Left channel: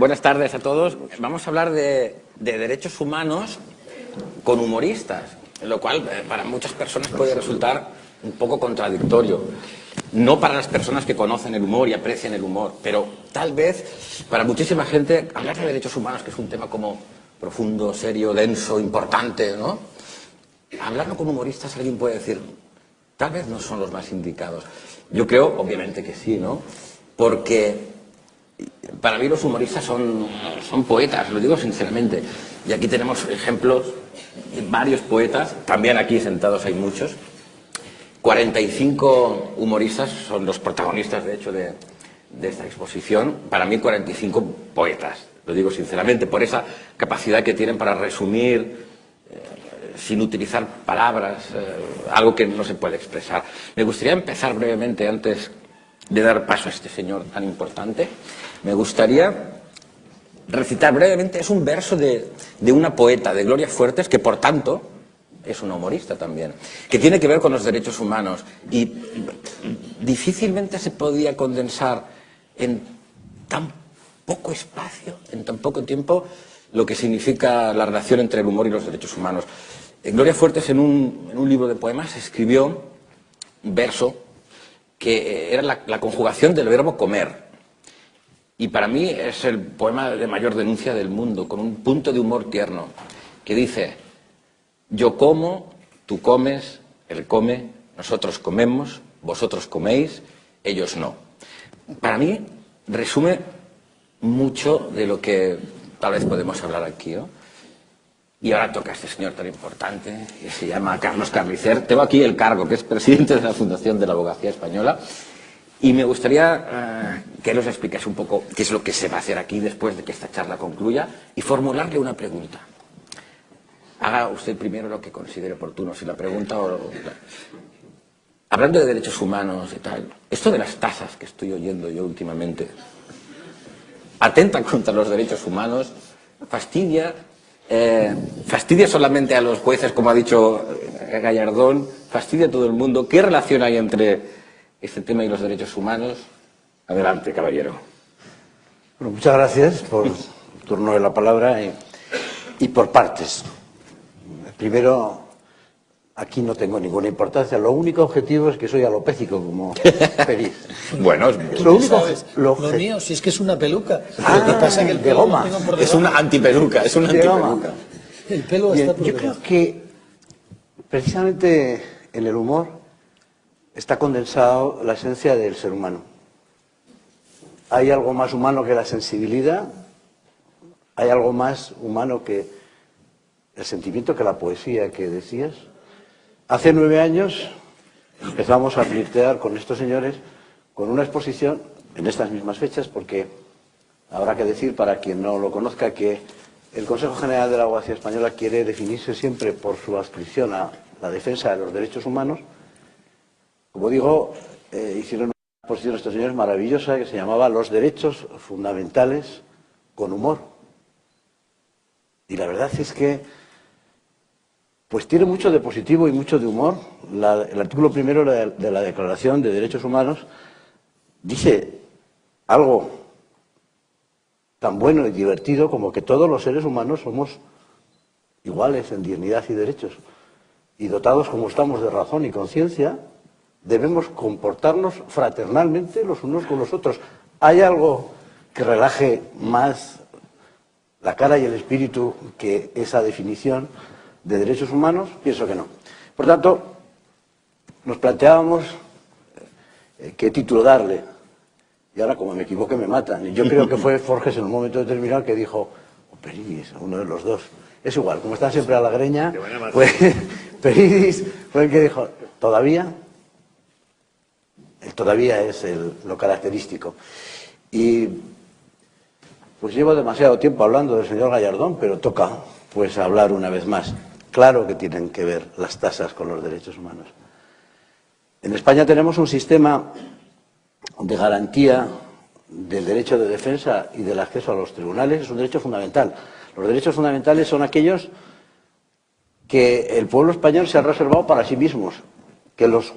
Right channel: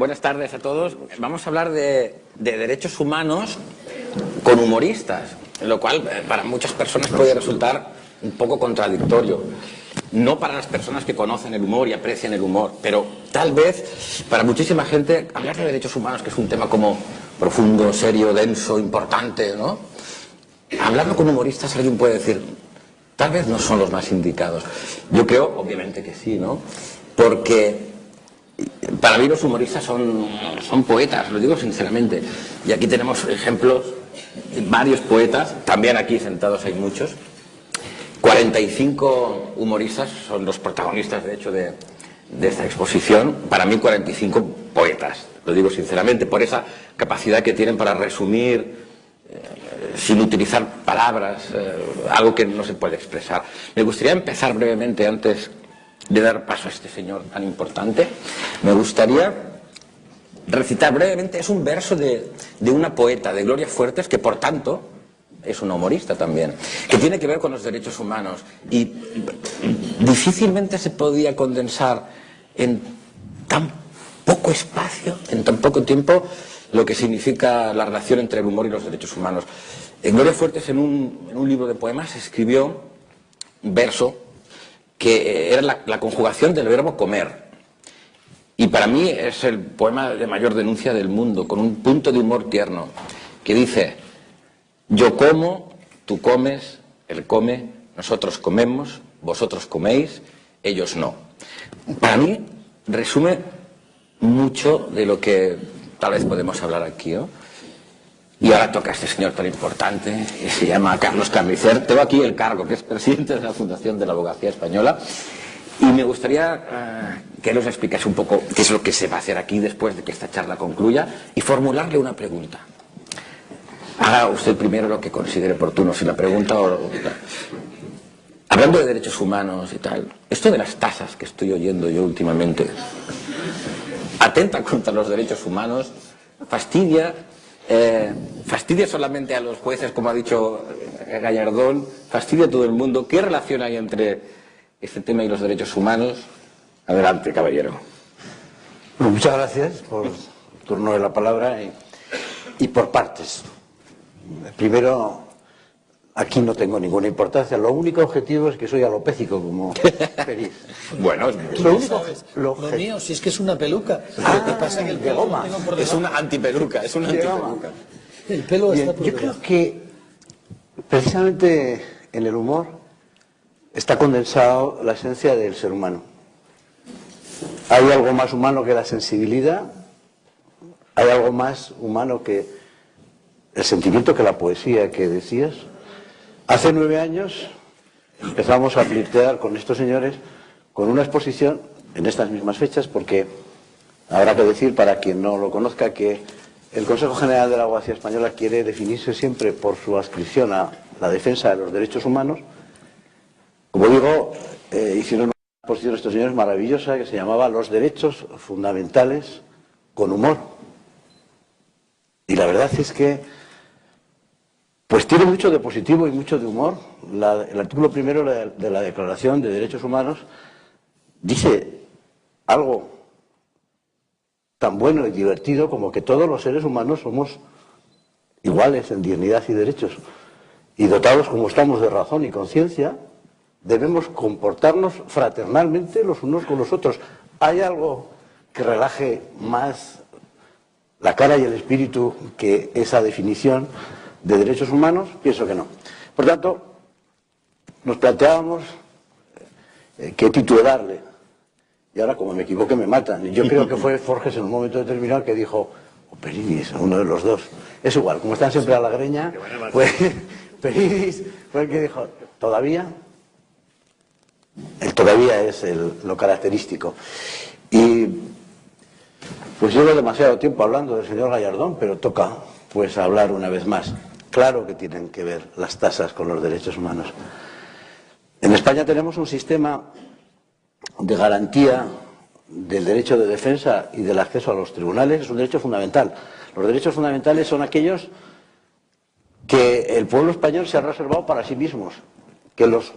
Buenas tardes a todos. Vamos a hablar de derechos humanos con humoristas, lo cual para muchas personas puede resultar un poco contradictorio. No para las personas que conocen el humor y aprecian el humor, pero tal vez para muchísima gente hablar de derechos humanos, que es un tema como profundo, serio, denso, importante, ¿no? Hablarlo con humoristas, alguien puede decir, tal vez no son los más indicados. Yo creo, obviamente que sí, ¿no? Porque para mí los humoristas son poetas, lo digo sinceramente. Y aquí tenemos ejemplos de varios poetas, también aquí sentados hay muchos. 45 humoristas son los protagonistas, de hecho, de esta exposición. Para mí 45 poetas, lo digo sinceramente, por esa capacidad que tienen para resumir sin utilizar palabras, algo que no se puede expresar. Me gustaría empezar brevemente, antes de dar paso a este señor tan importante, me gustaría recitar brevemente, es un verso de una poeta, de Gloria Fuertes, que por tanto es una humorista también, que tiene que ver con los derechos humanos y difícilmente se podía condensar en tan poco espacio, en tan poco tiempo, lo que significa la relación entre el humor y los derechos humanos. Gloria Fuertes, en un libro de poemas, escribió un verso que era la conjugación del verbo comer. Y para mí es el poema de mayor denuncia del mundo, con un punto de humor tierno, que dice: yo como, tú comes, él come, nosotros comemos, vosotros coméis, ellos no. Para mí resume mucho de lo que tal vez podemos hablar aquí, ¿no? Y ahora toca a este señor tan importante, que se llama Carlos Carnicer. Tengo aquí el cargo, que es presidente de la Fundación de la Abogacía Española. Y me gustaría que nos explicase un poco qué es lo que se va a hacer aquí después de que esta charla concluya y formularle una pregunta. Haga usted primero lo que considere oportuno, si la pregunta o... Hablando de derechos humanos y tal, esto de las tasas que estoy oyendo yo últimamente, atenta contra los derechos humanos, fastidia solamente a los jueces, como ha dicho Gallardón, fastidia a todo el mundo. ¿Qué relación hay entre este tema y los derechos humanos? Adelante, caballero. Bueno, muchas gracias por el turno de la palabra y por partes. Primero, aquí no tengo ninguna importancia. Lo único objetivo es que soy alopécico como Peris. Bueno, lo único, lo mío, si es que es una peluca. Lo que pasa que el pelo goma. Es una antipeluca, es una antipeluca. El pelo está Yo creo que precisamente en el humor está condensado la esencia del ser humano. Hay algo más humano que la sensibilidad, hay algo más humano que el sentimiento, que la poesía que decías. Hace 9 años empezamos a flirtear con estos señores con una exposición en estas mismas fechas, porque habrá que decir, para quien no lo conozca, que el Consejo General de la Abogacía Española quiere definirse siempre por su adscripción a la defensa de los derechos humanos. Como digo, hicieron una exposición estos señores maravillosa que se llamaba Los derechos fundamentales con humor. Y la verdad es que pues tiene mucho de positivo y mucho de humor. El artículo primero de la Declaración de Derechos Humanos dice algo tan bueno y divertido como que todos los seres humanos somos iguales en dignidad y derechos. Y dotados como estamos de razón y conciencia, debemos comportarnos fraternalmente los unos con los otros. ¿Hay algo que relaje más la cara y el espíritu que esa definición de derechos humanos? Pienso que no. Por tanto, nos planteábamos qué título darle. Y ahora, como me equivoqué, me matan. Yo creo que fue Forges en un momento determinado que dijo, o Peridis, uno de los dos. Es igual, como están siempre a la greña, pues Peridis fue el que dijo, ¿todavía? El todavía es lo característico. Y pues llevo demasiado tiempo hablando del señor Gallardón, pero toca pues hablar una vez más. Claro que tienen que ver las tasas con los derechos humanos. En España tenemos un sistema de garantía del derecho de defensa y del acceso a los tribunales. Es un derecho fundamental. Los derechos fundamentales son aquellos que el pueblo español se ha reservado para sí mismos, que los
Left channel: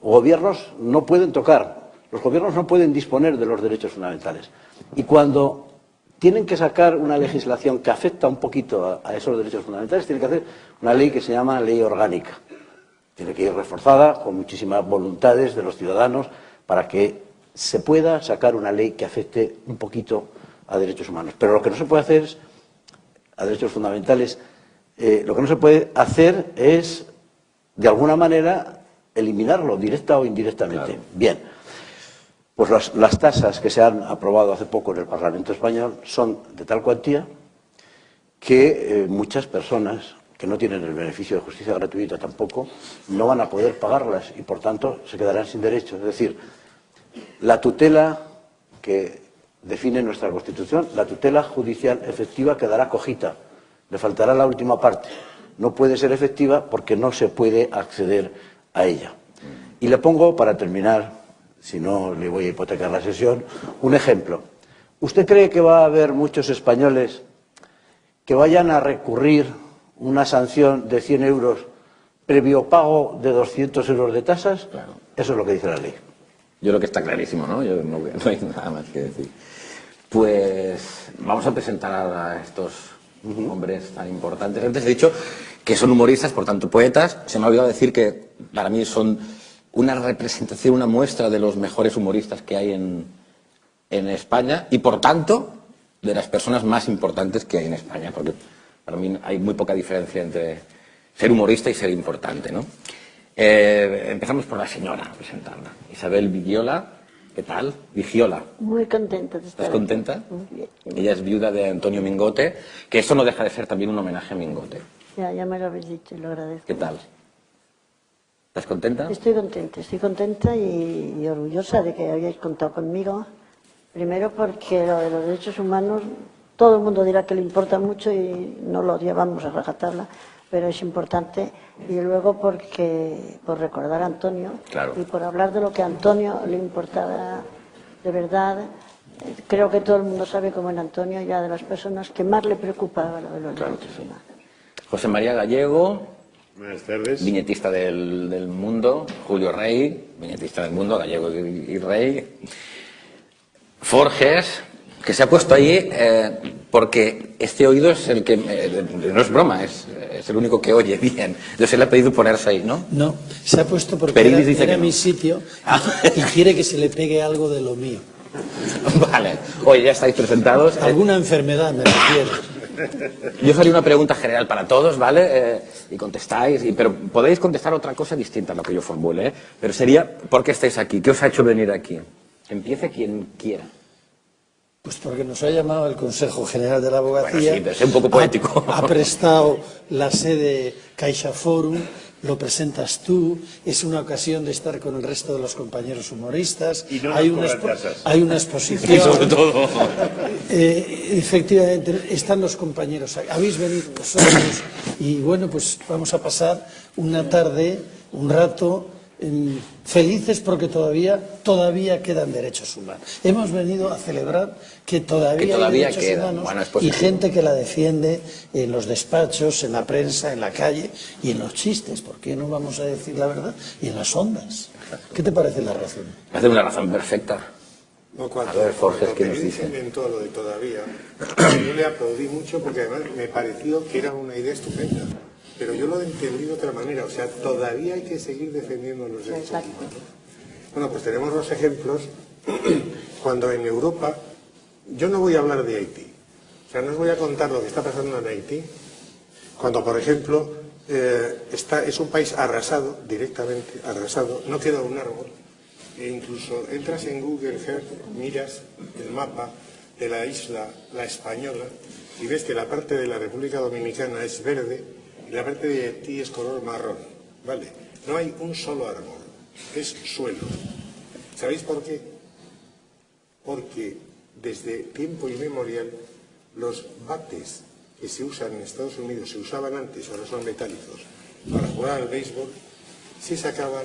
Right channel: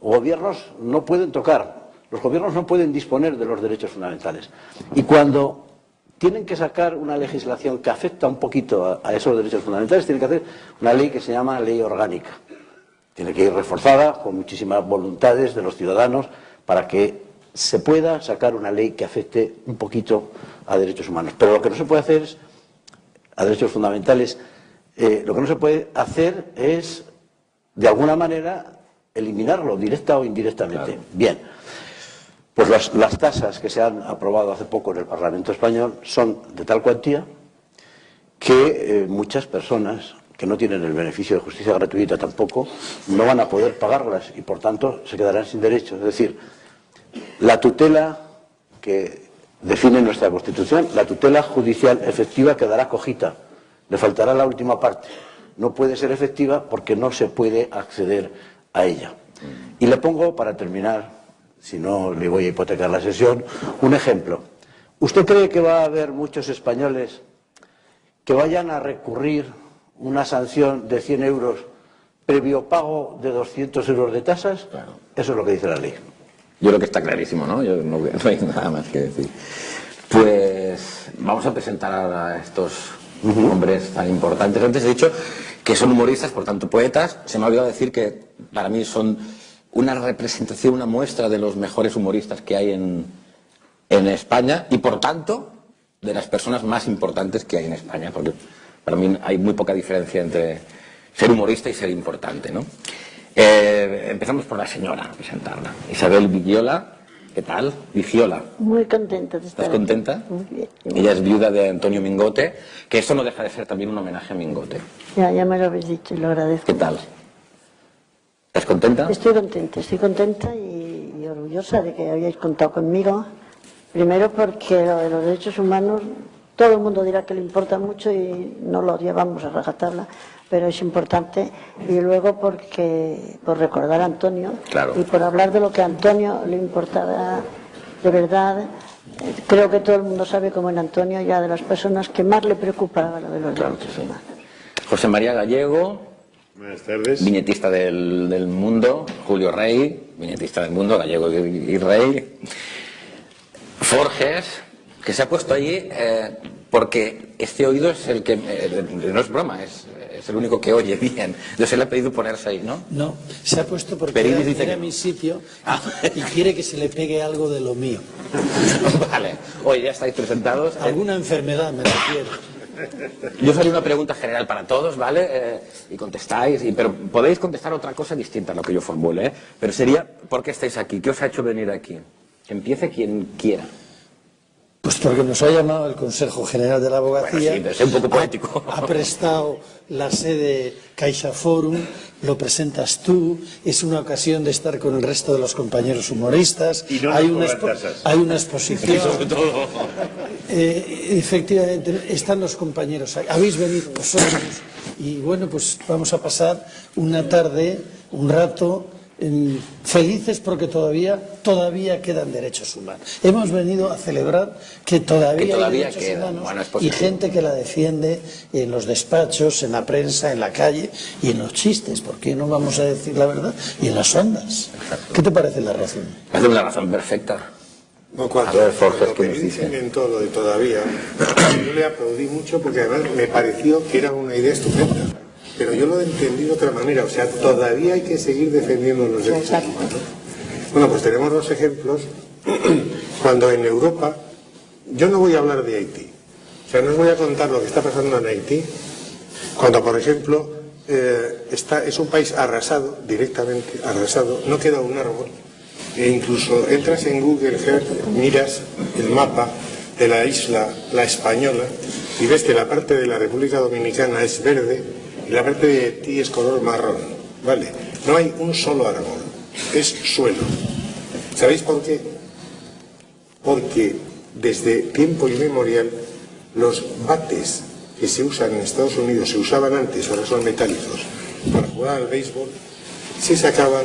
gobiernos no pueden tocar. Los gobiernos no pueden disponer de los derechos fundamentales. Y cuando tienen que sacar una legislación que afecta un poquito a esos derechos fundamentales, tienen que hacer una ley que se llama ley orgánica. Tiene que ir reforzada con muchísimas voluntades de los ciudadanos para que se pueda sacar una ley que afecte un poquito a derechos humanos. Pero lo que no se puede hacer es, a derechos fundamentales, lo que no se puede hacer es, de alguna manera, eliminarlo, directa o indirectamente. Claro. Bien, pues las tasas que se han aprobado hace poco en el Parlamento español son de tal cuantía que muchas personas que no tienen el beneficio de justicia gratuita tampoco, no van a poder pagarlas y por tanto se quedarán sin derechos. Es decir, la tutela que define nuestra Constitución, la tutela judicial efectiva quedará cojita, le faltará la última parte. No puede ser efectiva porque no se puede acceder a ella. Y le pongo, para terminar, si no le voy a hipotecar la sesión, un ejemplo. ¿Usted cree que va a haber muchos españoles que vayan a recurrir una sanción de 100 euros previo pago de 200 euros de tasas? Claro. Eso es lo que dice la ley. Yo creo que está clarísimo, ¿no? Yo no hay nada más que decir. Pues vamos a presentar a estos hombres tan importantes. Antes he dicho que son humoristas, por tanto poetas. Se me ha olvidado decir que para mí son una representación, una muestra de los mejores humoristas que hay en España y por tanto de las personas más importantes que hay en España, porque para mí hay muy poca diferencia entre ser humorista y ser importante, ¿no? Empezamos por la señora, a presentarla. Isabel Vigiola, ¿qué tal? Vigiola. Muy contenta de estar. ¿Estás contenta? Muy bien. Ella es viuda de Antonio Mingote, que esto no deja de ser también un homenaje a Mingote. Ya me lo habéis dicho y lo agradezco. ¿Qué tal? ¿Estás contenta? Estoy contenta y orgullosa de que hayáis contado conmigo. Primero porque los derechos humanos, todo el mundo dirá que le importa mucho y no lo llevamos a rajatabla, pero es importante. Y luego porque por recordar a Antonio, claro, y por hablar de lo que a Antonio le importaba de verdad. Creo que todo el mundo sabe cómo en Antonio era de las personas que más le preocupaba lo de los derechos humanos. José María Gallego. Buenas tardes. Viñetista del Mundo. Julio Rey, viñetista del Mundo, Gallego y Rey. Forges, que se ha puesto allí porque este oído es el que, no es broma, es el único que oye bien. Entonces le ha pedido ponerse ahí, ¿no? No, se ha puesto porque Perinis dice era que no. mi sitio y quiere que se le pegue algo de lo mío. Vale. Oye, ya estáis presentados. Alguna enfermedad, me refiero. Yo os haré una pregunta general para todos, ¿vale? Y contestáis, pero podéis contestar otra cosa distinta a lo que yo formule, ¿eh? Pero sería, ¿por qué estáis aquí? ¿Qué os ha hecho venir aquí? Que empiece quien quiera. Pues porque nos ha llamado el Consejo General de la Abogacía. Bueno, sí, pero es un poco poético. Ha prestado la sede Caixa Forum, lo presentas tú, es una ocasión de estar con el resto de los compañeros humoristas. Y no hay una exposición. Y sobre todo. Efectivamente, están los compañeros ahí. Habéis venido vosotros y bueno, pues vamos a pasar una tarde, un rato felices porque todavía quedan derechos humanos. Hemos venido a celebrar que todavía hay derechos humanos y gente que la defiende en los despachos, en la prensa, en la calle y en los chistes, porque no vamos a decir la verdad, y en las ondas. ¿Qué te parece la razón? Es una razón perfecta. No, A ver, Forges, ¿qué nos dice? En todo lo de todavía, yo le aplaudí mucho porque además me pareció que era una idea estupenda. Pero yo lo entendí de otra manera, o sea, todavía hay que seguir defendiendo los derechos humanos. Bueno, pues tenemos dos ejemplos. Cuando en Europa, yo no voy a hablar de Haití, o sea, no os voy a contar lo que está pasando en Haití, cuando, por ejemplo, es un país arrasado, directamente arrasado, no queda un árbol, e incluso entras en Google Earth, miras el mapa de la isla, la Española, y ves que la parte de la República Dominicana es verde, y la parte de Haití es color marrón, ¿vale? No hay un solo árbol, es suelo. ¿Sabéis por qué? Porque desde tiempo inmemorial los bates que se usan en Estados Unidos, se usaban antes, ahora son metálicos, para jugar al béisbol, se sacaban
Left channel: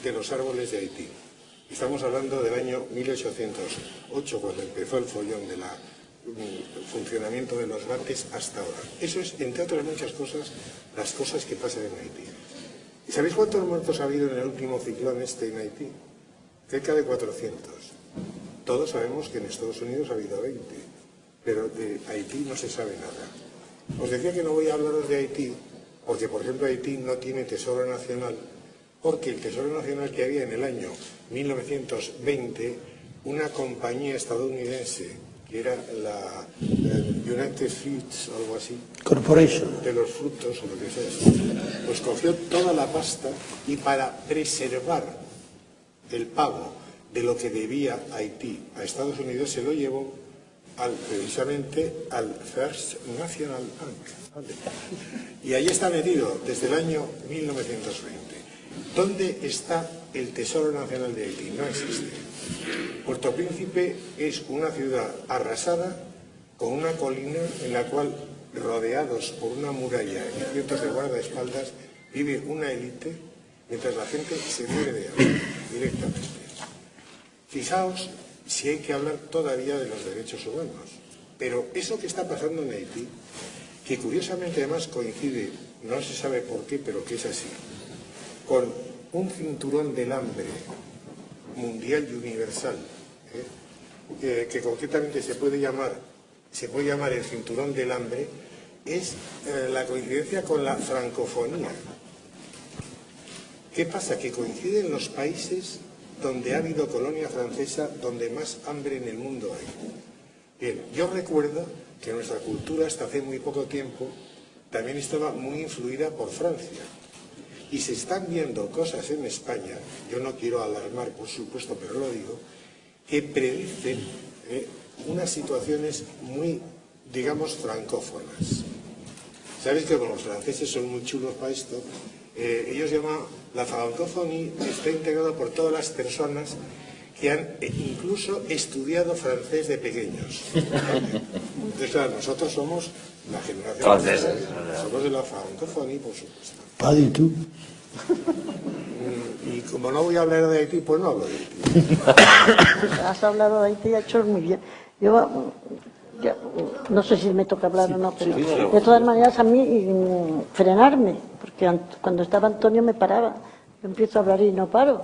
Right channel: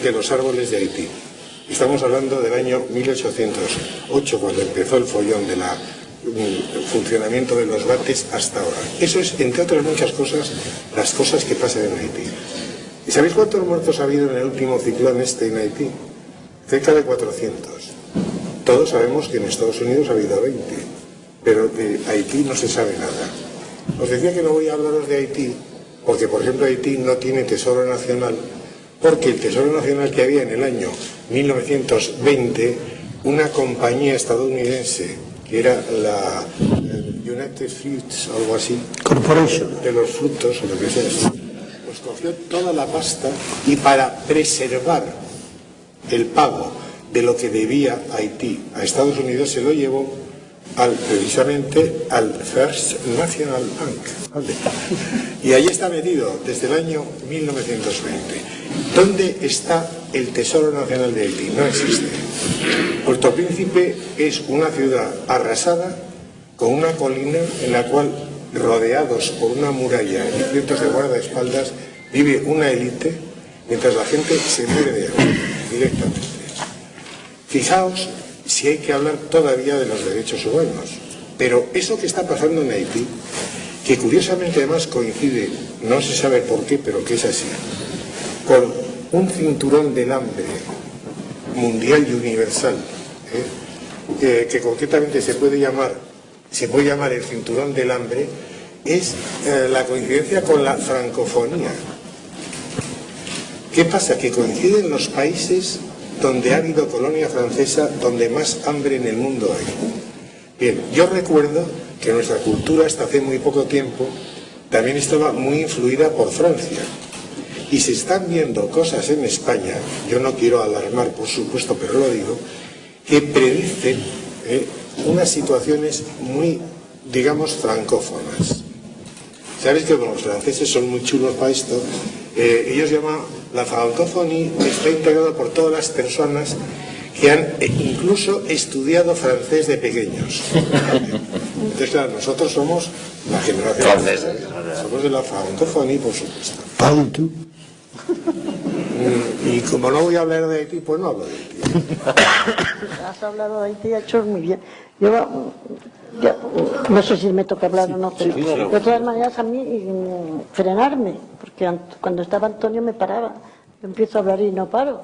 de los árboles de Haití. Estamos hablando del año 1808, cuando empezó el follón de funcionamiento de los bates hasta ahora. Eso es, entre otras muchas cosas, las cosas que pasan en Haití. ¿Y sabéis cuántos muertos ha habido en el último ciclón en Haití? Cerca de 400. Todos sabemos que en Estados Unidos ha habido 20. pero de Haití no se sabe nada. Os decía que no voy a hablaros de Haití, porque por ejemplo Haití no tiene tesoro nacional, porque el tesoro nacional que había en el año 1920, una compañía estadounidense, que era la United Fruits, algo así, Corporation, de los frutos, o lo que sea, pues cogió toda la pasta y para preservar el pago de lo que debía Haití a Estados Unidos se lo llevó precisamente al First National Bank, ¿vale? Y allí está metido desde el año 1920. ¿Dónde está el Tesoro Nacional de Haití? No existe. Puerto Príncipe es una ciudad arrasada con una colina en la cual, rodeados por una muralla y cientos de guardaespaldas, vive una élite, mientras la gente se muere de hambre directamente. Fijaos si hay que hablar todavía de los derechos humanos, pero eso que está pasando en Haití, que curiosamente además coincide, no se sabe por qué, pero que es así, con un cinturón del hambre mundial y universal, que concretamente se puede llamar el cinturón del hambre, es la coincidencia con la francofonía. ¿Qué pasa? Que coinciden los países donde ha habido colonia francesa, donde más hambre en el mundo hay. Bien, yo recuerdo que nuestra cultura hasta hace muy poco tiempo también estaba muy influida por Francia. Y se están viendo cosas en España, yo no quiero alarmar por supuesto, pero lo digo, que predicen unas situaciones muy, digamos, francófonas. Sabéis que los franceses son muy chulos para esto. Ellos llaman la francophonie, está integrada por todas las personas que han incluso estudiado francés de pequeños. Entonces, claro, nosotros somos la generación francesa, somos de la francophonie, por supuesto. Y como no voy a hablar de Haití, pues no hablo de Haití. Has hablado de Haití, ha hecho muy bien. Yo no sé si me toca hablar o no, pero de todas maneras a mí frenarme, porque cuando estaba Antonio me paraba. Yo empiezo a hablar y no paro,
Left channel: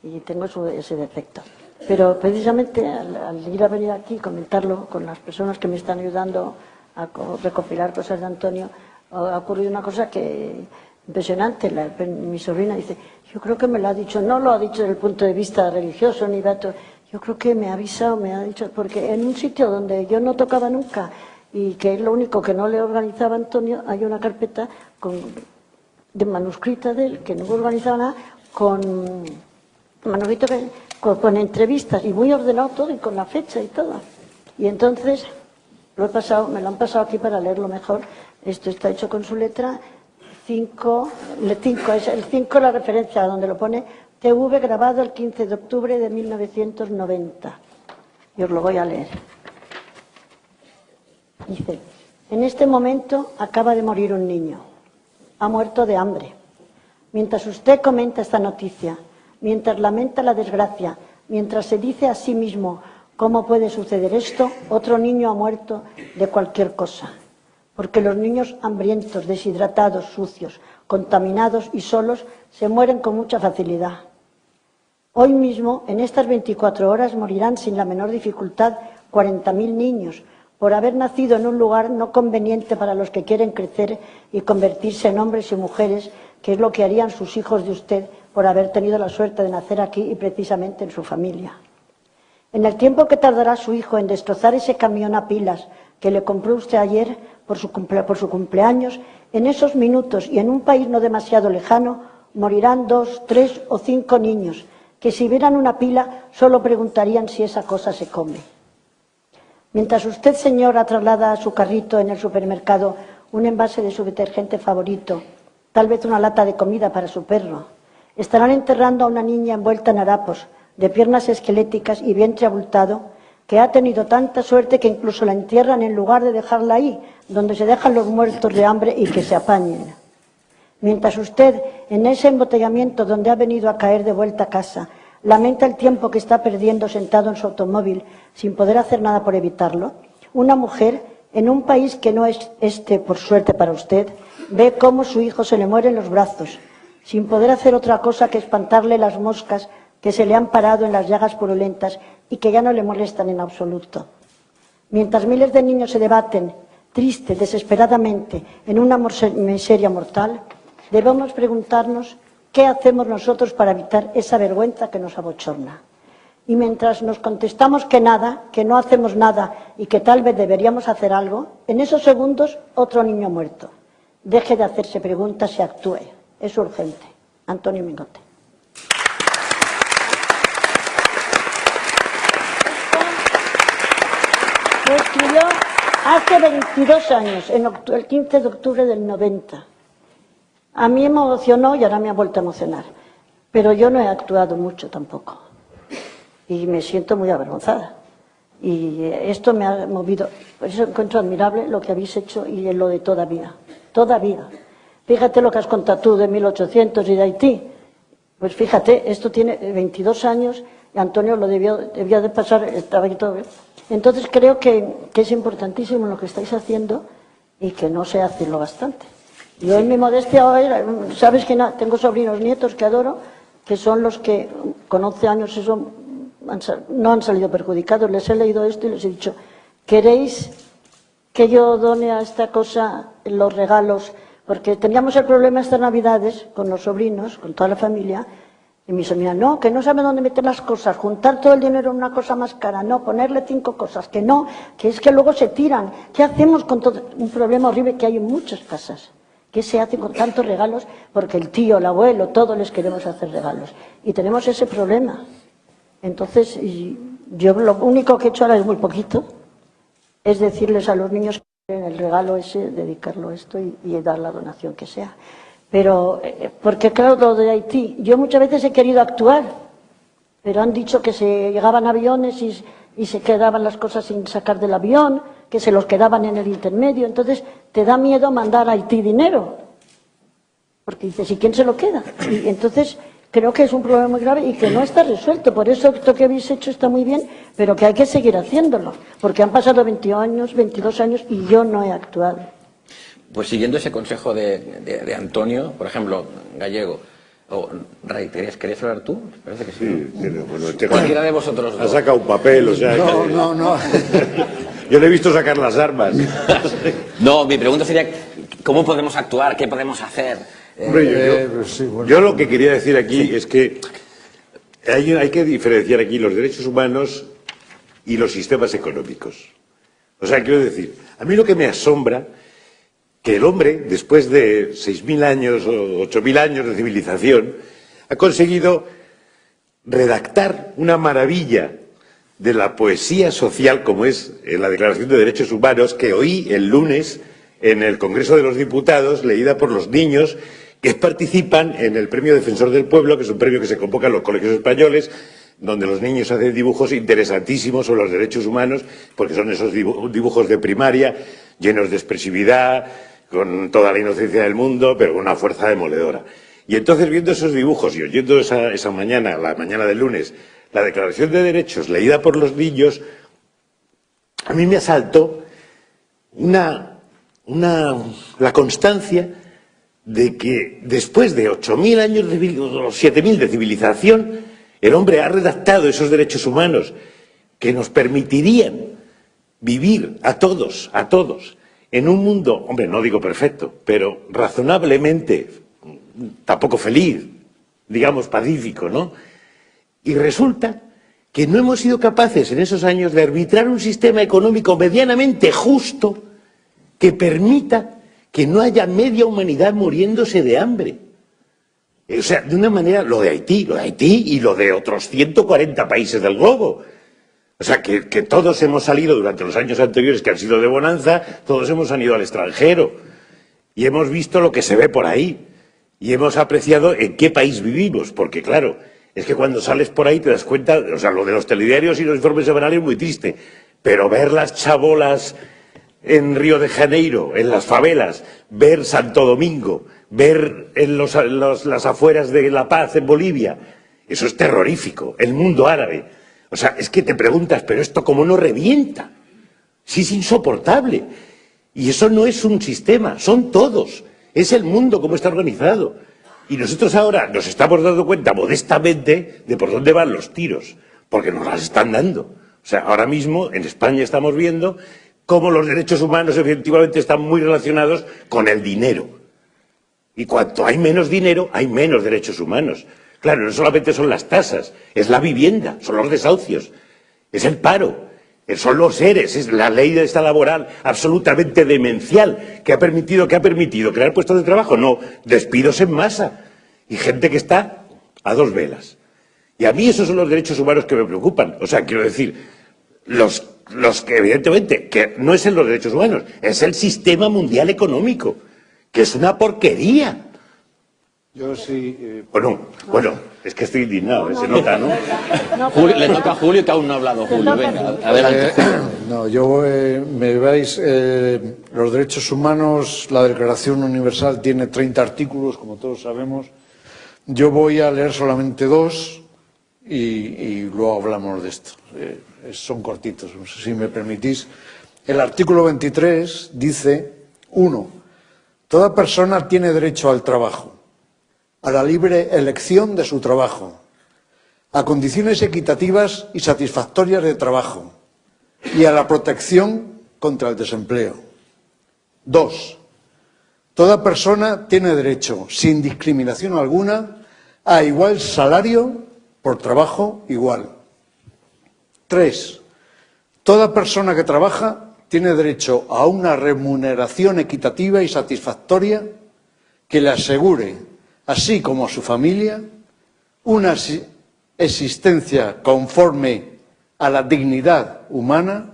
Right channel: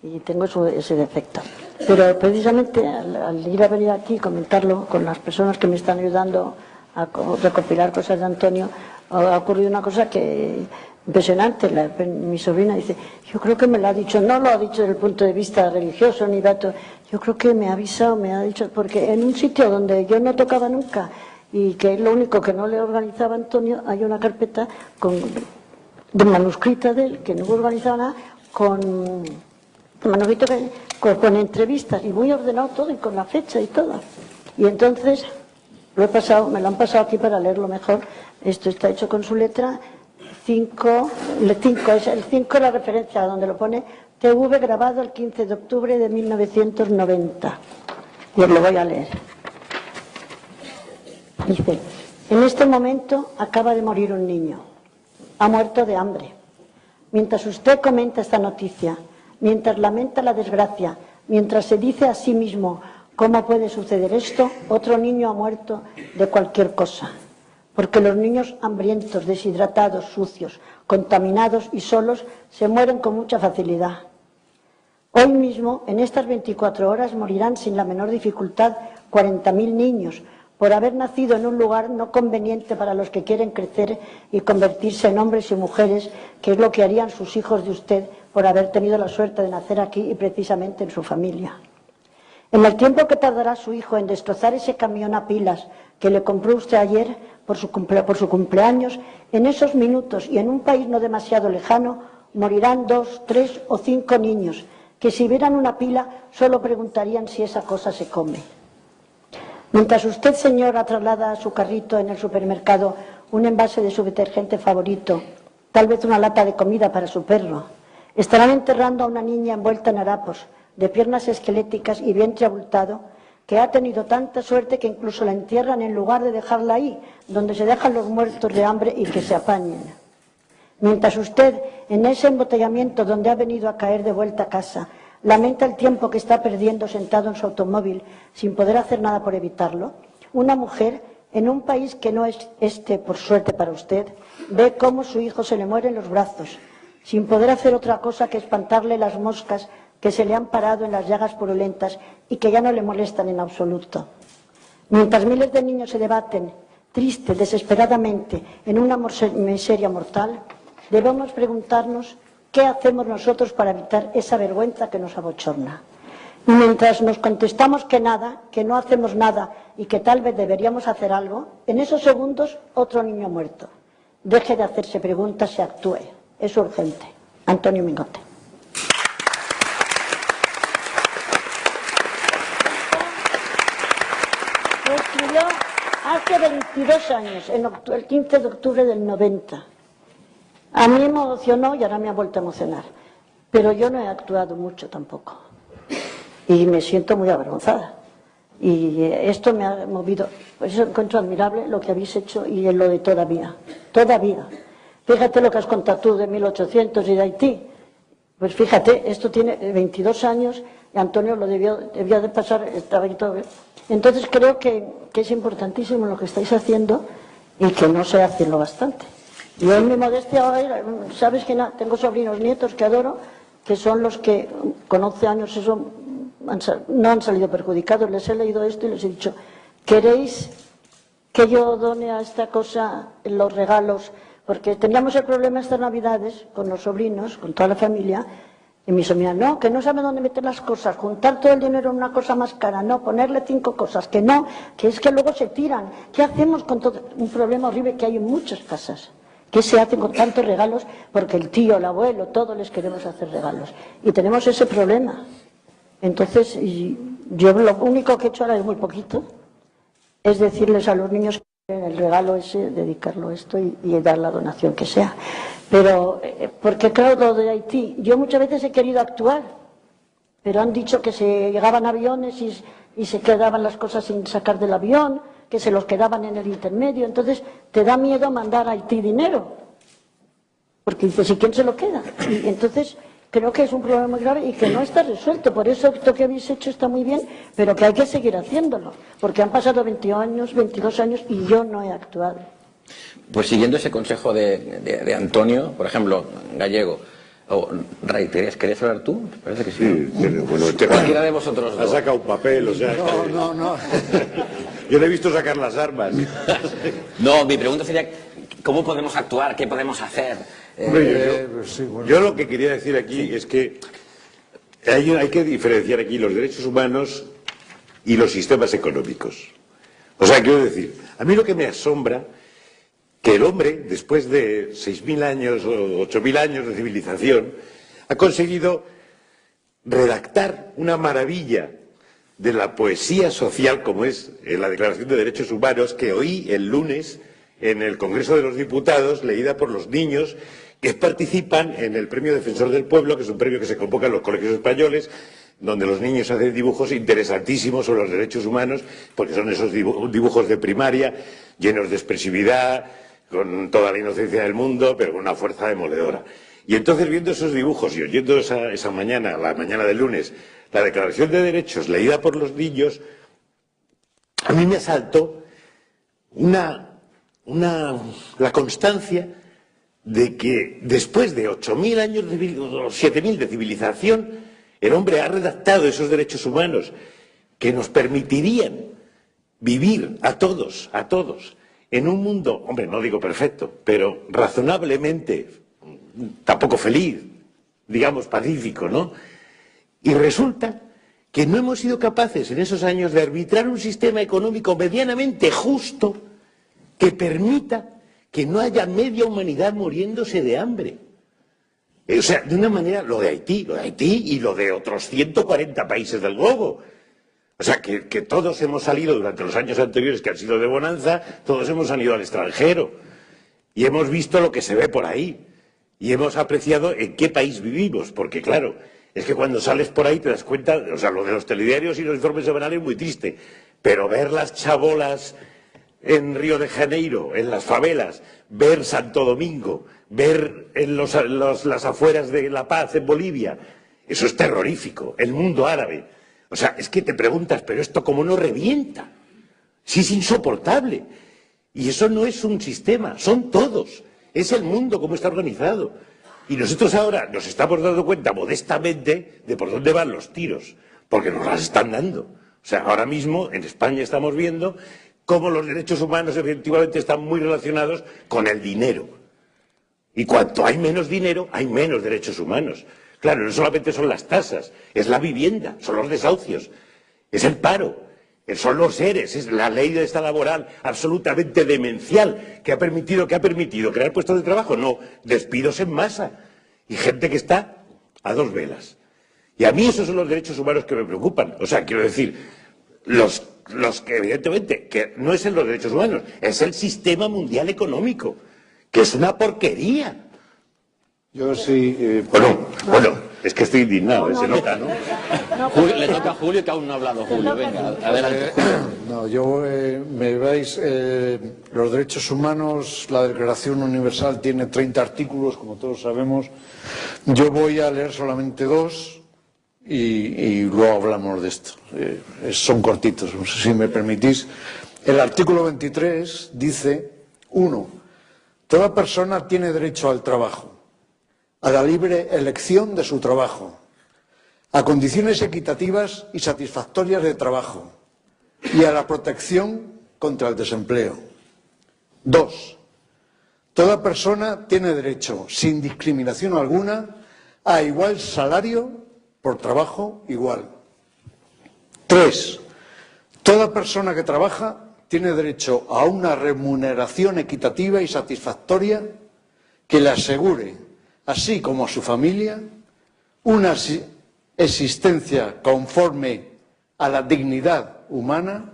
y tengo ese defecto. Pero precisamente al ir a venir aquí y comentarlo con las personas que me están ayudando a recopilar cosas de Antonio, ha ocurrido una cosa que impresionante. Mi sobrina dice, yo creo que me lo ha dicho, no lo ha dicho desde el punto de vista religioso ni dato, yo creo que me ha avisado, me ha dicho, porque en un sitio donde yo no tocaba nunca y que es lo único que no le organizaba Antonio, hay una carpeta de manuscrita de él, que no organizaba nada, con manuscrito con entrevistas y muy ordenado todo y con la fecha y todo. Y entonces me lo han pasado aquí para leerlo mejor. Esto está hecho con su letra 5, el 5 es la referencia donde lo pone TV grabado el 15 de octubre de 1990. Y os lo voy a leer. Dice, en este momento acaba de morir un niño. Ha muerto de hambre. Mientras usted comenta esta noticia, mientras lamenta la desgracia, mientras se dice a sí mismo cómo puede suceder esto, otro niño ha muerto de cualquier cosa. Porque los niños hambrientos, deshidratados, sucios, contaminados y solos se mueren con mucha facilidad. Hoy mismo, en estas 24 horas, morirán sin la menor dificultad 40.000 niños por haber nacido en un lugar no conveniente para los que quieren crecer y convertirse en hombres y mujeres, que es lo que harían sus hijos de usted por haber tenido la suerte de nacer aquí y precisamente en su familia. En el tiempo que tardará su hijo en destrozar ese camión a pilas que le compró usted ayer por su cumpleaños, en esos minutos y en un país no demasiado lejano, morirán 2, 3 o 5 niños que si vieran una pila solo preguntarían si esa cosa se come. Mientras usted, señora, traslada a su carrito en el supermercado un envase de su detergente favorito, tal vez una lata de comida para su perro, estarán enterrando a una niña envuelta en harapos, de piernas esqueléticas y vientre abultado, que ha tenido tanta suerte que incluso la entierran en lugar de dejarla ahí, donde se dejan los muertos de hambre y que se apañen. Mientras usted, en ese embotellamiento donde ha venido a caer de vuelta a casa, lamenta el tiempo que está perdiendo sentado en su automóvil sin poder hacer nada por evitarlo, una mujer, en un país que no es por suerte para usted, ve cómo su hijo se le muere en los brazos, sin poder hacer otra cosa que espantarle las moscas que se le han parado en las llagas purulentas y que ya no le molestan en absoluto. Mientras miles de niños se debaten, tristes, desesperadamente, en una miseria mortal, debemos preguntarnos qué hacemos nosotros para evitar esa vergüenza que nos abochorna. Y mientras nos contestamos que nada, que no hacemos nada y que tal vez deberíamos hacer algo, en esos segundos otro niño muerto. Deje de hacerse preguntas y actúe. Es urgente. Antonio Mingote. Lo escribió hace 22 años, el 15 de octubre del 90. A mí me emocionó y ahora me ha vuelto a emocionar. Pero yo no he actuado mucho tampoco. Y me siento muy avergonzada. Y esto me ha movido. Por eso encuentro admirable lo que habéis hecho y lo de toda vida. Toda vida. Fíjate lo que has contado tú de 1800 y de Haití. Pues fíjate, esto tiene 22 años y Antonio lo debía de pasar, estaba ahí todo bien. Entonces creo que es importantísimo lo que estáis haciendo y que no se hace lo bastante. Yo en mi modestia, sabes que tengo sobrinos nietos que adoro, que son los que con 11 años no han salido perjudicados. Les he leído esto y les he dicho, ¿queréis que yo done a esta cosa los regalos? Porque teníamos el problema estas Navidades con los sobrinos, con toda la familia, y mi sobrina, no, que no sabe dónde meter las cosas, juntar todo el dinero en una cosa más cara, no, ponerle 5 cosas, que no, que es que luego se tiran. ¿Qué hacemos con todo? Un problema horrible que hay en muchas casas. ¿Qué se hace con tantos regalos? Porque el tío, el abuelo, todos les queremos hacer regalos. Y tenemos ese problema. Entonces, yo lo único que he hecho ahora es muy poquito, es decirles a los niños que el regalo ese, dedicarlo a esto y dar la donación que sea. Pero, porque claro, lo de Haití, yo muchas veces he querido actuar, pero han dicho que se llegaban aviones y se quedaban las cosas sin sacar del avión, que se los quedaban en el intermedio, entonces te da miedo mandar a Haití dinero, porque dices, ¿y quién se lo queda? Y entonces creo que es un problema muy grave y que no está resuelto. Por eso esto que habéis hecho está muy bien, pero que hay que seguir haciéndolo, porque han pasado 22 años y yo no he actuado. Pues siguiendo ese consejo de Antonio, por ejemplo, Gallego, o Ray, ¿querías hablar tú? Parece que sí. Pero bueno, Cualquiera de vosotros ha dos. sacado un papel, o sea... No. Yo le he visto sacar las armas. No, mi pregunta sería, ¿cómo podemos actuar? ¿Qué podemos hacer? Yo lo que quería decir aquí es que hay que diferenciar aquí los derechos humanos y los sistemas económicos. O sea, quiero decir, a mí lo que me asombra que el hombre, después de 6.000 años o 8.000 años de civilización, ha conseguido redactar una maravilla de la poesía social como es la Declaración de Derechos Humanos que oí el lunes en el Congreso de los Diputados, leída por los niños que participan en el Premio Defensor del Pueblo, que es un premio que se convoca en los colegios españoles, donde los niños hacen dibujos interesantísimos sobre los derechos humanos, porque son esos dibujos de primaria, llenos de expresividad, con toda la inocencia del mundo, pero con una fuerza demoledora. Y entonces, viendo esos dibujos y oyendo esa mañana, la mañana del lunes, la Declaración de Derechos leída por los niños, a mí me asaltó la constancia de que después de 8.000 años, 7.000 de civilización, el hombre ha redactado esos derechos humanos que nos permitirían vivir a todos, en un mundo, hombre, no digo perfecto, pero razonablemente, tampoco feliz, digamos pacífico, ¿no? Y resulta que no hemos sido capaces en esos años de arbitrar un sistema económico medianamente justo que permita que no haya media humanidad muriéndose de hambre. O sea, de una manera, lo de Haití y lo de otros 140 países del globo. O sea, que todos hemos salido durante los años anteriores que han sido de bonanza, todos hemos salido al extranjero y hemos visto lo que se ve por ahí y hemos apreciado en qué país vivimos, porque claro, es que cuando sales por ahí te das cuenta, o sea, lo de los telediarios y los informes semanales es muy triste, pero ver las chabolas en Río de Janeiro, en las favelas, ver Santo Domingo, ver en las afueras de La Paz en Bolivia, eso es terrorífico, el mundo árabe. O sea, es que te preguntas, pero esto cómo no revienta, sí es insoportable. Y eso no es un sistema, son todos, es el mundo como está organizado. Y nosotros ahora nos estamos dando cuenta modestamente de por dónde van los tiros, porque nos las están dando. O sea, ahora mismo en España estamos viendo cómo los derechos humanos efectivamente están muy relacionados con el dinero. Y cuanto hay menos dinero, hay menos derechos humanos. Claro, no solamente son las tasas, es la vivienda, son los desahucios, es el paro, son los ERES, es la ley de esta laboral absolutamente demencial que ha permitido crear puestos de trabajo, no, despidos en masa y gente que está a dos velas. Y a mí esos son los derechos humanos que me preocupan. O sea, quiero decir, los que evidentemente, que no es en los derechos humanos, es el sistema mundial económico, que es una porquería. Yo sí... Bueno, es que estoy indignado, se nota, ¿no? Julio, le toca a Julio, que aún no ha hablado Julio. Venga, adelante. No, yo me veis, los derechos humanos, la Declaración Universal tiene 30 artículos, como todos sabemos. Yo voy a leer solamente 2 y luego hablamos de esto. Son cortitos, no sé si me permitís. El artículo 23 dice, 1. Toda persona tiene derecho al trabajo, a la libre elección de su trabajo, a condiciones equitativas y satisfactorias de trabajo y a la protección contra el desempleo. 2. Toda persona tiene derecho, sin discriminación alguna, a igual salario por trabajo igual. 3. Toda persona que trabaja tiene derecho a una remuneración equitativa y satisfactoria que le asegure, así como a su familia, una existencia conforme a la dignidad humana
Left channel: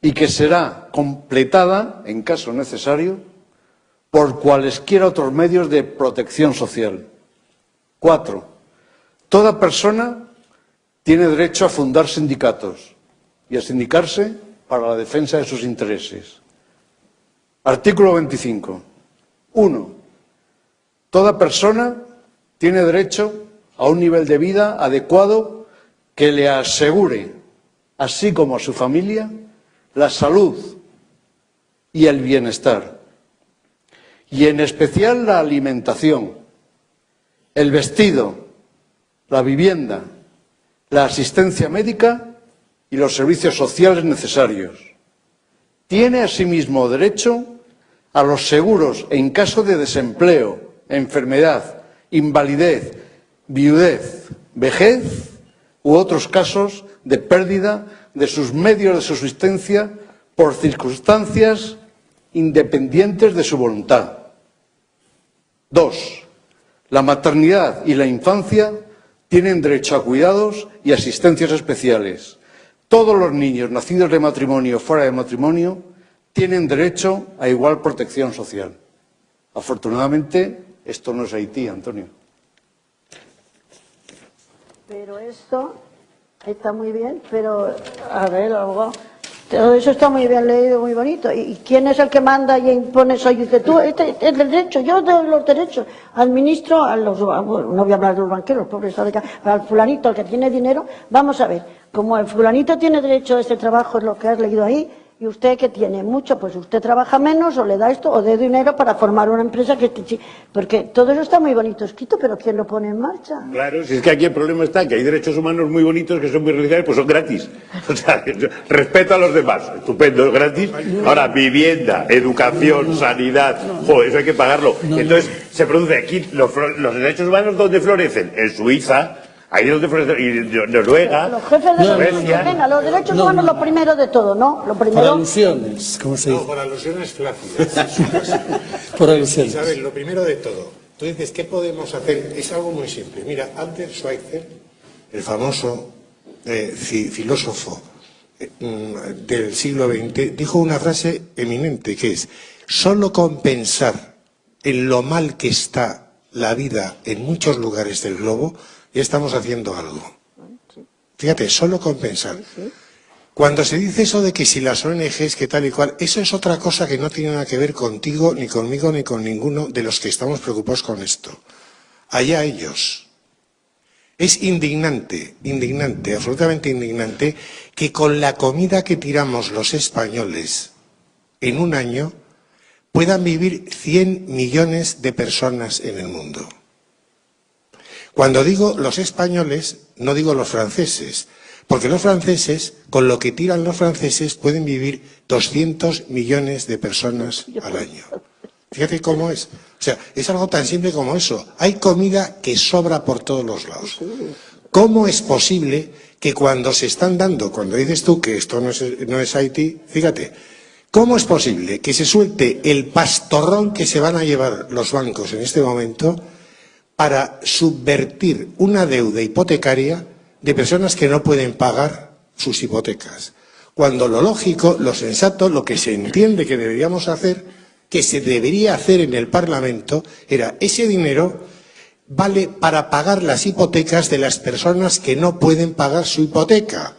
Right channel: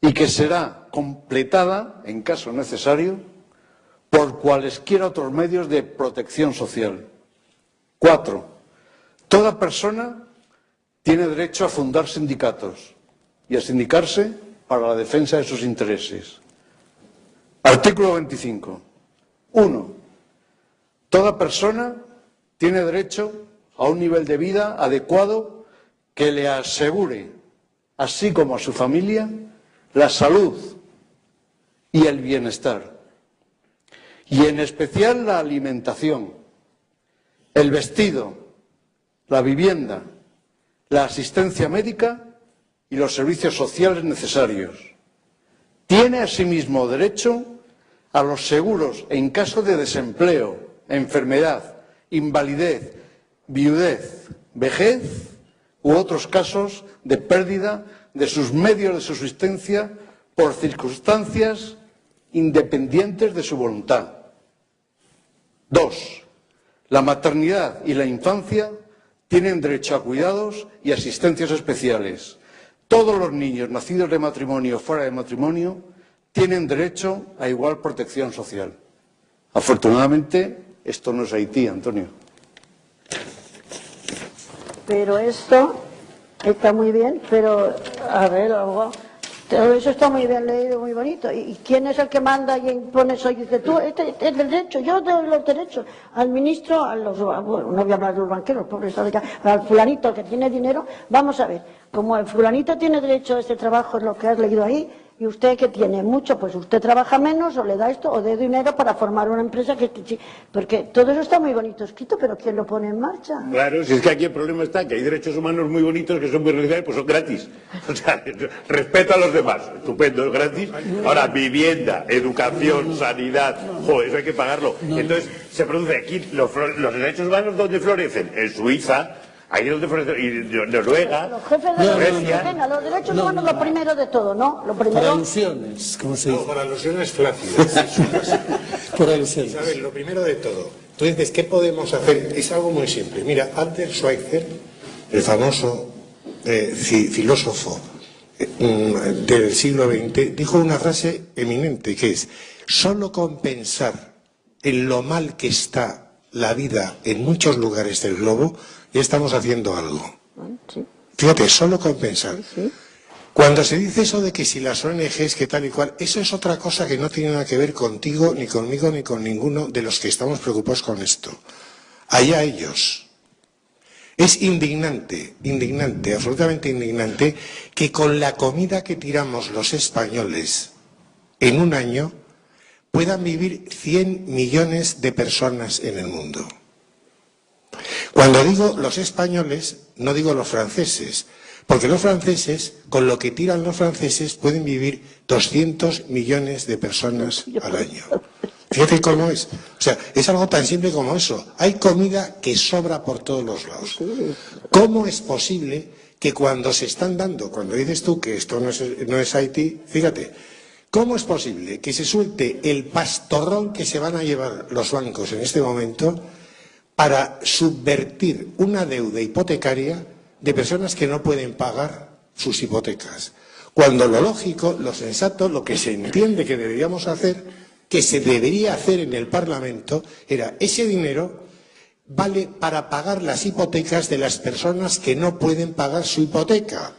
y que será completada, en caso necesario, por cualesquiera otros medios de protección social. 4. Toda persona tiene derecho a fundar sindicatos y a sindicarse para la defensa de sus intereses. Artículo 25. 1. Toda persona tiene derecho a un nivel de vida adecuado que le asegure, así como a su familia, la salud y el bienestar, y en especial la alimentación, el vestido, la vivienda, la asistencia médica y los servicios sociales necesarios. Tiene asimismo derecho a los seguros en caso de desempleo, enfermedad, invalidez, viudez, vejez u otros casos de pérdida de sus medios de subsistencia por circunstancias independientes de su voluntad. 2. La maternidad y la infancia tienen derecho a cuidados y asistencias especiales. Todos los niños nacidos de matrimonio o fuera de matrimonio tienen derecho a igual protección social. Afortunadamente, esto no es Haití, Antonio. Pero esto está muy bien, pero, a ver, abogado, todo eso está muy bien leído, muy bonito. ¿Y quién es el que manda y impone eso? Y dice, tú, este es el derecho, yo doy los derechos. Al ministro, no voy a hablar de los banqueros, pobres, al fulanito, al que tiene dinero, vamos a ver, como el fulanito tiene derecho a este trabajo, es lo que has leído ahí, y usted que tiene mucho, pues usted trabaja menos o le da esto o de dinero para formar una empresa porque todo eso está muy bonito escrito, pero ¿quién lo pone en marcha? Claro, si es que aquí el problema está que hay derechos humanos muy bonitos que son muy realizables, pues son gratis. O sea, respeto a los demás, estupendo, es gratis. Ahora, vivienda, educación, sanidad, joder, eso hay que pagarlo. Entonces, se produce aquí los derechos humanos, ¿dónde florecen? En Suiza. Ahí es donde florecen, y Noruega, Los jefes de Suecia. venga, los derechos humanos lo primero de todo, ¿no? Lo primero... Por alusiones, como se dice. No, por alusiones flácidas. Por alusiones. ¿Sabes? Lo primero de todo. Tú dices, ¿qué podemos hacer? Es algo muy simple. Mira, Albert Schweitzer, el famoso filósofo del siglo XX, dijo una frase eminente que es: solo con pensar en lo mal que está la vida en muchos lugares del globo, ya estamos haciendo algo. Fíjate, solo con pensar. Cuando se dice eso de que si las ONGs, que tal y cual, eso es otra cosa que no tiene nada que ver contigo, ni conmigo, ni con ninguno de los que estamos preocupados con esto. Allá ellos. Es indignante, absolutamente indignante, que con la comida que tiramos los españoles en un año puedan vivir 100 millones de personas en el mundo. Cuando digo los españoles, no digo los franceses, Porque los franceses, con lo que tiran los franceses, pueden vivir 200 millones de personas al año. Fíjate cómo es. O sea, es algo tan simple como eso. Hay comida que sobra por todos los lados. ¿Cómo es posible que cuando se están dando, cuando dices tú que esto no es Haití, fíjate, ¿cómo es posible que se suelte el pastorrón que se van a llevar los bancos en este momento para subvertir una deuda hipotecaria de personas que no pueden pagar sus hipotecas? Cuando lo lógico, lo sensato, lo que se entiende que deberíamos hacer, que se debería hacer en el Parlamento, era ese dinero vale para pagar las hipotecas de las personas que no pueden pagar su hipoteca.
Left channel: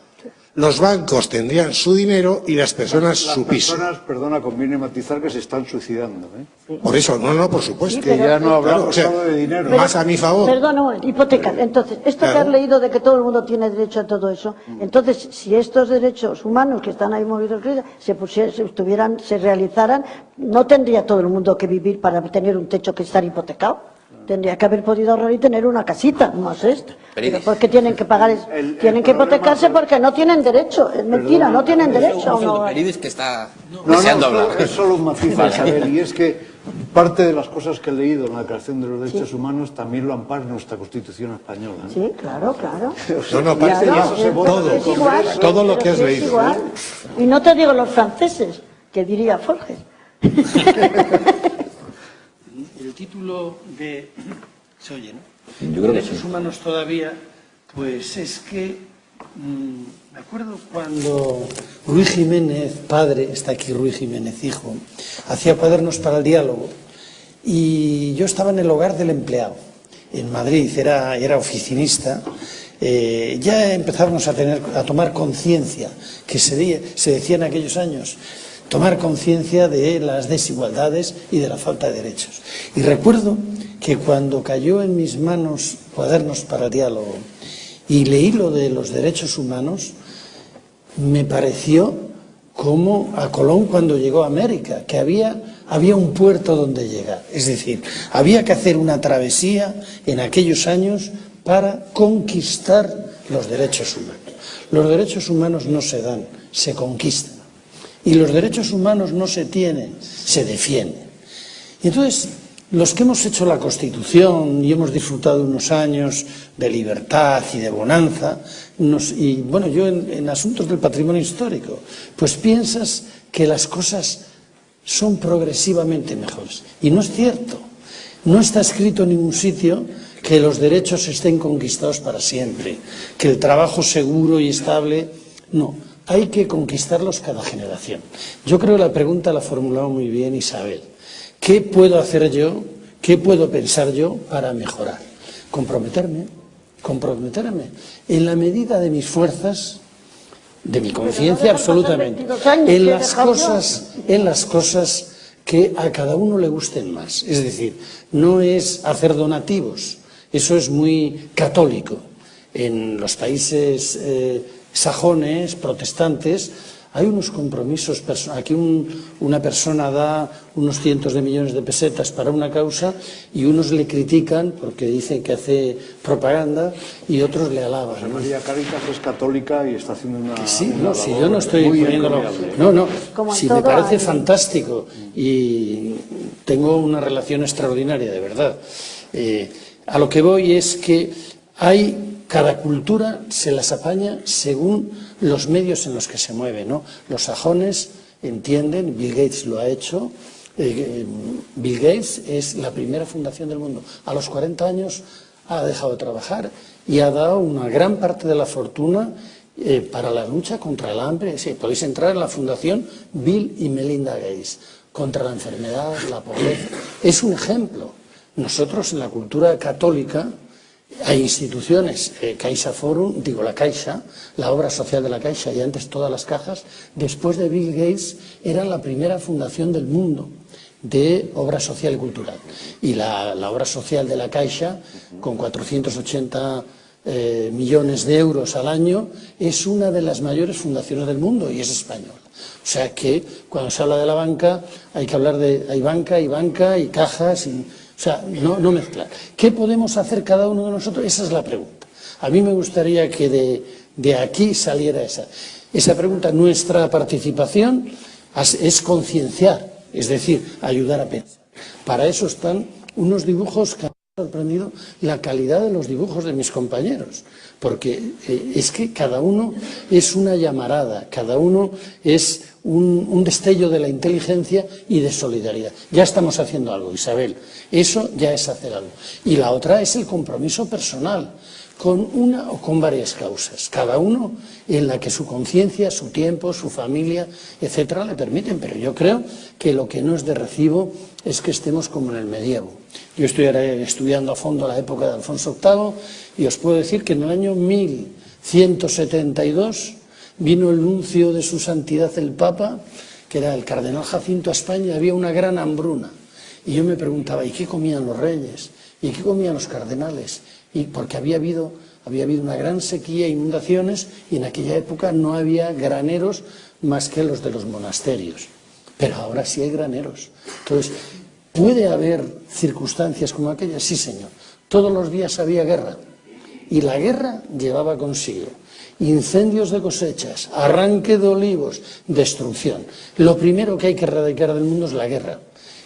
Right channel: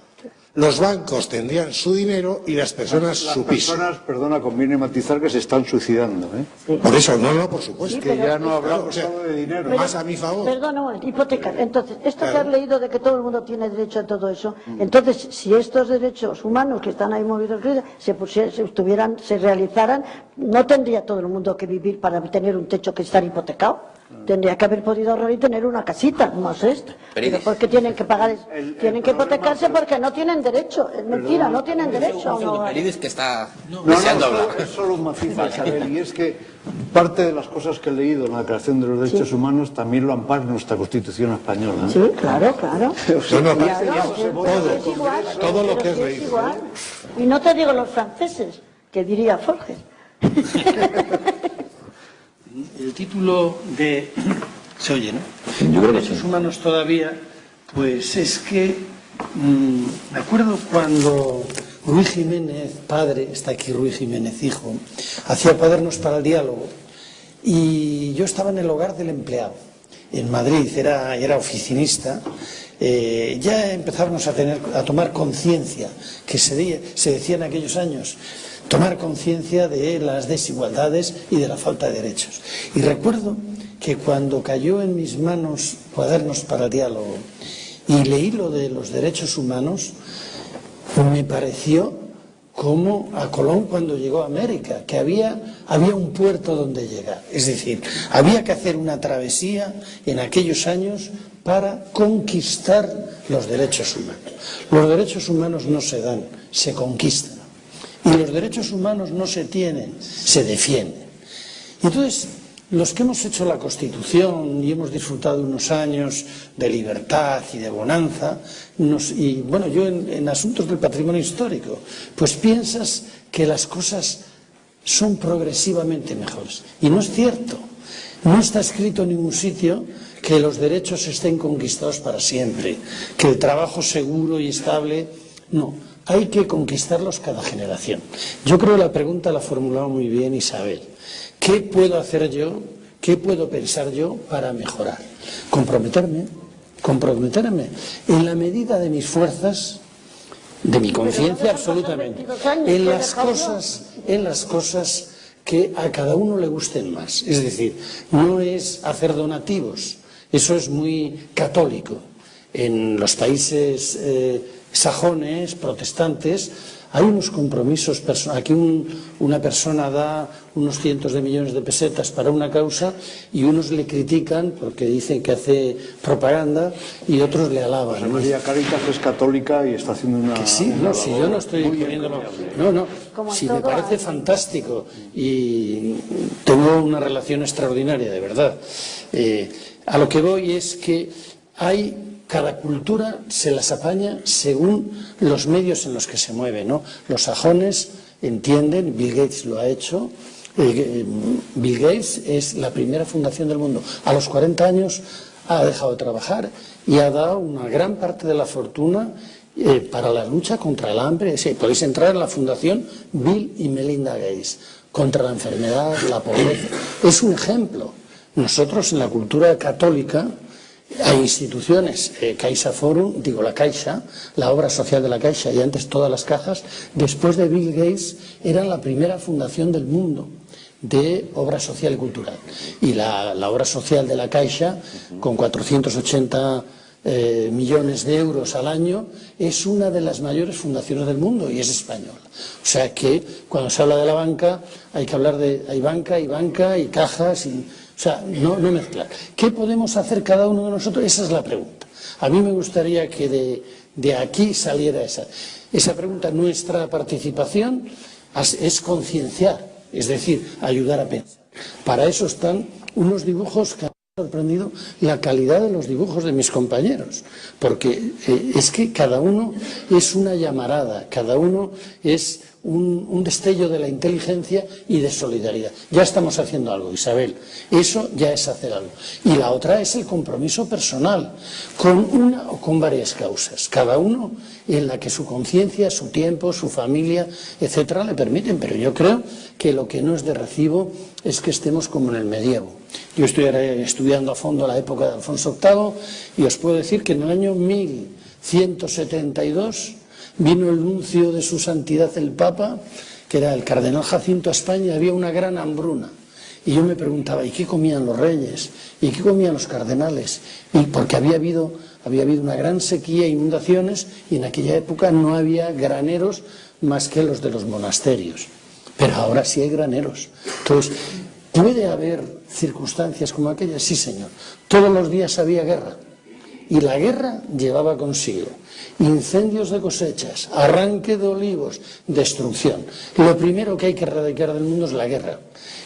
Los bancos tendrían su dinero y las personas su piso. Las personas, perdona, conviene matizar que se están suicidando, ¿eh? Por eso, no, por supuesto. Que ya no hablamos Claro, o sea, solo de dinero. más a mi favor. Perdón, no, hipoteca. Entonces, esto que has leído de que todo el mundo tiene derecho a todo eso, entonces, si estos derechos humanos que están ahí movidos se realizaran, no tendría todo el mundo que vivir para tener un techo que estar hipotecado. Tendría que haber podido tener una casita, no es esto. Pero porque tienen que pagar, tienen que hipotecarse porque no tienen derecho. Es mentira, no tienen derecho. Periodista que está No, deseando hablar. es solo un matiz a saber, y es que parte de las cosas que he leído en la Declaración de los Derechos Humanos también lo ampara nuestra Constitución española. Sí, claro, claro. No, Claro, todo lo que has es leído. igual. Y no te digo los franceses, que diría Forges. El título de... Se oye, ¿no? Yo creo que derechos humanos todavía, pues es que... me acuerdo cuando Ruy Jiménez, padre, está aquí Ruy Jiménez, hijo, hacía Cuadernos para el Diálogo, y yo estaba en el hogar del empleado, en Madrid, era oficinista. Ya empezábamos a tomar conciencia, que se decía en aquellos años, tomar conciencia de las desigualdades y de la falta de derechos. Y recuerdo que cuando cayó en mis manos Cuadernos para el Diálogo y leí lo de los derechos humanos, me pareció como a Colón cuando llegó a América, que había un puerto donde llegar. Es decir, había que hacer una travesía en aquellos años para conquistar los derechos humanos. Los derechos humanos no se dan, se conquistan. Y los derechos humanos no se tienen, se defienden. Entonces, los que hemos hecho la Constitución y hemos disfrutado unos años de libertad y de bonanza, y bueno, yo en asuntos del patrimonio histórico, pues piensas que las cosas son progresivamente mejores. Y no es cierto. No está escrito en ningún sitio que los derechos estén conquistados para siempre, que el trabajo seguro y estable, no. Hay que conquistarlos cada generación. Yo creo que la pregunta la ha formulado muy bien Isabel. ¿Qué puedo hacer yo? ¿Qué puedo pensar yo para mejorar? Comprometerme en la medida de mis fuerzas, de mi conciencia absolutamente, en las cosas que a cada uno le gusten más. Es decir, no es hacer donativos, eso es muy católico. En los países sajones, protestantes, hay unos compromisos personales. Aquí una persona da unos cientos de millones de pesetas para una causa y unos le critican porque dicen que hace propaganda y otros le alaban. María Caritas es católica y está haciendo una... Sí, no, si yo no estoy poniéndolo... No, si me parece fantástico y tengo una relación extraordinaria, de verdad. A lo que voy es que cada cultura se las apaña según los medios en los que se mueve, ¿no? Los sajones entienden, Bill Gates lo ha hecho, Bill Gates es la primera fundación del mundo. A los 40 años ha dejado de trabajar y ha dado una gran parte de la fortuna para la lucha contra el hambre. Sí, podéis entrar en la fundación Bill y Melinda Gates, contra la enfermedad, la pobreza. Es un ejemplo. Nosotros en la cultura católica hay instituciones, Caixa Forum, digo la Caixa, la obra social de la Caixa y antes todas las cajas, después de Bill Gates, era la primera fundación del mundo de obra social y cultural. Y la obra social de la Caixa, con 480 millones de euros al año, es una de las mayores fundaciones del mundo y es española. O sea que cuando se habla de la banca, hay que hablar hay banca y cajas y... O sea, no mezclar. ¿Qué podemos hacer cada uno de nosotros? Esa es la pregunta. A mí me gustaría que de aquí saliera esa pregunta. Nuestra participación es concienciar, es decir, ayudar a pensar. Para eso están unos dibujos que han sorprendido la calidad de los dibujos de mis compañeros, porque es que cada uno es una llamarada, cada uno es un destello de la inteligencia y de solidaridad. Ya estamos haciendo algo, Isabel, eso ya es hacer algo. Y la otra es el compromiso personal, con una o con varias causas, cada uno en la que su conciencia, su tiempo, su familia, etcétera, le permiten. Pero yo creo que lo que no es de recibo es que estemos como en el medievo. Yo estoy estudiando a fondo la época de Alfonso VIII y os puedo decir que en el año 1172 vino el nuncio de su santidad el Papa, que era el cardenal Jacinto, a España, y había una gran hambruna. Y yo me preguntaba, ¿y qué comían los reyes? ¿Y qué comían los cardenales? Y porque había habido una gran sequía, inundaciones, y en aquella época no había graneros más que los de los monasterios. Pero ahora sí hay graneros. Entonces, ¿puede haber circunstancias como aquellas? Sí, señor. Todos los días había guerra. Y la guerra llevaba consigo incendios de cosechas, arranque de olivos, destrucción. Lo primero que hay que erradicar del mundo es la guerra.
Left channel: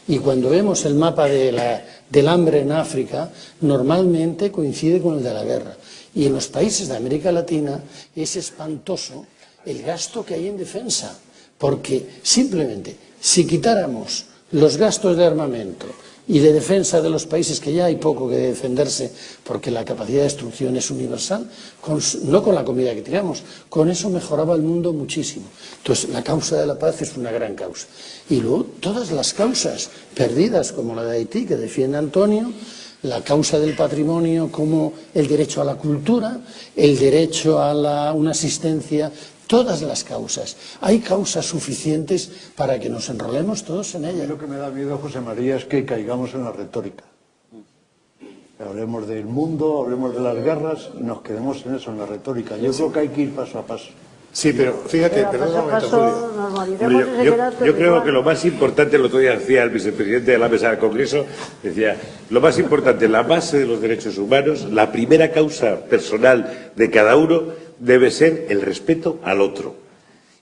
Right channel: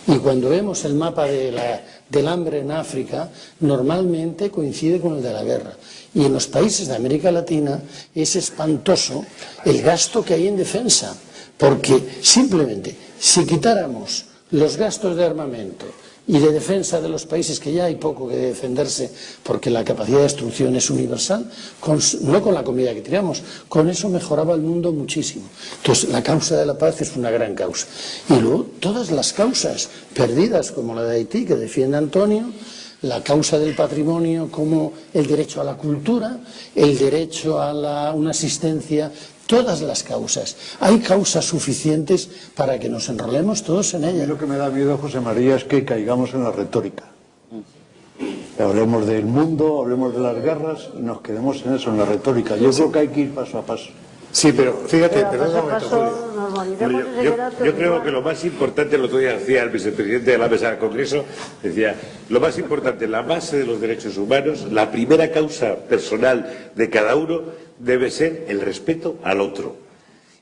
Y cuando vemos el mapa del hambre en África, normalmente coincide con el de la guerra. Y en los países de América Latina es espantoso el gasto que hay en defensa, porque simplemente si quitáramos los gastos de armamento y de defensa de los países, que ya hay poco que defenderse porque la capacidad de destrucción es universal, no con la comida que tiramos, con eso mejoraba el mundo muchísimo. Entonces la causa de la paz es una gran causa. Y luego todas las causas perdidas, como la de Haití, que defiende Antonio, la causa del patrimonio como el derecho a la cultura, el derecho a una asistencia, todas las causas. Hay causas suficientes para que nos enrolemos todos en ellas. Lo que me da miedo, José María, es que caigamos en la retórica. Hablemos del mundo, hablemos de las guerras y nos quedemos en eso, en la retórica. Yo creo que hay que ir paso a paso. Sí, pero fíjate, yo creo que lo más importante, el otro día decía el vicepresidente de la mesa del Congreso, decía, lo más importante, la base de los derechos humanos, la primera causa personal de cada uno debe ser el respeto al otro.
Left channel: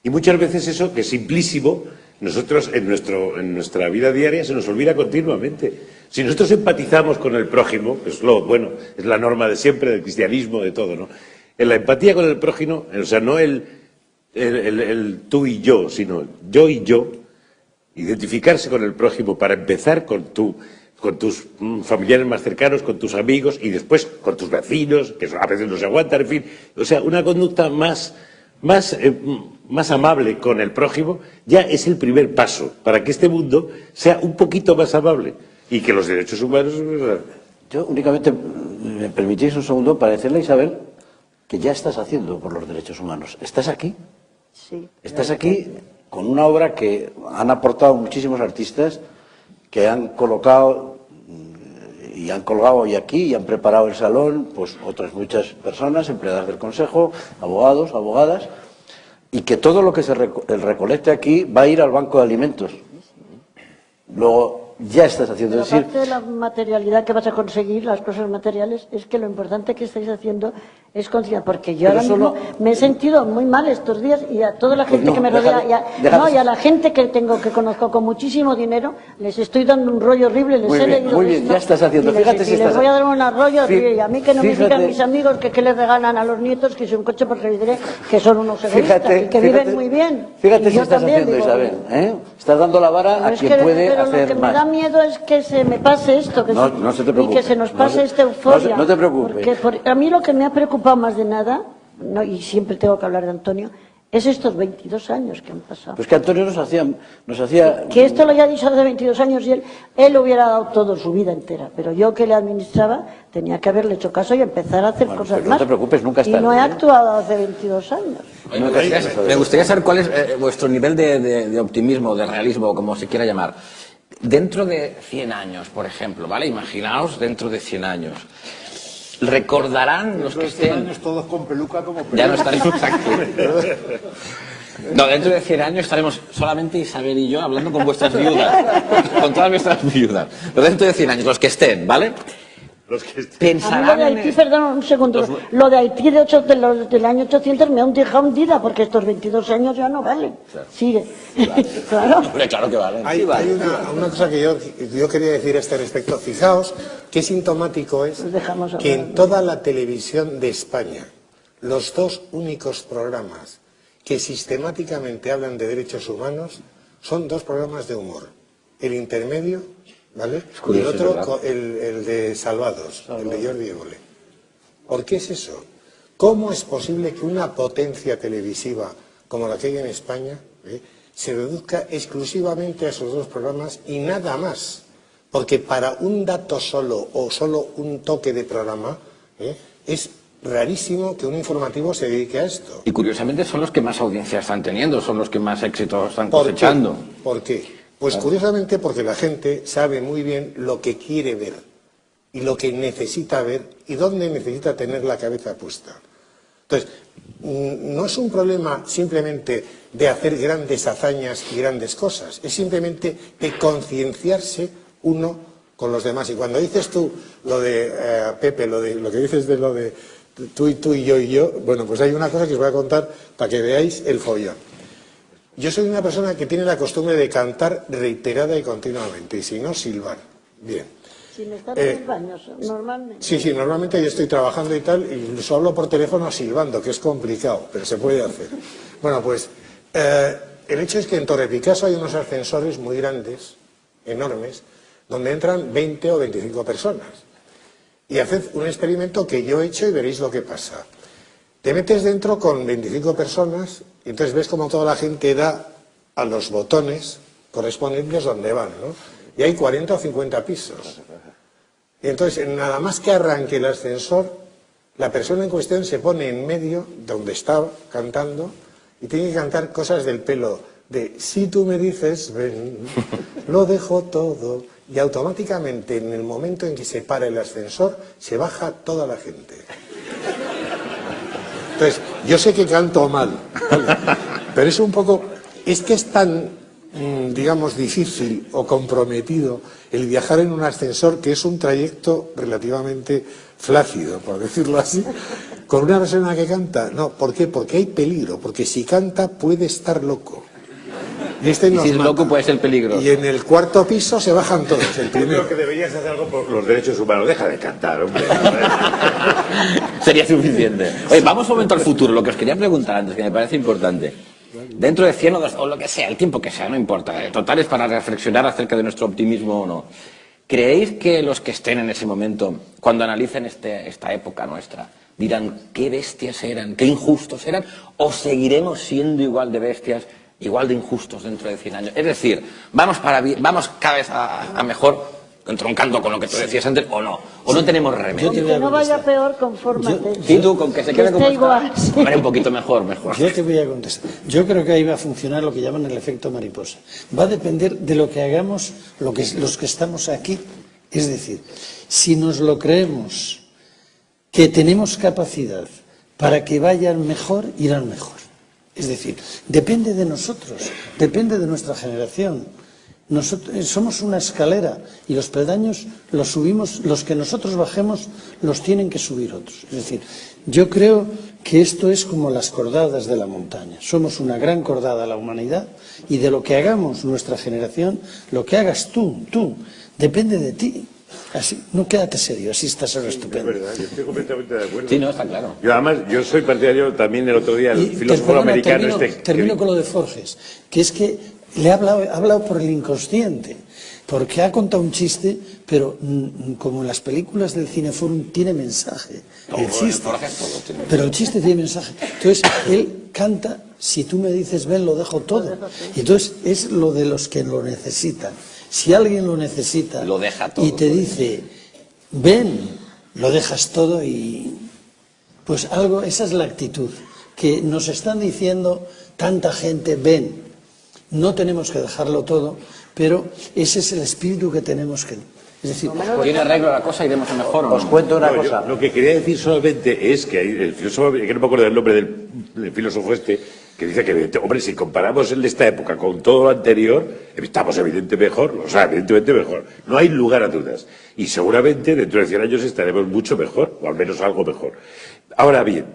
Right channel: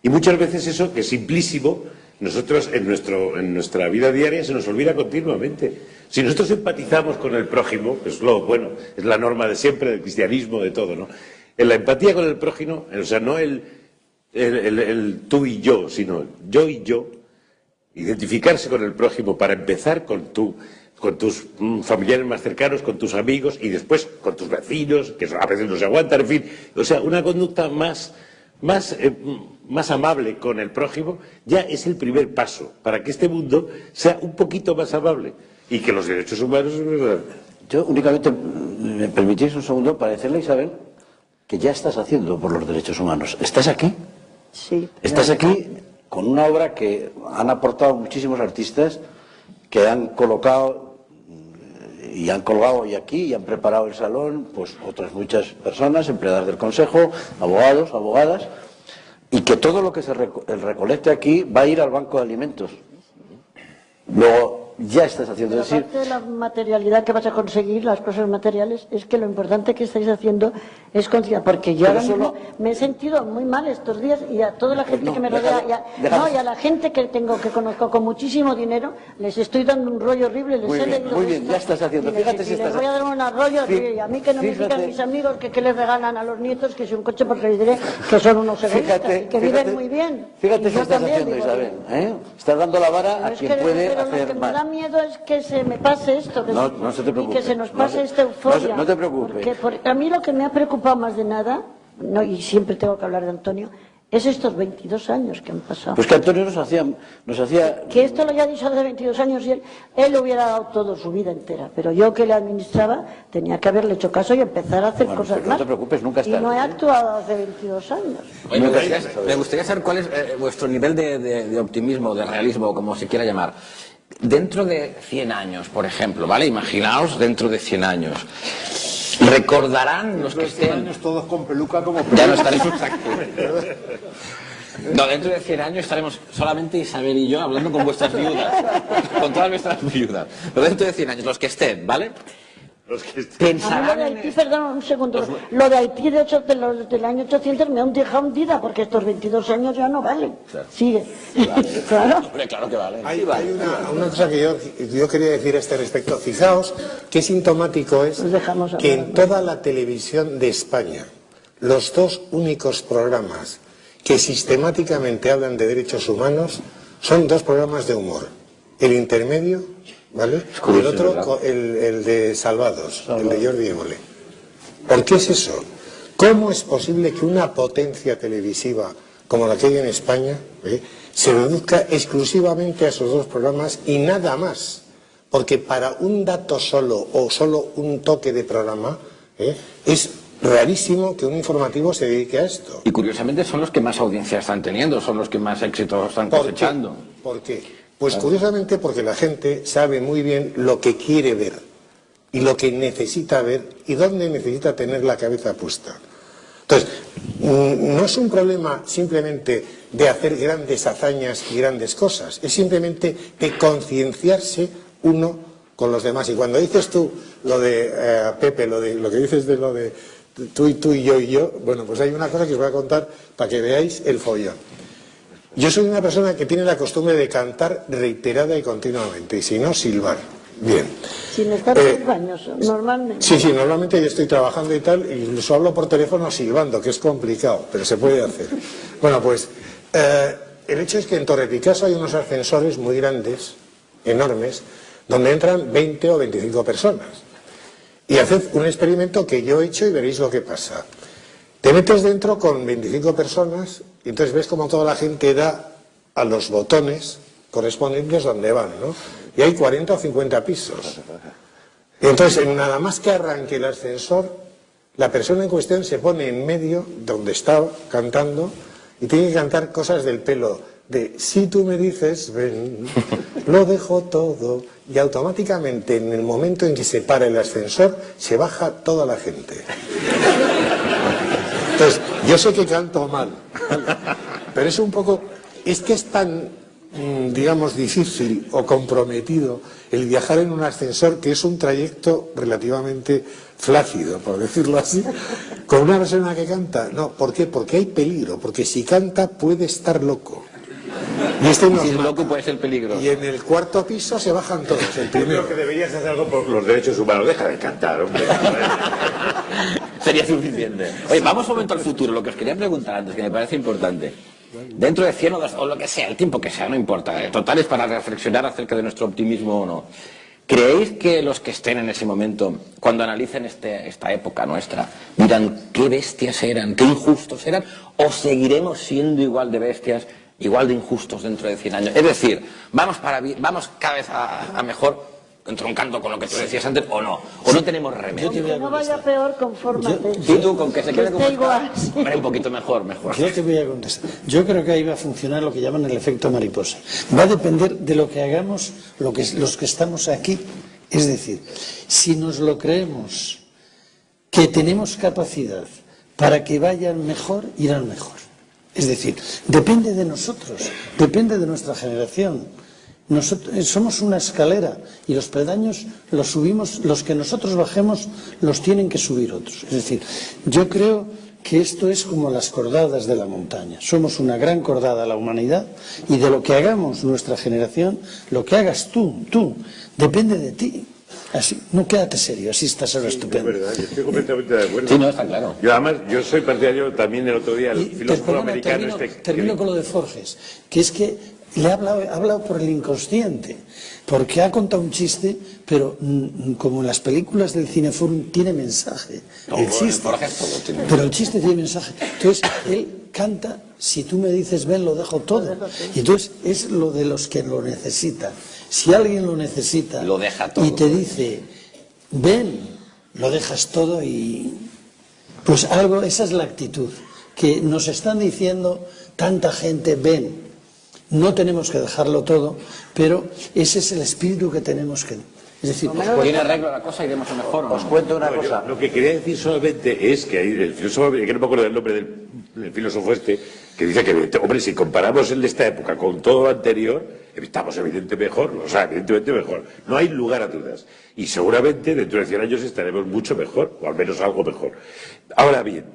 Y muchas veces eso, que es simplísimo, nosotros en nuestra vida diaria se nos olvida continuamente. Si nosotros empatizamos con el prójimo, que es lo bueno, es la norma de siempre, del cristianismo, de todo, ¿no? En la empatía con el prójimo, o sea, no el tú y yo, sino yo y yo, identificarse con el prójimo para empezar con tus familiares más cercanos, con tus amigos y después con tus vecinos, que a veces no se aguantan, en fin. O sea, una conducta más amable con el prójimo ya es el primer paso para que este mundo sea un poquito más amable y que los derechos humanos... Yo únicamente, me permitís un segundo para decirle, Isabel, que ya estás haciendo por los derechos humanos. ¿Estás aquí? Sí. Estás aquí con una obra que han aportado muchísimos artistas que han colocado y han colgado hoy aquí y han preparado el salón, pues otras muchas personas, empleadas del Consejo, abogados, abogadas, y que todo lo que el recolecte aquí va a ir al banco de alimentos. Luego, ya estás haciendo. Pero aparte de la materialidad que vas a conseguir, las cosas materiales, es que lo importante que estáis haciendo es conciencia, porque yo ahora mismo me he sentido muy mal estos días y a toda la gente que me rodea y a la gente que conozco con muchísimo dinero, les estoy dando un rollo horrible, Muy bien, ya estás haciendo. Fíjate si les voy a dar un rollo horrible, y a mí que no me digan mis amigos que les regalan a los nietos, que es un coche por salir, que son unos egoístas, que viven muy bien. Fíjate si estás haciendo, Isabel, estás dando la vara a quien puede hacer más. Miedo es que se me pase esto, no se te preocupe, y que se nos pase esta euforia. No te preocupes. Porque a mí lo que me ha preocupado más de nada, y siempre tengo que hablar de Antonio, es estos 22 años que han pasado. Pues que Antonio nos hacía... Que esto lo haya dicho hace 22 años y él hubiera dado todo su vida entera, pero yo que le administraba tenía que haberle hecho caso y empezar a hacer cosas más. No te preocupes, nunca está. Y no he actuado hace 22 años. Oye, me gustaría saber cuál es vuestro nivel de optimismo, de realismo, como se quiera llamar. Dentro de 100 años, por ejemplo, ¿vale? Imaginaos dentro de 100 años. Recordarán los que estén... 100 años todos con peluca como... Ya no estaremos aquí. No, dentro de 100 años estaremos solamente Isabel y yo hablando con vuestras viudas. Con todas nuestras viudas. Pero dentro de 100 años, los que estén, ¿vale? Los que están... A mí lo Pensarán de en Haití, perdón, un segundo, lo de Haití del año 800 me han dejado hundida, porque estos 22 años ya no valen. Sigue. Claro. Hombre, claro que vale. Hay una cosa que yo quería decir a este respecto. Fijaos qué sintomático es Pues dejamos que hablar. en toda la televisión de España, los dos únicos programas que sistemáticamente hablan de derechos humanos son dos programas de humor. El intermedio, ¿vale? Y el otro, el de Salvados, el de Jordi Évole. ¿Por qué es eso? ¿Cómo es posible que una potencia televisiva como la que hay en España se reduzca exclusivamente a esos dos programas y nada más? Porque para un dato solo o solo un toque de programa es rarísimo que un informativo se dedique a esto. Y curiosamente son los que más audiencia están teniendo, son los que más éxito están ¿Por qué? cosechando. ¿Por qué? Pues curiosamente porque la gente sabe muy bien lo que quiere ver y lo que necesita ver y dónde necesita tener la cabeza puesta. Entonces, no es un problema simplemente de hacer grandes hazañas y grandes cosas, es simplemente de concienciarse uno con los demás. Y cuando dices tú lo de Pepe, lo que dices de lo de tú y yo, bueno, pues hay una cosa que os voy a contar para que veáis el follón. Yo soy una persona que tiene la costumbre de cantar reiterada y continuamente, y si no, silbar. Bien. Sin estar en los baños, normalmente. Sí, normalmente yo estoy trabajando y tal, incluso hablo por teléfono silbando, que es complicado, pero se puede hacer. Bueno, pues el hecho es que en Torre Picasso hay unos ascensores muy grandes, enormes, donde entran 20 o 25 personas. Y haced un experimento que yo he hecho y veréis lo que pasa. Te metes dentro con 25 personas y entonces ves como toda la gente da a los botones correspondientes donde van, ¿no? Y hay 40 o 50 pisos. Y entonces, nada más que arranque el ascensor, la persona en cuestión se pone en medio, donde está cantando, y tiene que cantar cosas del pelo, de si tú me dices, ven, lo dejo todo, y automáticamente, en el momento en que se para el ascensor, se baja toda la gente. Entonces, yo sé que canto mal, pero es un poco, es que es tan, digamos, difícil o comprometido el viajar en un ascensor, que es un trayecto relativamente flácido, por decirlo así, con una persona que canta. No, ¿por qué? Porque hay peligro, porque si canta puede estar loco. Y este nos Si es mata. loco puede ser peligro. Y en el cuarto piso se bajan todos. El primero. Creo que deberías hacerlo por los derechos humanos. Deja de cantar, hombre. Sería suficiente. Oye, vamos un momento al futuro, lo que os quería preguntar antes, que me parece importante. Dentro de 100 o lo que sea, el tiempo que sea, no importa. Total es para reflexionar acerca de nuestro optimismo o no. ¿Creéis que los que estén en ese momento, cuando analicen esta época nuestra, dirán qué bestias eran, qué injustos eran, o seguiremos siendo igual de bestias, igual de injustos dentro de 100 años? Es decir, vamos cada vez a mejor, entroncando con lo que tú decías antes, o no tenemos remedio. Que no vaya peor conforme. Y tú, con que se quede como esté igual, está, sí. hombre, un poquito mejor. Yo te voy a contestar. Yo creo que ahí va a funcionar lo que llaman el efecto mariposa. Va a depender de lo que hagamos los que estamos aquí. Es decir, si nos lo creemos, que tenemos capacidad para que vayan mejor, irán mejor. Es decir, depende de nosotros, depende de nuestra generación. Nosotros somos una escalera y los peldaños los subimos, los que nosotros bajemos los tienen que subir otros. Es decir, yo creo que esto es como las cordadas de la montaña. Somos una gran cordada de la humanidad y de lo que hagamos nuestra generación, lo que hagas tú, depende de ti. Así, no quédate serio, así estás ahora estupendo. Es verdad, yo estoy completamente de acuerdo. Sí, no, está claro. Yo, además, yo soy partidario también el otro día, el filósofo americano termino con lo de Forges, que es que le ha hablado por el inconsciente, porque ha contado un chiste, pero como en las películas del Cineforum tiene mensaje, el chiste, pero el chiste tiene mensaje. Entonces, él canta, si tú me dices ven, lo dejo todo. Y entonces es lo de los que lo necesitan. Si alguien lo necesita Lo deja todo. y te dice ven, lo dejas todo y pues algo, esa es la actitud que nos están diciendo tanta gente, ven, no tenemos que dejarlo todo, pero ese es el espíritu que tenemos que, es decir, ¿Tiene arreglo la cosa y iremos a mejor o no? Os cuento una No, cosa. lo que quería decir solamente es que hay el filósofo, que no me acuerdo del nombre del filósofo este, que dice que, hombre, si comparamos en esta época con todo lo anterior, estamos evidentemente mejor. No hay lugar a dudas. Y seguramente dentro de 100 años estaremos mucho mejor, o al menos algo mejor. Ahora bien,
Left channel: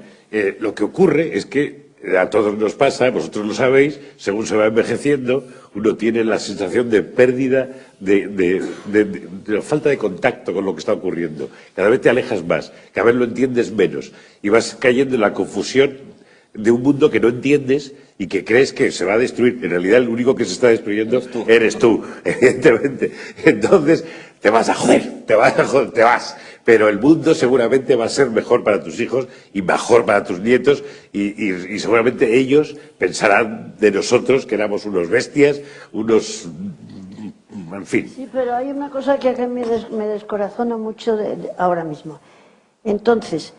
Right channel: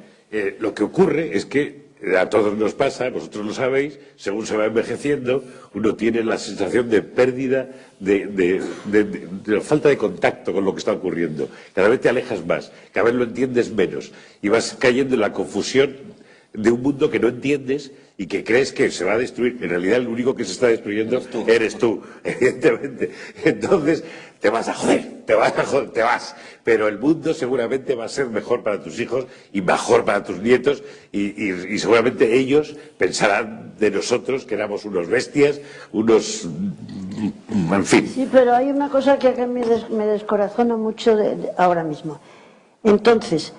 lo que ocurre es que a todos nos pasa, vosotros lo sabéis, según se va envejeciendo, uno tiene la sensación de pérdida, de falta de contacto con lo que está ocurriendo. Cada vez te alejas más, cada vez lo entiendes menos y vas cayendo en la confusión de un mundo que no entiendes y que crees que se va a destruir. En realidad el único que se está destruyendo eres tú, evidentemente. Entonces te vas. Pero el mundo seguramente va a ser mejor para tus hijos y mejor para tus nietos y seguramente ellos pensarán de nosotros que éramos unos bestias, en fin. Sí, pero hay una cosa que acá me descorazona mucho ahora mismo. Entonces,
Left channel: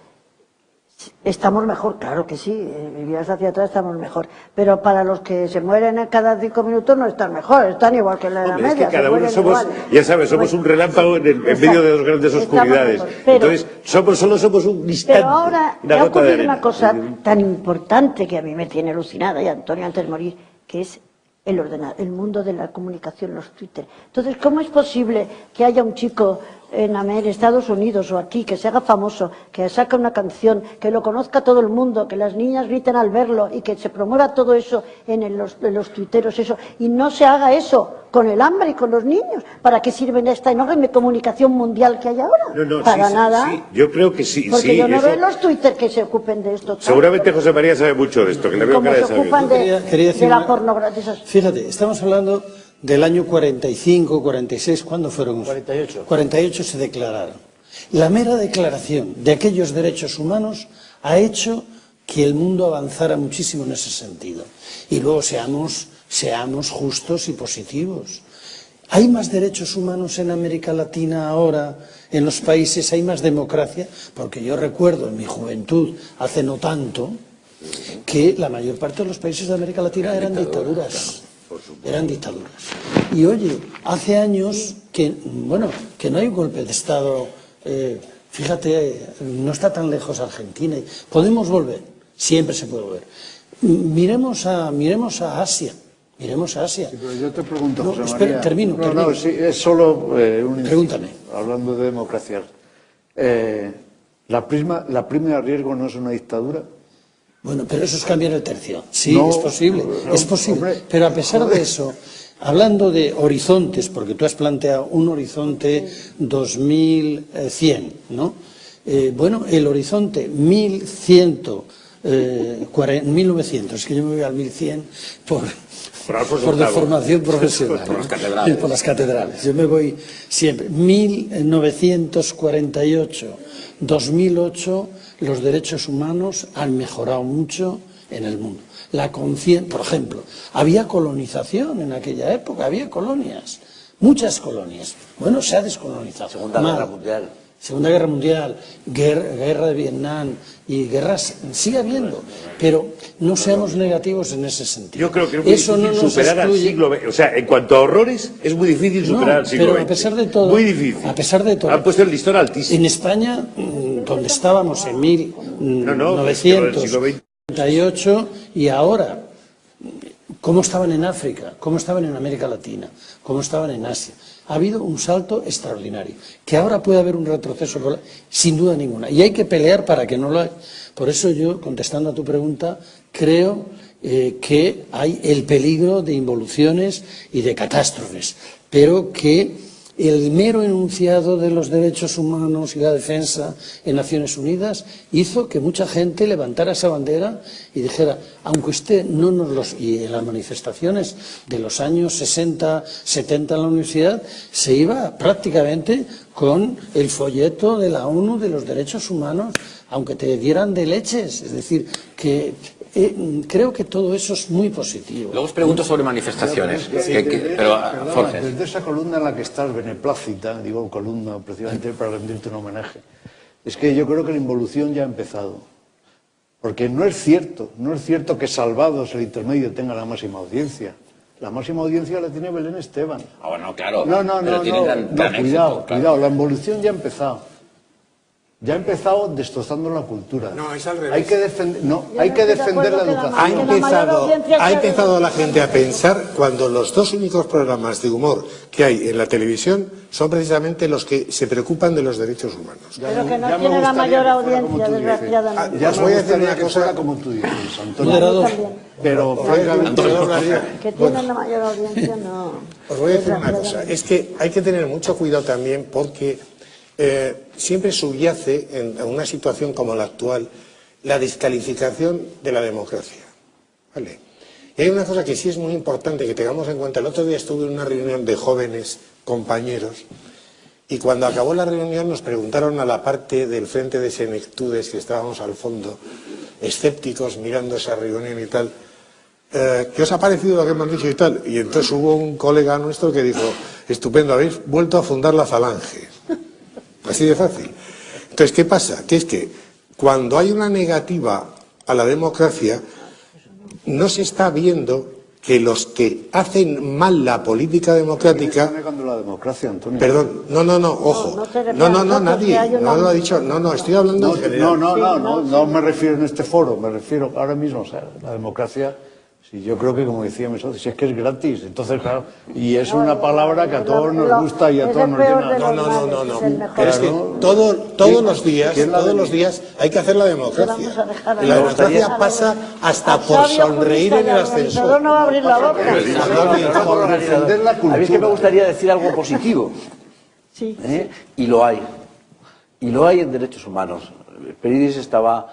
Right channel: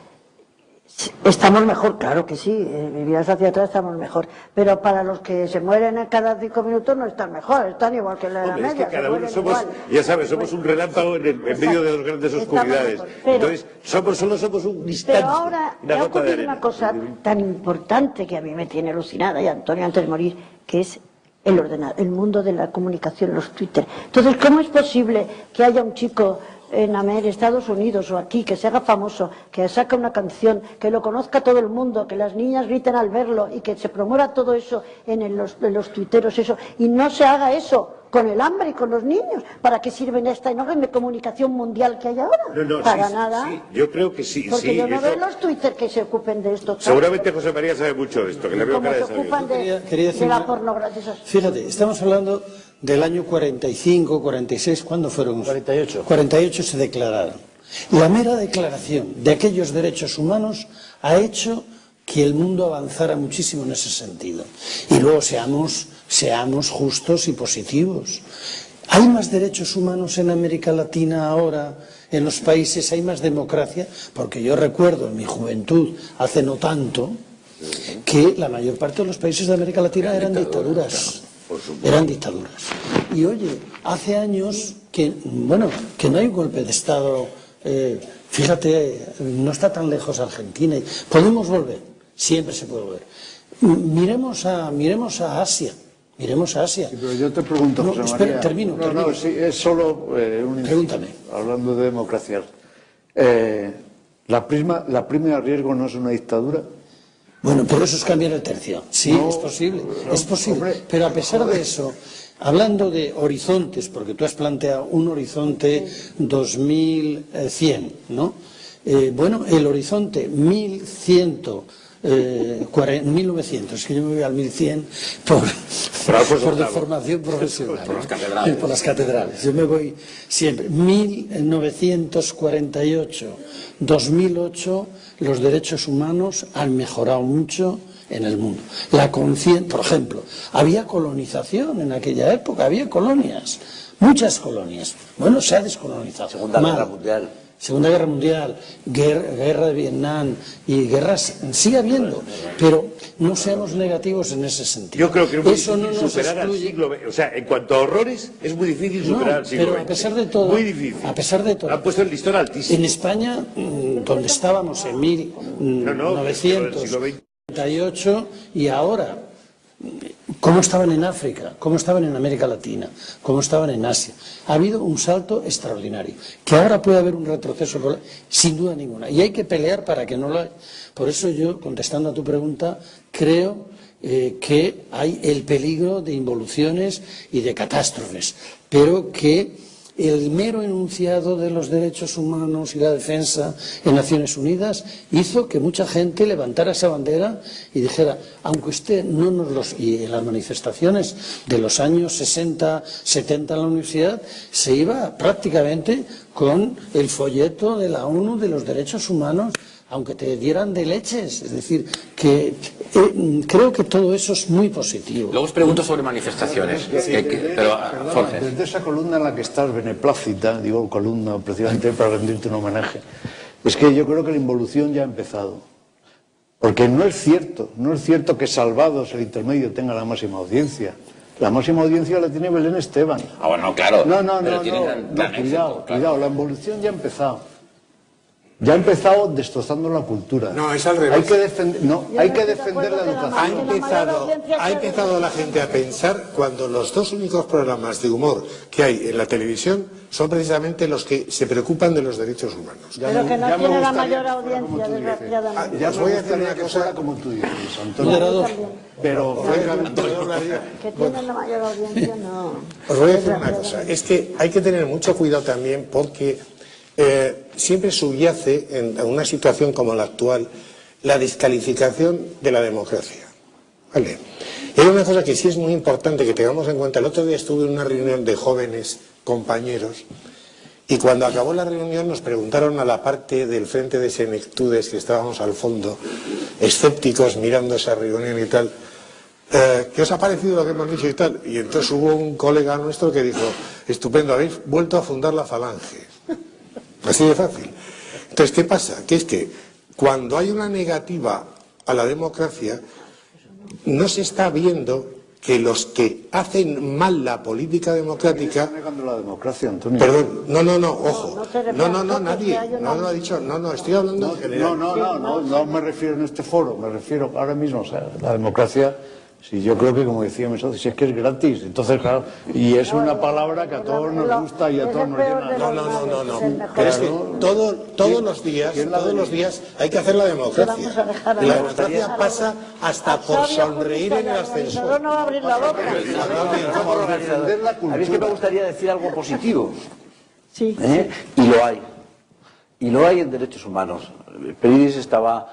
estamos mejor, claro que sí, miras hacia atrás estamos mejor, pero para los que se mueren a cada 5 minutos no están mejor, están igual que la edad media. Es que cada uno somos, ya sabes, somos un relámpago en medio de dos grandes oscuridades. Entonces, solo somos un instante. Pero ahora ha ocurrido una cosa tan importante que a mí me tiene alucinada, y Antonio antes de morir, que es el mundo de la comunicación, los Twitter. Entonces, ¿cómo es posible que haya un chico en Estados Unidos o aquí, que se haga famoso, que saca una canción, que lo conozca todo el mundo, que las niñas griten al verlo y que se promueva todo eso en los tuiteros, eso, y no se haga eso con el hambre y con los niños? ¿Para qué sirven esta enorme comunicación mundial que hay ahora? Para nada. Sí, yo creo que sí. Porque yo no veo en los Twitter que se ocupen de esto. Seguramente José María sabe mucho de esto, que le veo cara de saber. Como se ocupan de la pornografía. Fíjate, estamos hablando del año 45, 46, ¿cuándo fueron? 48. 48 se declararon. La mera declaración de aquellos derechos humanos ha hecho que el mundo avanzara muchísimo en ese sentido. Y luego seamos justos y positivos. ¿Hay más derechos humanos en América Latina ahora? ¿En los países hay más democracia? Porque yo recuerdo en mi juventud, hace no tanto, que la mayor parte de los países de América Latina eran dictaduras. Eran dictaduras. Y oye, hace años que no hay un golpe de Estado. Fíjate, no está tan lejos Argentina. Podemos volver, siempre se puede volver. Miremos a Asia. Miremos a Asia. Sí, pero yo te pregunto, no, José espera, María. termino. No, sí, es solo Pregúntame. Hablando de democracia. ¿La prima de riesgo no es una dictadura? Bueno, pero eso es cambiar el tercio. Sí, No, es posible. Pero a pesar de eso, hablando de horizontes, porque tú has planteado un horizonte 2100, ¿no? El horizonte 1900, es que yo me voy al 1100 por la formación profesional. Por las catedrales. Yo me voy siempre. 1948, 2008, los derechos humanos han mejorado mucho en el mundo. Por ejemplo, había colonización en aquella época, había colonias, muchas colonias. Bueno, se ha descolonizado. Segunda Guerra Mundial, guerra de Vietnam y guerras sigue habiendo, pero no seamos negativos en ese sentido. Yo creo que es muy difícil superar al siglo XX. O sea, en cuanto a horrores, es muy difícil superar al siglo XX. Pero a pesar de todo, muy difícil. A pesar de todo, han puesto el listón altísimo. En España, donde estábamos en 1938 y ahora, ¿cómo estaban en África? ¿Cómo estaban en América Latina? ¿Cómo estaban en Asia? Ha habido un salto extraordinario, que ahora puede haber un retroceso, sin duda ninguna, y hay que pelear para que no lo haya. Por eso yo, contestando a tu pregunta, creo que hay el peligro de involuciones y de catástrofes, pero que el mero enunciado de los derechos humanos y la defensa en Naciones Unidas hizo que mucha gente levantara esa bandera y dijera, aunque usted no nos los... Y en las manifestaciones de los años 60, 70 en la universidad se iba prácticamente con el folleto de la ONU de los derechos humanos, aunque te dieran de leches. Es decir, que creo que todo eso es muy positivo. Luego os pregunto sobre manifestaciones. Pero, Jorge. Desde esa columna en la que estás beneplácita, digo columna precisamente para rendirte un homenaje, es que yo creo que la involución ya ha empezado. Porque no es cierto que Salvados, el intermedio, tenga la máxima audiencia. La máxima audiencia la tiene Belén Esteban. Ah, bueno, claro. No, cuidado, la involución ya ha empezado. Ya ha empezado destrozando la cultura. No, es al revés. Hay que defender la educación. Ha empezado la gente a pensar cuando los dos únicos programas de humor que hay en la televisión son precisamente los que se preocupan de los derechos humanos. Pero que no tiene la mayor audiencia, desgraciadamente. Ya os voy a decir una cosa como tú dices, Moderador. pero francamente, Que tiene la mayor audiencia, no. Os voy a decir una cosa, es que hay que tener mucho cuidado también porque siempre subyace en una situación como la actual la descalificación de la democracia. ¿Vale? Y hay una cosa que sí es muy importante que tengamos en cuenta. El otro día estuve en una reunión de jóvenes compañeros y cuando acabó la reunión nos preguntaron a la parte del Frente de Senectudes que estábamos al fondo, escépticos mirando esa reunión y tal, ¿qué os ha parecido lo que hemos dicho y tal? Y entonces hubo un colega nuestro que dijo, estupendo, habéis vuelto a fundar la Falange. Así de fácil. Entonces, ¿qué pasa? Que es que cuando hay una negativa a la democracia, no se está viendo que los que hacen mal la política democrática... negando la democracia, Antonio. Perdón, no, ojo. No, nadie. No lo ha dicho. No, estoy hablando en general. No me refiero en este foro, me refiero ahora mismo, o sea, la democracia, si yo creo que, como decía mi socio, si es que es gratis, entonces, claro, y es una palabra que a todos nos gusta y a todos nos llena. No. Pero es que todos los días hay que hacer la democracia. Y la democracia pasa hasta por sonreír en el ascensor. No va a abrir la boca. Defender la A mí es que me cultura. gustaría decir algo positivo. Sí. Y lo hay. Y lo hay en derechos humanos. Peridis estaba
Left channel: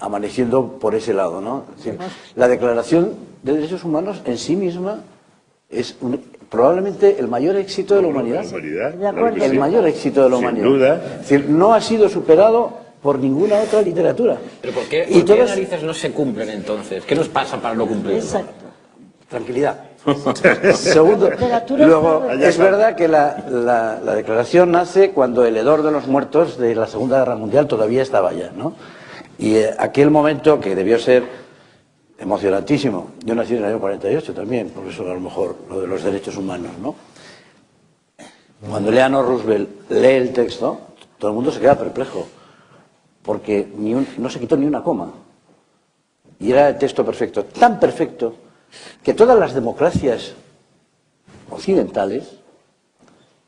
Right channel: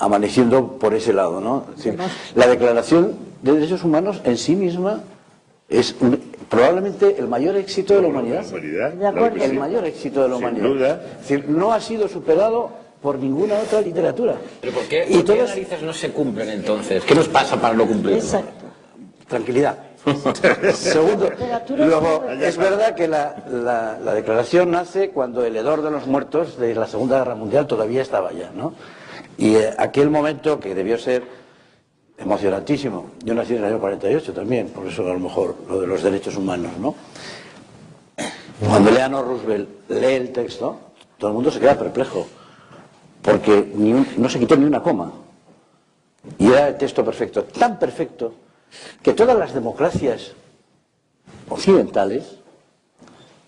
amaneciendo por ese lado, ¿no? Es decir, la Declaración de Derechos Humanos en sí misma es probablemente el mayor éxito de la humanidad. El mayor éxito de la humanidad. Sin duda. Es decir, no ha sido superado por ninguna otra literatura. ¿Pero por qué, Y por qué todas- narices no se cumplen entonces? ¿Qué nos pasa para no cumplirlo? Exacto. Tranquilidad. Segundo, luego, es verdad que la declaración nace cuando el hedor de los muertos de la Segunda Guerra Mundial todavía estaba allá, ¿no? Y aquel momento que debió ser emocionantísimo. Yo nací en el año 48 también, por eso a lo mejor lo de los derechos humanos, ¿no? Cuando Eleanor Roosevelt lee el texto, todo el mundo se queda perplejo, porque no se quitó ni una coma. Y era el texto perfecto, tan perfecto, que todas las democracias occidentales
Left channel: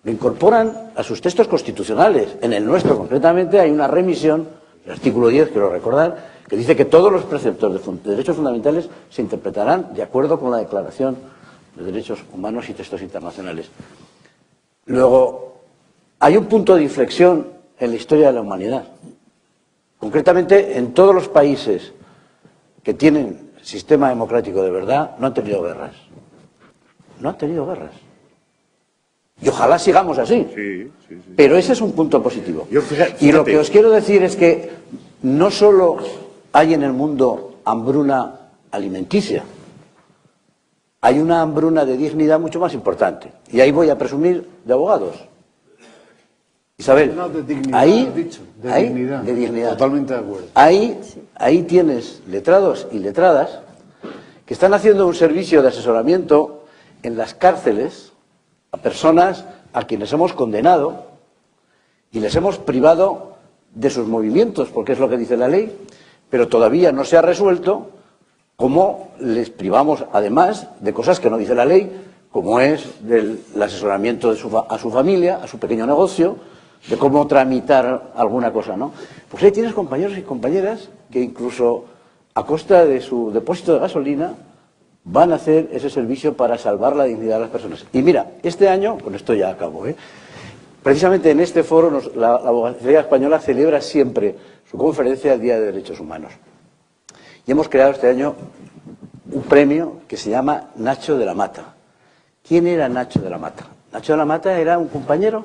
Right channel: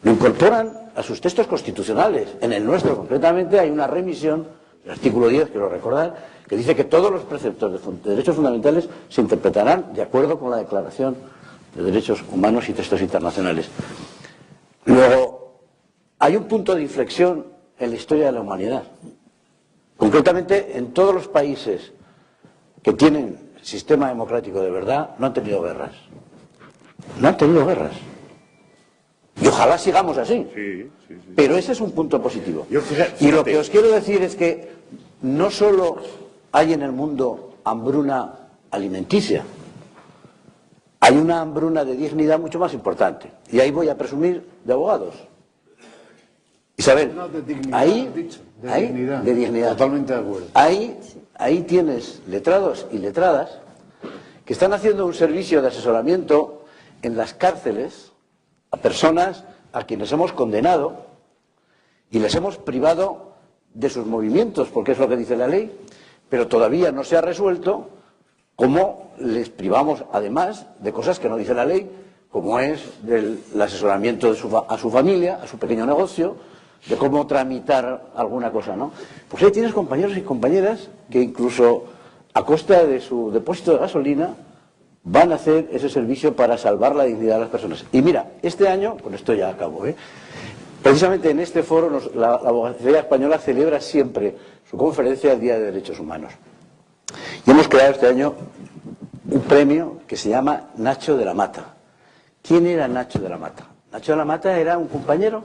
lo incorporan a sus textos constitucionales. En el nuestro, concretamente, hay una remisión, el artículo 10, quiero recordar, que dice que todos los preceptos de derechos fundamentales se interpretarán de acuerdo con la Declaración de Derechos Humanos y textos internacionales. Luego, hay un punto de inflexión en la historia de la humanidad. Concretamente, en todos los países que tienen sistema democrático de verdad, no han tenido guerras. No han tenido guerras. Y ojalá sigamos así. Pero ese es un punto positivo. Y lo que os quiero decir es que no solo hay en el mundo hambruna alimenticia, hay una hambruna de dignidad mucho más importante. Y ahí voy a presumir de abogados. Isabel, No, de dignidad, ahí, has dicho, de ahí, dignidad. de dignidad. Totalmente de acuerdo. Ahí tienes letrados y letradas que están haciendo un servicio de asesoramiento en las cárceles a personas a quienes hemos condenado y les hemos privado de sus movimientos, porque es lo que dice la ley, pero todavía no se ha resuelto cómo les privamos, además, de cosas que no dice la ley, como es el asesoramiento a su familia, a su pequeño negocio, de cómo tramitar alguna cosa, ¿no? Pues ahí tienes compañeros y compañeras que incluso a costa de su depósito de gasolina van a hacer ese servicio para salvar la dignidad de las personas. Y mira, este año, con esto ya acabo, precisamente en este foro la abogacía española celebra siempre su conferencia del Día de Derechos Humanos. Y hemos creado este año un premio que se llama Nacho de la Mata. ¿Quién era Nacho de la Mata? Nacho de la Mata era un compañero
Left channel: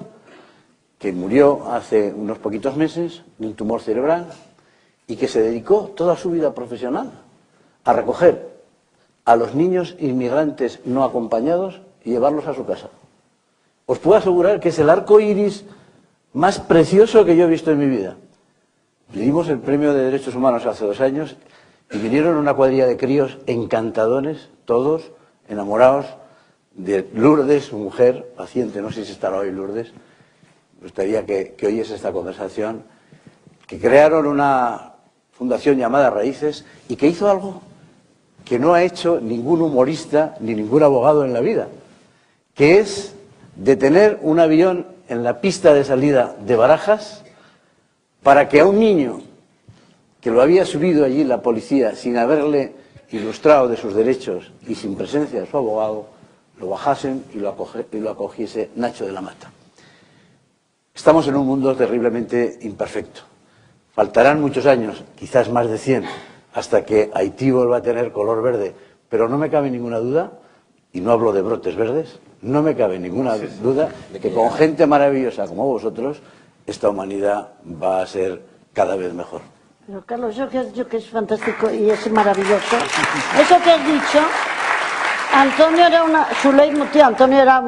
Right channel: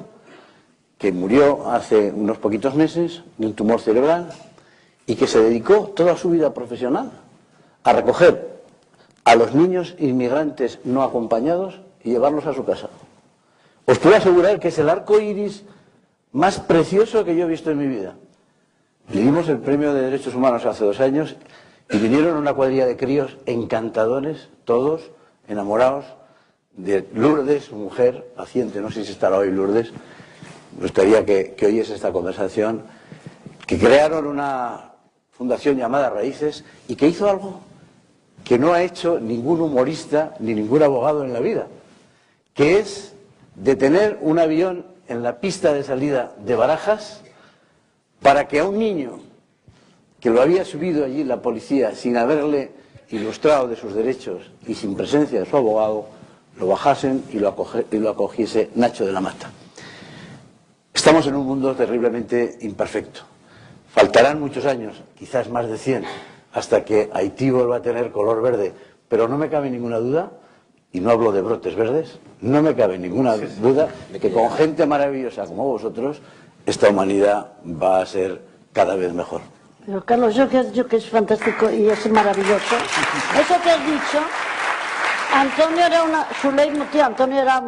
que murió hace unos poquitos meses de un tumor cerebral y que se dedicó toda su vida profesional a recoger a los niños inmigrantes no acompañados y llevarlos a su casa. Os puedo asegurar que es el arco iris más precioso que yo he visto en mi vida. Le dimos el premio de Derechos Humanos hace 2 años y vinieron una cuadrilla de críos encantadores, todos enamorados de Lourdes, su mujer paciente, no sé si estará hoy Lourdes. Me gustaría que oyes esta conversación que crearon una fundación llamada Raíces y que hizo algo que no ha hecho ningún humorista ni ningún abogado en la vida, que es detener un avión en la pista de salida de Barajas para que a un niño que lo había subido allí la policía sin haberle ilustrado de sus derechos y sin presencia de su abogado, lo bajasen y lo acogiese Nacho de la Mata. Estamos en un mundo terriblemente imperfecto. Faltarán muchos años, quizás más de 100, hasta que Haití vuelva a tener color verde, pero no me cabe ninguna duda, y no hablo de brotes verdes, no me cabe ninguna duda de que con gente maravillosa como vosotros, esta humanidad va a ser cada vez mejor. Pero Carlos, yo que es fantástico y es maravilloso, eso que has dicho, Antonio era su leitmotiv, Antonio era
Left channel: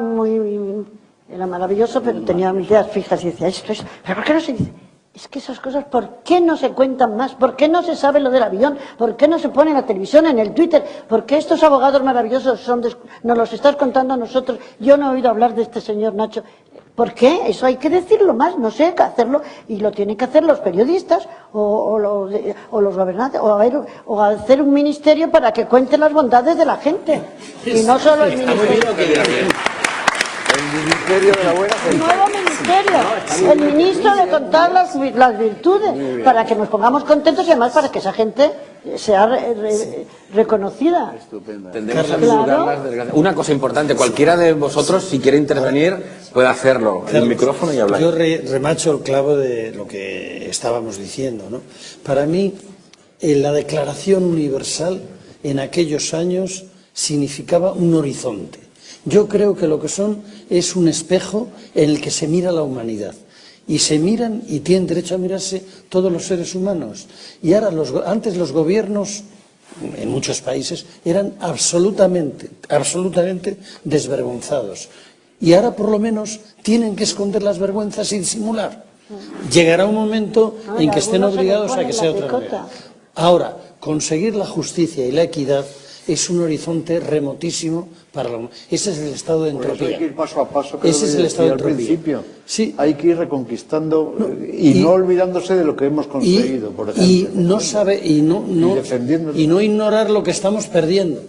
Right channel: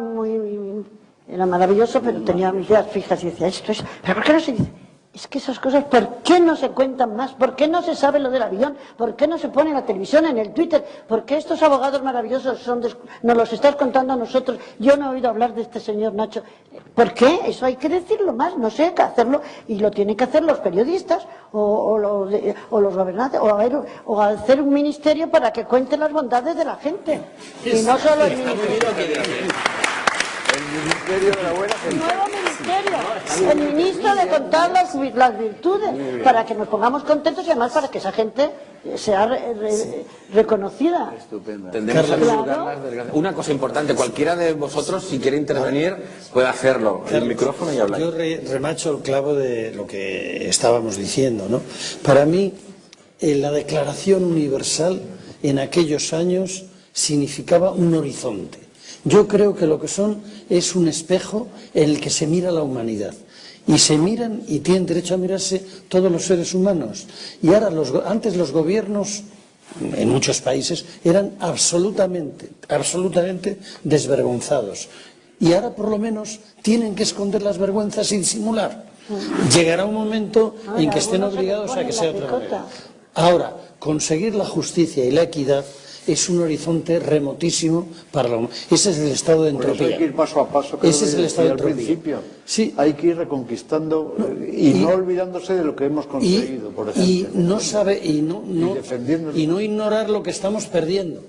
maravilloso, pero tenía mis ideas fijas y decía, esto es, pero claro, se dice, es que esas cosas, ¿por qué no se cuentan más? ¿Por qué no se sabe lo del avión? ¿Por qué no se pone en la televisión, en el Twitter? ¿Por qué estos abogados maravillosos nos los estáis contando a nosotros? Yo no he oído hablar de este señor Nacho. ¿Por qué? Eso hay que decirlo más, no sé, hay que hacerlo, y lo tienen que hacer los periodistas o los gobernantes, o hacer un ministerio para que cuente las bondades de la gente. Y no solo el ministerio. El ministerio de la buena gente. El nuevo ministerio, el ministro de contar las virtudes, para que nos pongamos contentos y además para que esa gente sea reconocida. Tendemos a disfrutar más del... Una cosa importante, cualquiera de vosotros, si quiere intervenir, puede hacerlo. El micrófono y hablar. Yo remacho el clavo de lo que estábamos diciendo, ¿no? Para mí, la Declaración Universal en aquellos años significaba un horizonte. Yo creo que lo que son es un espejo en el que se mira la humanidad. Y se miran y tienen derecho a mirarse todos los seres humanos. Y ahora antes los gobiernos, en muchos países, eran absolutamente desvergonzados. Y ahora por lo menos tienen que esconder las vergüenzas sin simular. Llegará un momento en que estén obligados a que sea otra manera. Ahora, conseguir la justicia y la equidad es un horizonte remotísimo para la humanidad. Ese es el estado de entropía. Hay que ir paso a paso. Ese es el estado de entropía. Principio. Sí. Hay que ir reconquistando y no olvidándose de lo que hemos conseguido, por ejemplo. Y no ignorar lo que estamos perdiendo.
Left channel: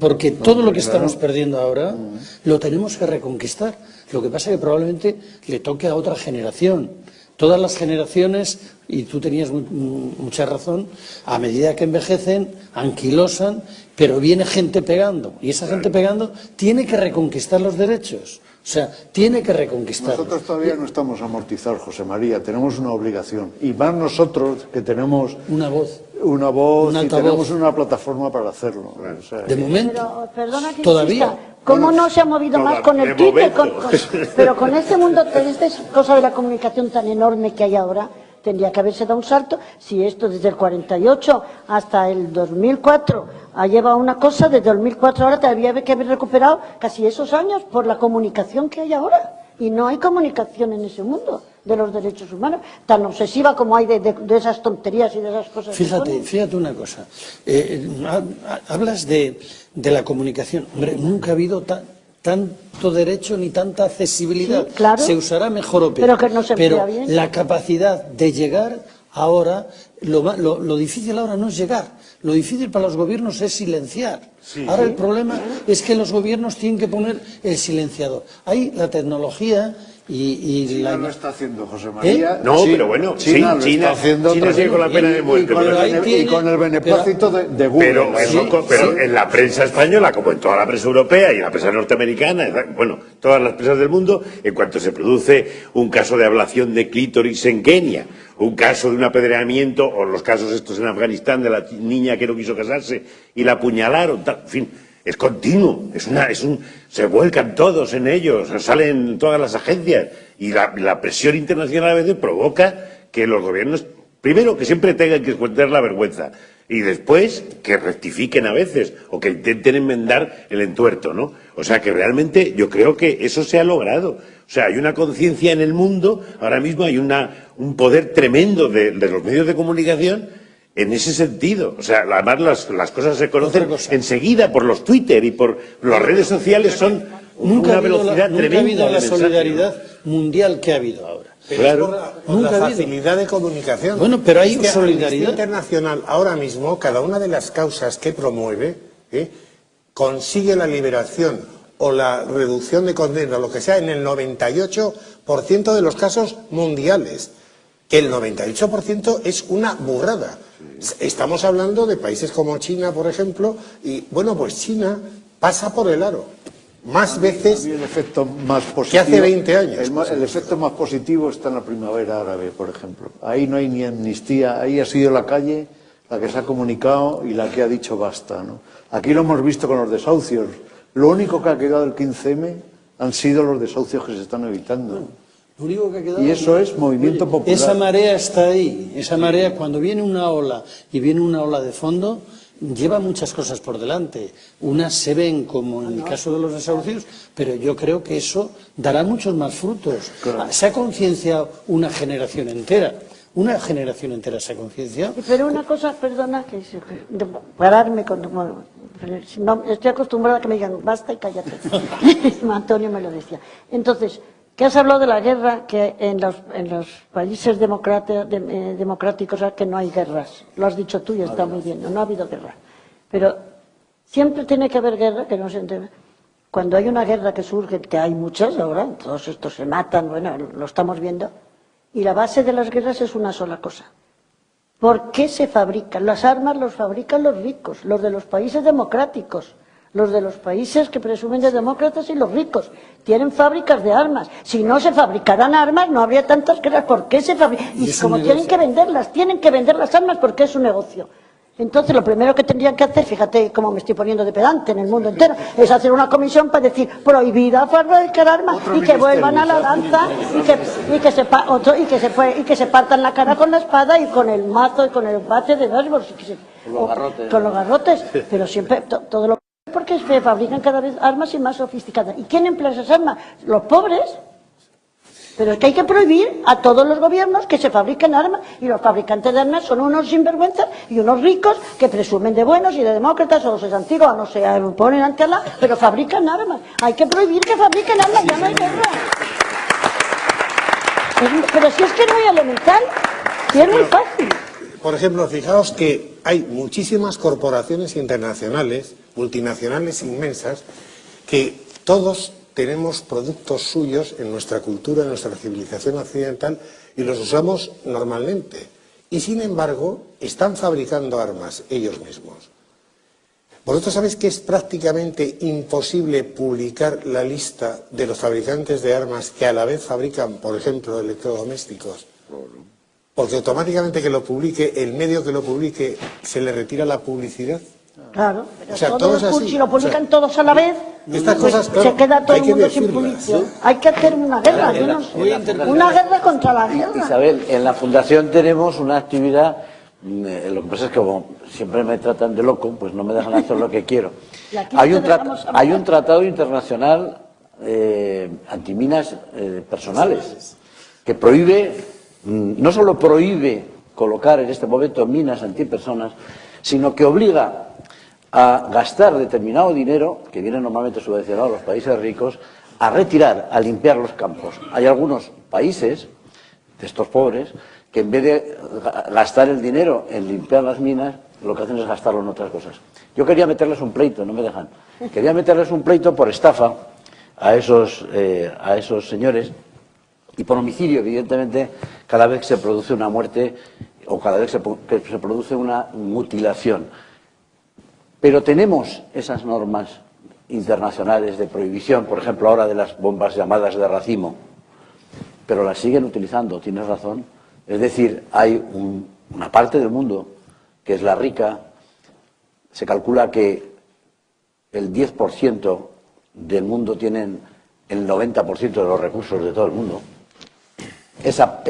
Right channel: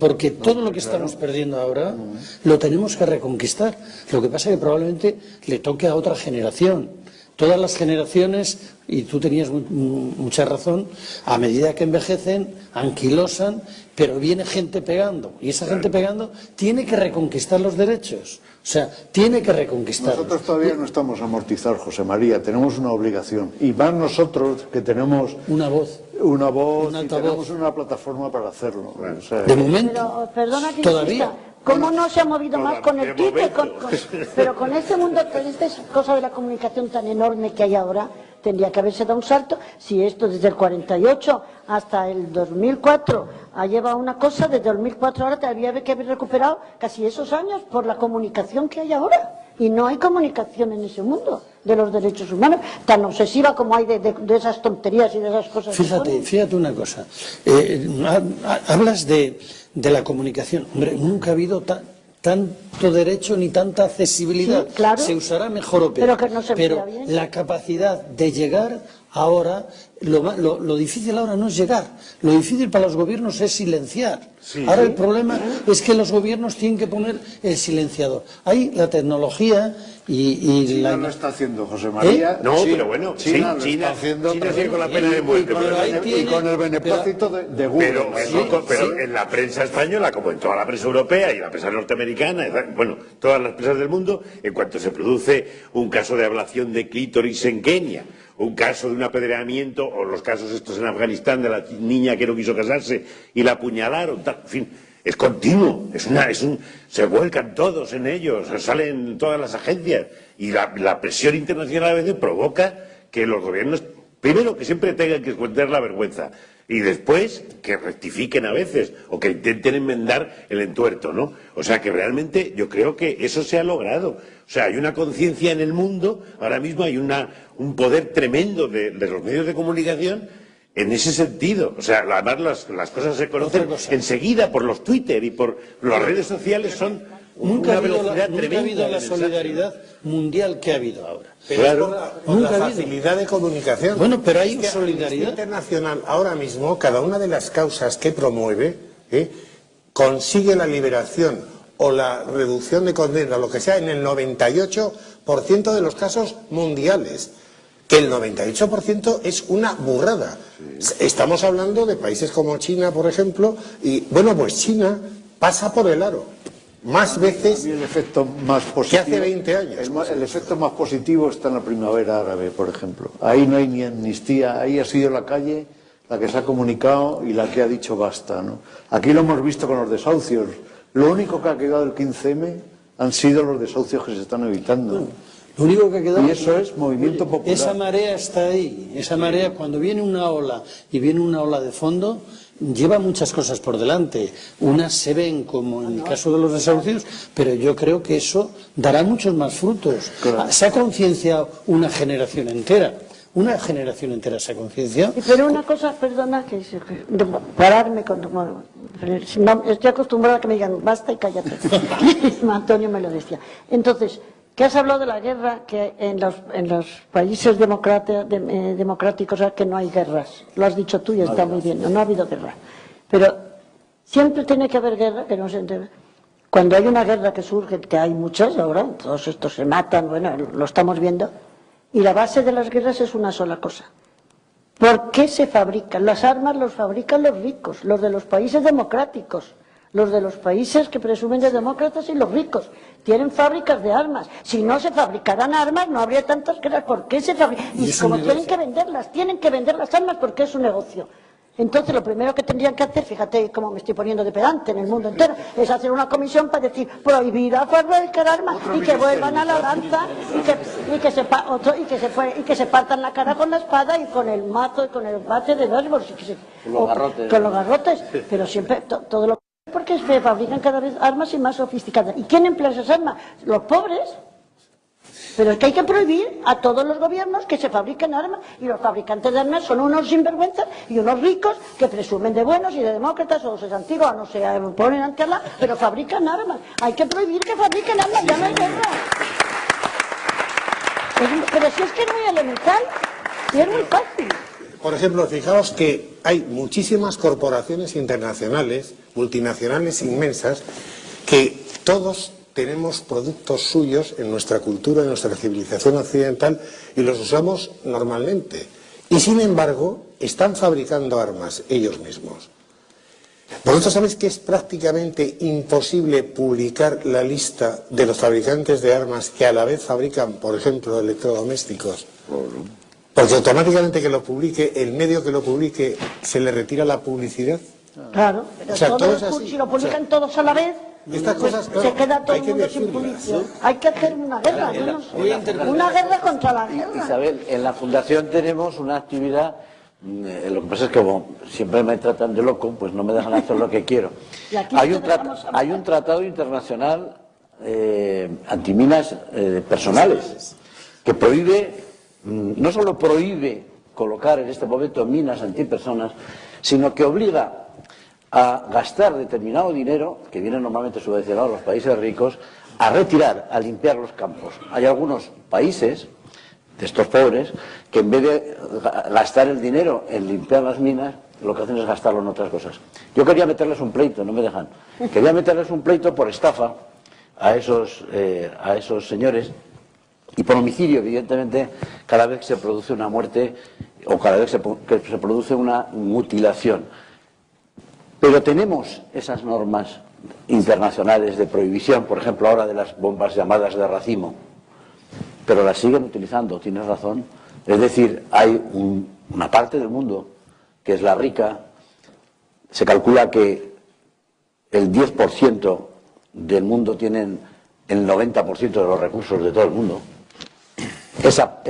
Porque todo lo que estamos perdiendo ahora lo tenemos que reconquistar. Lo que pasa es que probablemente le toque a otra generación. Todas las generaciones, y tú tenías mucha razón, a medida que envejecen, anquilosan, pero viene gente pegando. Y esa gente pegando tiene que reconquistar los derechos. O sea, tiene que reconquistar. Nosotros todavía no estamos amortizados, José María, tenemos una obligación. Y más nosotros que tenemos una voz y tenemos una plataforma para hacerlo. O sea, de momento, perdona que todavía. Insista. ¿Cómo no se ha movido más con el Twitter? Pero con este mundo, con esta cosa de la comunicación tan enorme que hay ahora, tendría que haberse dado un salto. Si esto desde el 48 hasta el 2004 ha llevado una cosa, desde el 2004 ahora tendría que haber recuperado casi esos años por la comunicación que hay ahora. Y no hay comunicación en ese mundo de los derechos humanos, tan obsesiva como hay de esas tonterías y de esas cosas. Fíjate una cosa. Hablas de la comunicación. Hombre, nunca ha habido tanto derecho ni tanta accesibilidad. Sí, claro. Se usará mejor o peor. Pero que no se emplea bien. La capacidad de llegar ahora, lo difícil ahora no es llegar. Lo difícil para los gobiernos es silenciar. Sí. Ahora el problema es que los gobiernos tienen que poner el silenciador. Hay la tecnología y China lo está haciendo, José María. No, pero bueno, China sigue con la pena de muerte. Y con el beneplácito de Google. Pero en la prensa española, como en toda la prensa europea y en la prensa norteamericana, bueno, todas las prensas del mundo, en cuanto se produce un caso de ablación de clítoris en Kenia, un caso de un apedreamiento, o los casos estos en Afganistán de la niña que no quiso casarse y la apuñalaron, en fin, es continuo, se vuelcan todos en ellos, salen todas las agencias, y la presión internacional a veces provoca que los gobiernos, primero, que siempre tengan que esconder la vergüenza, y después que rectifiquen a veces, o que intenten enmendar el entuerto, ¿no? O sea que realmente yo creo que eso se ha logrado. O sea, hay una conciencia en el mundo, ahora mismo hay un poder tremendo de los medios de comunicación en ese sentido. O sea, además las cosas se conocen enseguida por los Twitter y por las redes sociales, son una velocidad tremenda. Nunca ha habido la solidaridad mundial que ha habido ahora. Pero Claro. es por Nunca la ha habido. facilidad de comunicación. Bueno, pero hay Es que solidaridad. Amnistía Internacional ahora mismo, cada una de las causas que promueve, consigue la liberación o la reducción de condena, lo que sea, en el 98% de los casos mundiales. Que el 98% es una burrada. Estamos hablando de países como China, por ejemplo, y bueno, pues China pasa por el aro más veces El efecto más positivo, que hace 20 años. El efecto más positivo está en la primavera árabe, por ejemplo. Ahí no hay ni amnistía, ahí ha sido la calle la que se ha comunicado y la que ha dicho basta, ¿no? Aquí lo hemos visto con los desahucios. Lo único que ha quedado del 15M han sido los desahucios que se están evitando. Lo único que ha quedado... Y eso es movimiento popular. Esa marea está ahí. Esa marea, cuando viene una ola y viene una ola de fondo, lleva muchas cosas por delante. Unas se ven como en el caso de los desahucios, pero yo creo que eso dará muchos más frutos. Se ha concienciado una generación entera. Una generación entera se ha concienciado. Pero una cosa, perdona, pararme con... Bueno, no, estoy acostumbrada a que me digan, basta y cállate. Antonio me lo decía. Entonces, ¿qué has hablado de la guerra? Que en los países democráticos que no hay guerras. Lo has dicho tú y está muy bien, no ha habido guerra. Pero siempre tiene que haber guerra, que no se entiende. Cuando hay una guerra que surge, que hay muchas ahora, todos estos se matan, bueno, lo estamos viendo, y la base de las guerras es una sola cosa. ¿Por qué se fabrican? Las armas las fabrican los ricos, los de los países democráticos. Los de los países que presumen de demócratas y los ricos tienen fábricas de armas. Si no se fabricaran armas, no habría tantas guerras. ¿Por qué se fabrican? Y como tienen que vender las armas porque es un negocio. Entonces, lo primero que tendrían que hacer, fíjate cómo me estoy poniendo de pedante en el mundo entero, es hacer una comisión para decir prohibida fabricar armas y que vuelvan a la lanza y que se partan la cara con la espada y con el mazo y con el bate de nervios. Con los garrotes. Pero siempre, todo lo porque se fabrican cada vez armas y más sofisticadas. ¿Y quién emplea esas armas? Los pobres. Pero es que hay que prohibir a todos los gobiernos que se fabriquen armas, y los fabricantes de armas son unos sinvergüenzas y unos ricos que presumen de buenos y de demócratas, o los antiguos, no se ponen ante la, pero fabrican armas. Hay que prohibir que fabriquen armas, ya no hay guerra. Pero si es que es muy elemental, si es muy fácil. Por ejemplo, fijaos que hay muchísimas corporaciones internacionales, multinacionales inmensas, que todos tenemos productos suyos en nuestra cultura, en nuestra civilización occidental, y los usamos normalmente. Y sin embargo, están fabricando armas ellos mismos. Vosotros sabéis que es prácticamente imposible publicar la lista de los fabricantes de armas que a la vez fabrican, por ejemplo, electrodomésticos. Porque automáticamente que lo publique, el medio que lo publique, se le retira la publicidad. Claro, pero O sea, todo es así. si lo publican todos a la vez, estas pues cosas, claro, se queda todo hay el que mundo sin decirlas, publicidad. Hay que hacer una guerra, una guerra contra la guerra. Isabel, en la Fundación tenemos una actividad, lo que pasa es que como siempre me tratan de loco, pues no me dejan hacer lo que quiero. Hay un tratado internacional antiminas personales que prohíbe, no solo prohíbe colocar en este momento minas antipersonas, sino que obliga a gastar determinado dinero, que viene normalmente subvencionado a los países ricos, a retirar, a limpiar los campos. Hay algunos países, de estos pobres, que en vez de gastar el dinero en limpiar las minas, lo que hacen es gastarlo en otras cosas. Yo quería meterles un pleito, no me dejan. Quería meterles un pleito por estafa a esos señores, y por homicidio, evidentemente, cada vez que se produce una muerte o cada vez que se produce una mutilación. Pero tenemos esas normas internacionales de prohibición, por ejemplo, ahora de las bombas llamadas de racimo, pero las siguen utilizando, tienes razón. Es decir, hay una parte del mundo que es la rica, se calcula que el 10% del mundo tienen el 90% de los recursos de todo el mundo. Esa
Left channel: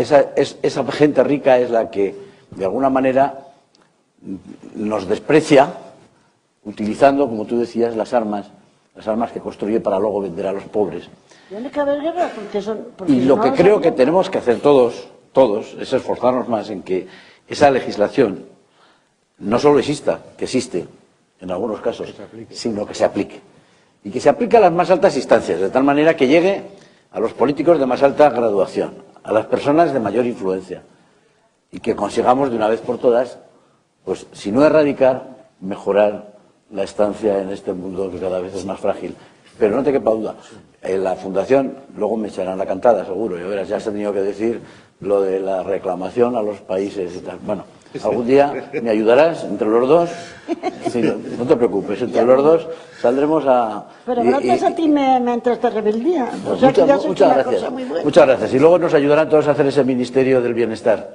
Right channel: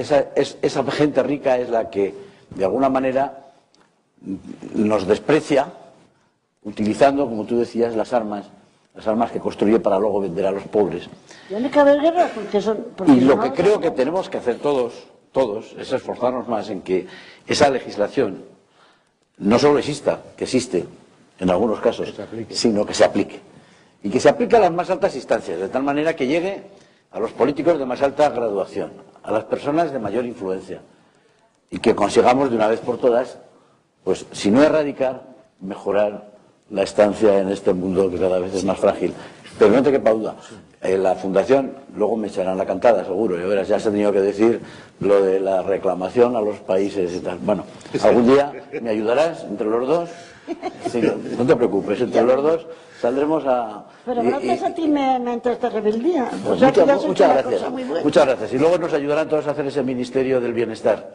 gente rica es la que, de alguna manera, nos desprecia, utilizando, como tú decías, las armas que construye para luego vender a los pobres. Tiene que haber guerra, Y lo que creo que tenemos que hacer todos, es esforzarnos más en que esa legislación no solo exista, que existe en algunos casos, sino que se aplique. Y que se aplique a las más altas instancias, de tal manera que llegue a los políticos de más alta graduación, a las personas de mayor influencia, y que consigamos de una vez por todas, pues si no erradicar, mejorar la estancia en este mundo que cada vez es más frágil. Pero no te quepa duda, en la Fundación luego me echarán la cantada, seguro, ya verás, ya se ha tenido que decir lo de la reclamación a los países y tal. Bueno, algún día me ayudarás entre los dos. Sí, no te preocupes, entre los dos saldremos a... Pero gracias a ti me entra esta rebeldía. O sea, que ya es muchas una gracias, cosa muy buena. muchas gracias. Y luego nos ayudarán todos a hacer ese Ministerio del Bienestar.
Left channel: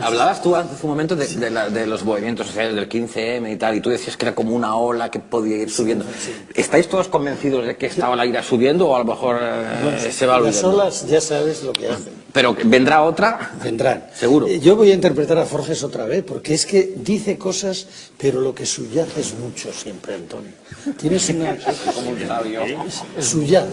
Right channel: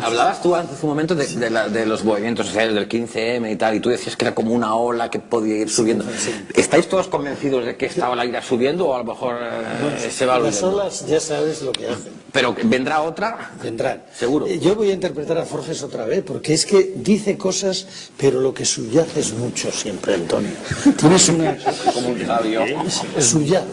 Hablabas tú hace un momento de los movimientos sociales del 15M y tal, y tú decías que era como una ola que podía ir subiendo. ¿Estáis todos convencidos de que esta ola irá subiendo o a lo mejor se va Las olvidando? olas ya sabes lo que hacen. Pero vendrá otra. Vendrán. Seguro. Yo voy a interpretar a Forges otra vez, porque es que dice cosas, pero lo que subyace es mucho siempre, Antonio. Tienes una... Como un sabio. Subyace.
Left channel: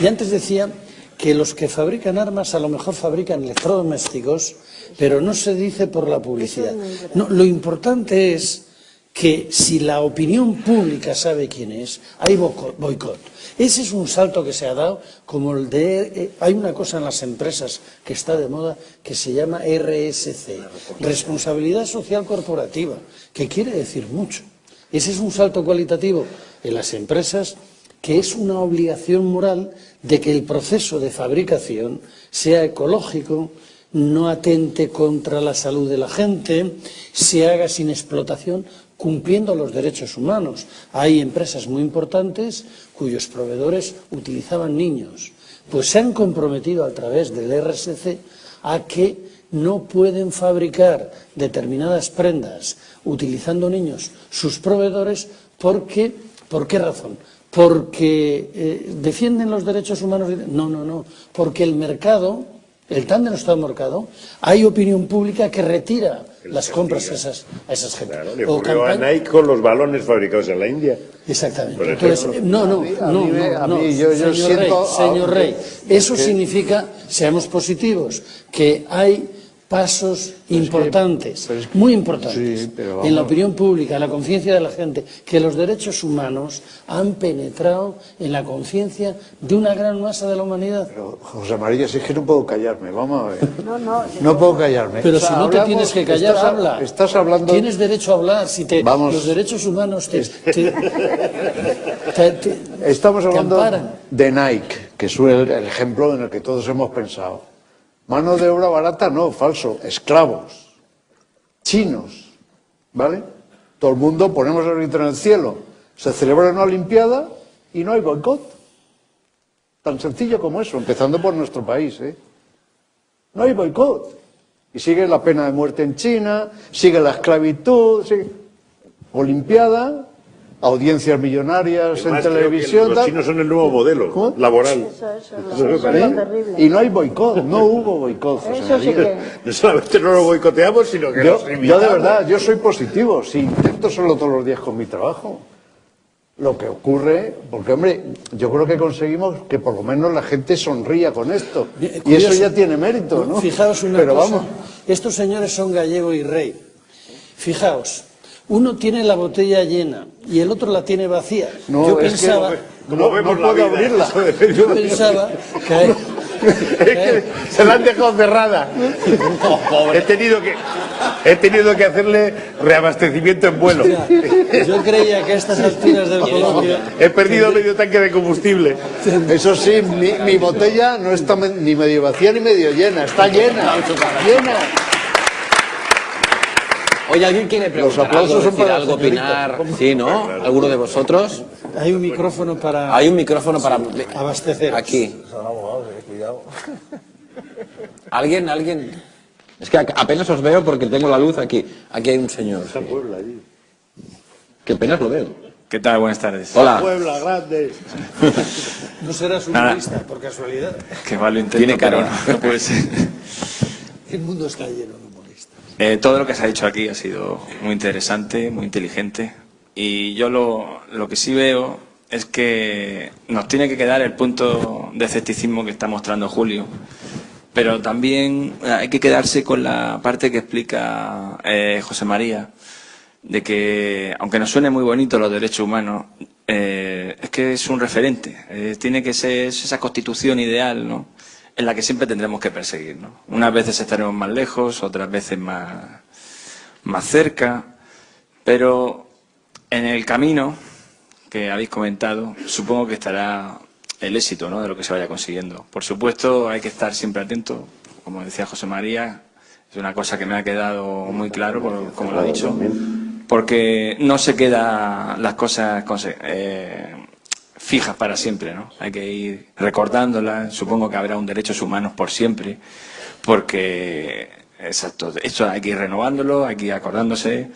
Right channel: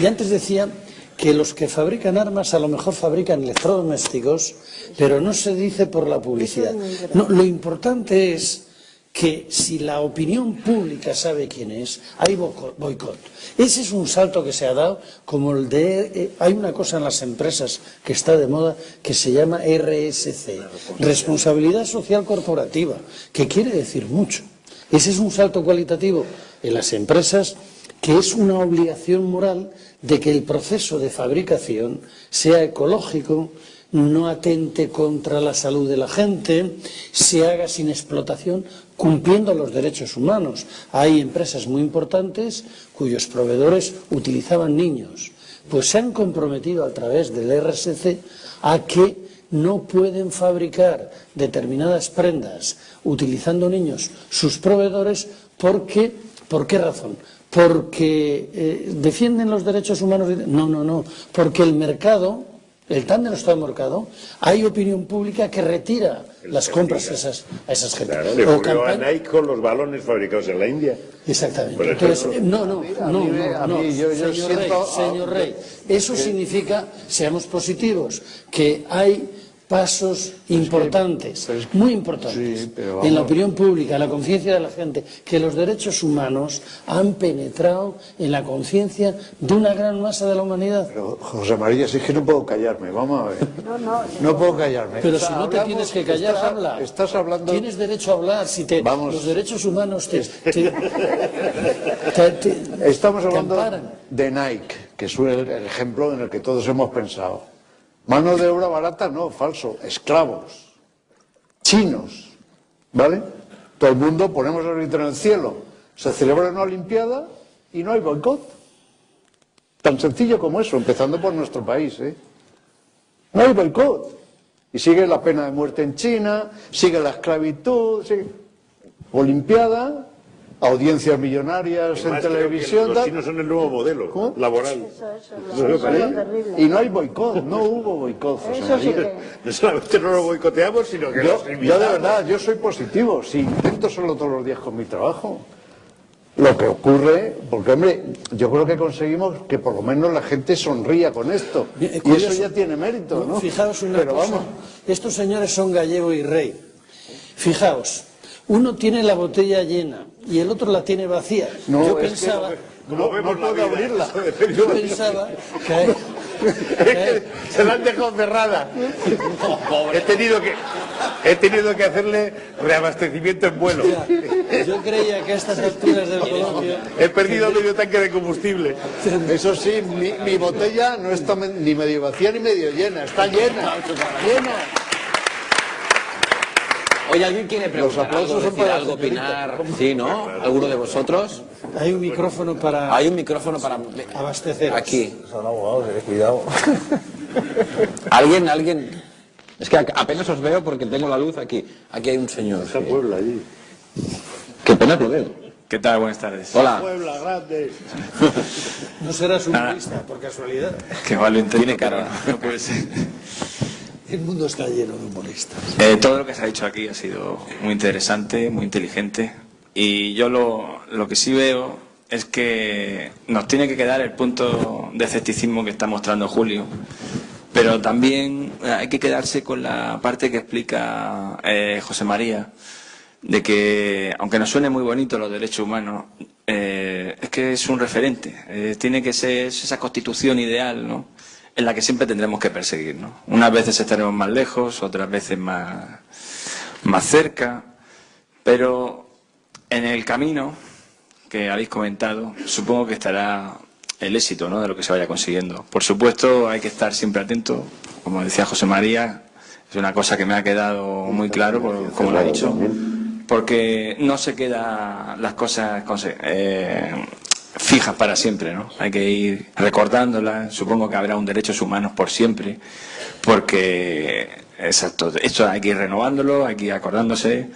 Y antes decía que los que fabrican armas a lo mejor fabrican electrodomésticos, pero no se dice por la publicidad. No, lo importante es que si la opinión pública sabe quién es, hay boicot. Ese es un salto que se ha dado, como el de... hay una cosa en las empresas que está de moda que se llama RSC, Responsabilidad Social Corporativa, que quiere decir mucho. Ese es un salto cualitativo en las empresas, que es una obligación moral de que el proceso de fabricación sea ecológico, no atente contra la salud de la gente, se haga sin explotación, cumpliendo los derechos humanos. Hay empresas muy importantes cuyos proveedores utilizaban niños. Pues se han comprometido a través del RSC a que no pueden fabricar determinadas prendas utilizando niños sus proveedores porque, ¿por qué razón? Porque defienden los derechos humanos. No, porque el mercado, el tan denostado mercado, hay opinión pública que retira las compras a esas gente. Claro, le ocurrió a Nike con los balones fabricados en la India. Exactamente. Entonces, señor Rey, eso significa, seamos positivos, que hay pasos importantes, muy importantes, en la opinión pública, en la conciencia de la gente, que los derechos humanos han penetrado en la conciencia de una gran masa de la humanidad. Pero, José María, si es que no puedo callarme, vamos a ver. No puedo callarme. Pero si no te tienes que callar, habla. Estás hablando... Tienes derecho a hablar. Si los derechos humanos estamos hablando te amparan. de Nike, que es el ejemplo en el que todos hemos pensado. Mano de obra barata, no, falso. Esclavos. Chinos. ¿Vale? Todo el mundo ponemos el grito en el cielo. Se celebra una Olimpiada y no hay boicot. Tan sencillo como eso, empezando por nuestro país, ¿eh? No hay boicot. Y sigue la pena de muerte en China, sigue la esclavitud, sigue... Olimpiada, audiencias millonarias en televisión. Los chinos son el nuevo modelo laboral. Y no hay boicot, no hubo boicot. No solamente no lo boicoteamos, sino que yo de verdad, yo soy positivo, si intento solo todos los días con mi trabajo. Lo que ocurre, porque hombre, yo creo que conseguimos que por lo menos la gente sonría con esto. Y eso ya tiene mérito, ¿no? Fijaos una Pero cosa, vamos. Estos señores son Gallego y Rey. Fijaos, uno tiene la botella llena y el otro la tiene vacía. No, Yo es pensaba... que no puedo abrirla. Yo pensaba que... Se la han dejado cerrada. He tenido que hacerle reabastecimiento en vuelo. Yo creía que a estas alturas del coloquio... He perdido medio tanque de combustible. Eso sí, mi botella no está ni medio vacía ni medio llena, está llena. Llena. Oye, ¿alguien quiere preguntar aplausos algo, son decir para algo, la señorita. opinar? Sí, ¿no? ¿Alguno de vosotros? Hay un micrófono para... Hay un micrófono para... abastecer. Aquí. Cuidado. ¿Alguien? Es que apenas os veo porque tengo la luz aquí. Aquí hay un señor. Qué pena lo veo. ¿Qué tal? Buenas tardes. Hola. Puebla grande. No serás Nada. humorista, por casualidad. Que va, lo intento, Tiene cara. pero no puede ser. El mundo está lleno de humoristas. Todo lo que se ha dicho aquí ha sido muy interesante, muy inteligente. Y yo lo que sí veo es que nos tiene que quedar el punto de escepticismo que está mostrando Julio. Pero también hay que quedarse con la parte que explica José María, de que, aunque nos suene muy bonito los derechos humanos, es que es un referente. Tiene que ser esa constitución ideal, ¿no?, en la que siempre tendremos que perseguir, ¿no? Unas veces estaremos más lejos, otras veces más cerca, pero en el camino que habéis comentado, supongo que estará el éxito, ¿no?, de lo que se vaya consiguiendo. Por supuesto, hay que estar siempre atento, como decía José María, es una cosa que me ha quedado muy claro, como lo ha dicho, porque no se quedan las cosas fijas para siempre, ¿no? Hay que ir recordándolas. Supongo que habrá un derechos humanos por siempre, porque, exacto, esto hay que ir renovándolo, hay que ir acordándose.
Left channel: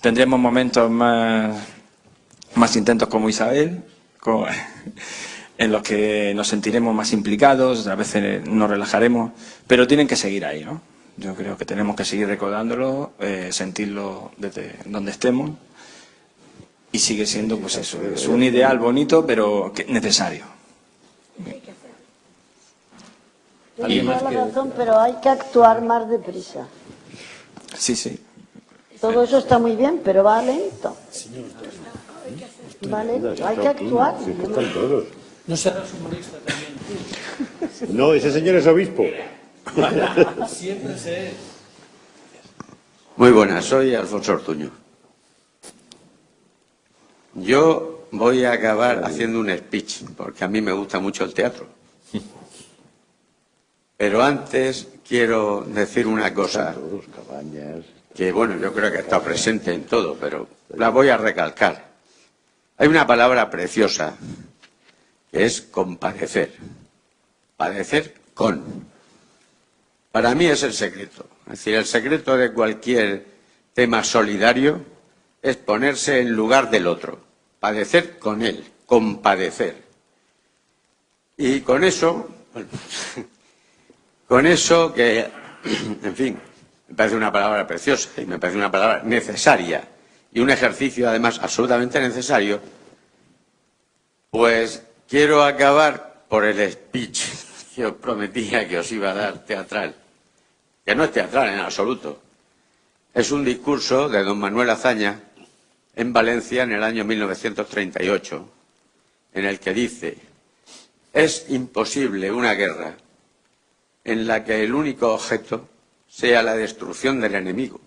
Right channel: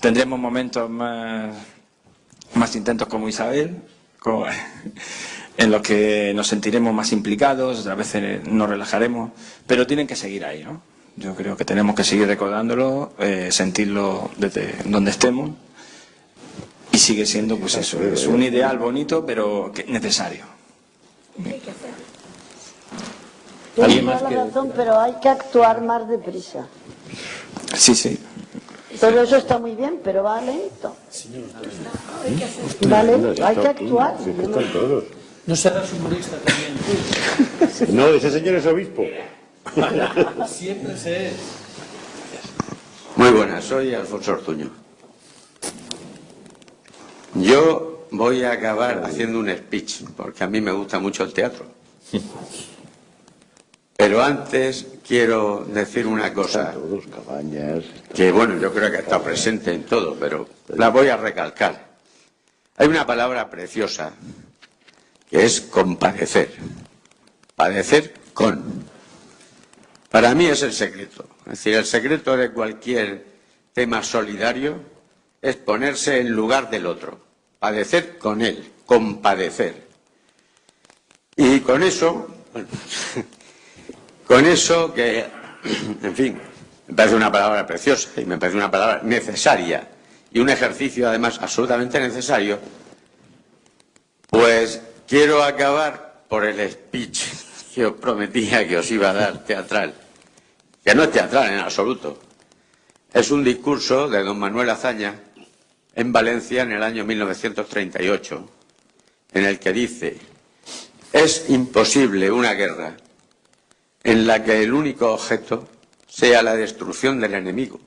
Tendremos momentos más intensos como Isabel, en los que nos sentiremos más implicados, otras veces nos relajaremos, pero tienen que seguir ahí, ¿no? Yo creo que tenemos que seguir recordándolo, sentirlo desde donde estemos. Y sigue siendo, pues eso, es un ideal bonito, pero necesario. Tienes toda la razón, pero hay que actuar más deprisa. Sí, sí. Todo eso está muy bien, pero va lento. Vale, hay que actuar. No serás humorista también. No, ese señor es obispo. Siempre se es. Muy buenas, soy Alfonso Ortuño. Yo voy a acabar haciendo un speech, porque a mí me gusta mucho el teatro. Pero antes quiero decir una cosa, que bueno, yo creo que está presente en todo, pero la voy a recalcar. Hay una palabra preciosa, que es compadecer. Padecer con. Para mí es el secreto. Es decir, el secreto de cualquier tema solidario es ponerse en lugar del otro, padecer con él, compadecer. Y con eso que, en fin, me parece una palabra preciosa y me parece una palabra necesaria y un ejercicio además absolutamente necesario, pues quiero acabar por el speech que os prometía que os iba a dar teatral, que no es teatral en absoluto. Es un discurso de don Manuel Azaña en Valencia en el año 1938, en el que dice: es imposible una guerra en la que el único objeto sea la destrucción del enemigo.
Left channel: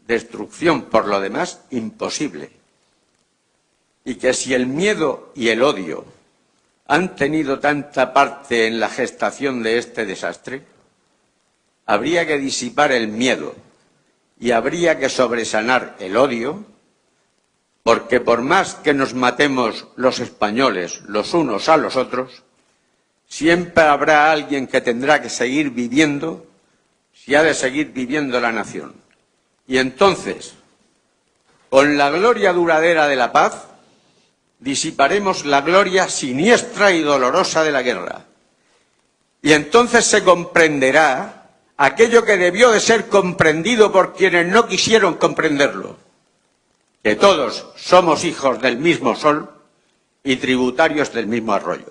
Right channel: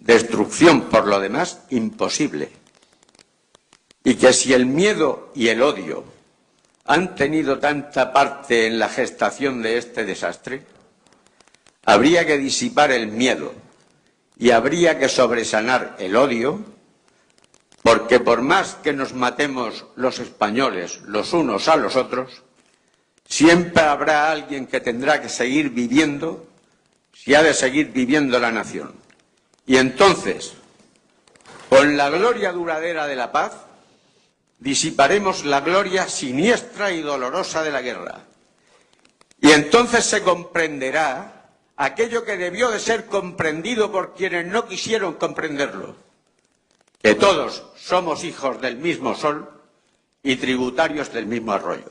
Destrucción, por lo demás, imposible. Y que si el miedo y el odio han tenido tanta parte en la gestación de este desastre, habría que disipar el miedo y habría que sobresanar el odio, porque por más que nos matemos los españoles los unos a los otros, siempre habrá alguien que tendrá que seguir viviendo si ha de seguir viviendo la nación. Y entonces, con la gloria duradera de la paz, disiparemos la gloria siniestra y dolorosa de la guerra. Y entonces se comprenderá aquello que debió de ser comprendido por quienes no quisieron comprenderlo, que todos somos hijos del mismo sol y tributarios del mismo arroyo.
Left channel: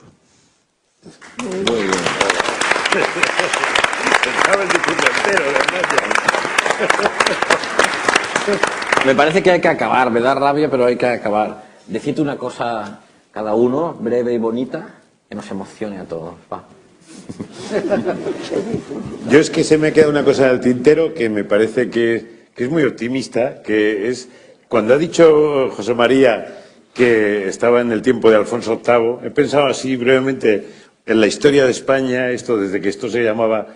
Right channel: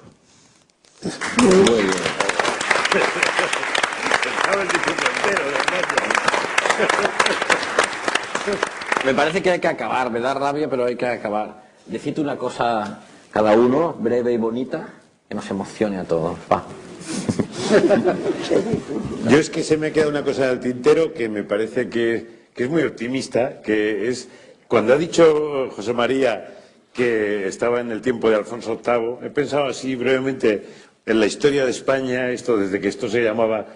Me parece que hay que acabar, me da rabia, pero hay que acabar. Decirte una cosa cada uno, breve y bonita, que nos emocione a todos. Va. Yo es que se me ha quedado una cosa en el tintero que me parece que es muy optimista, que es cuando ha dicho José María que estaba en el tiempo de Alfonso VIII, he pensado así brevemente en la historia de España, esto desde que esto se llamaba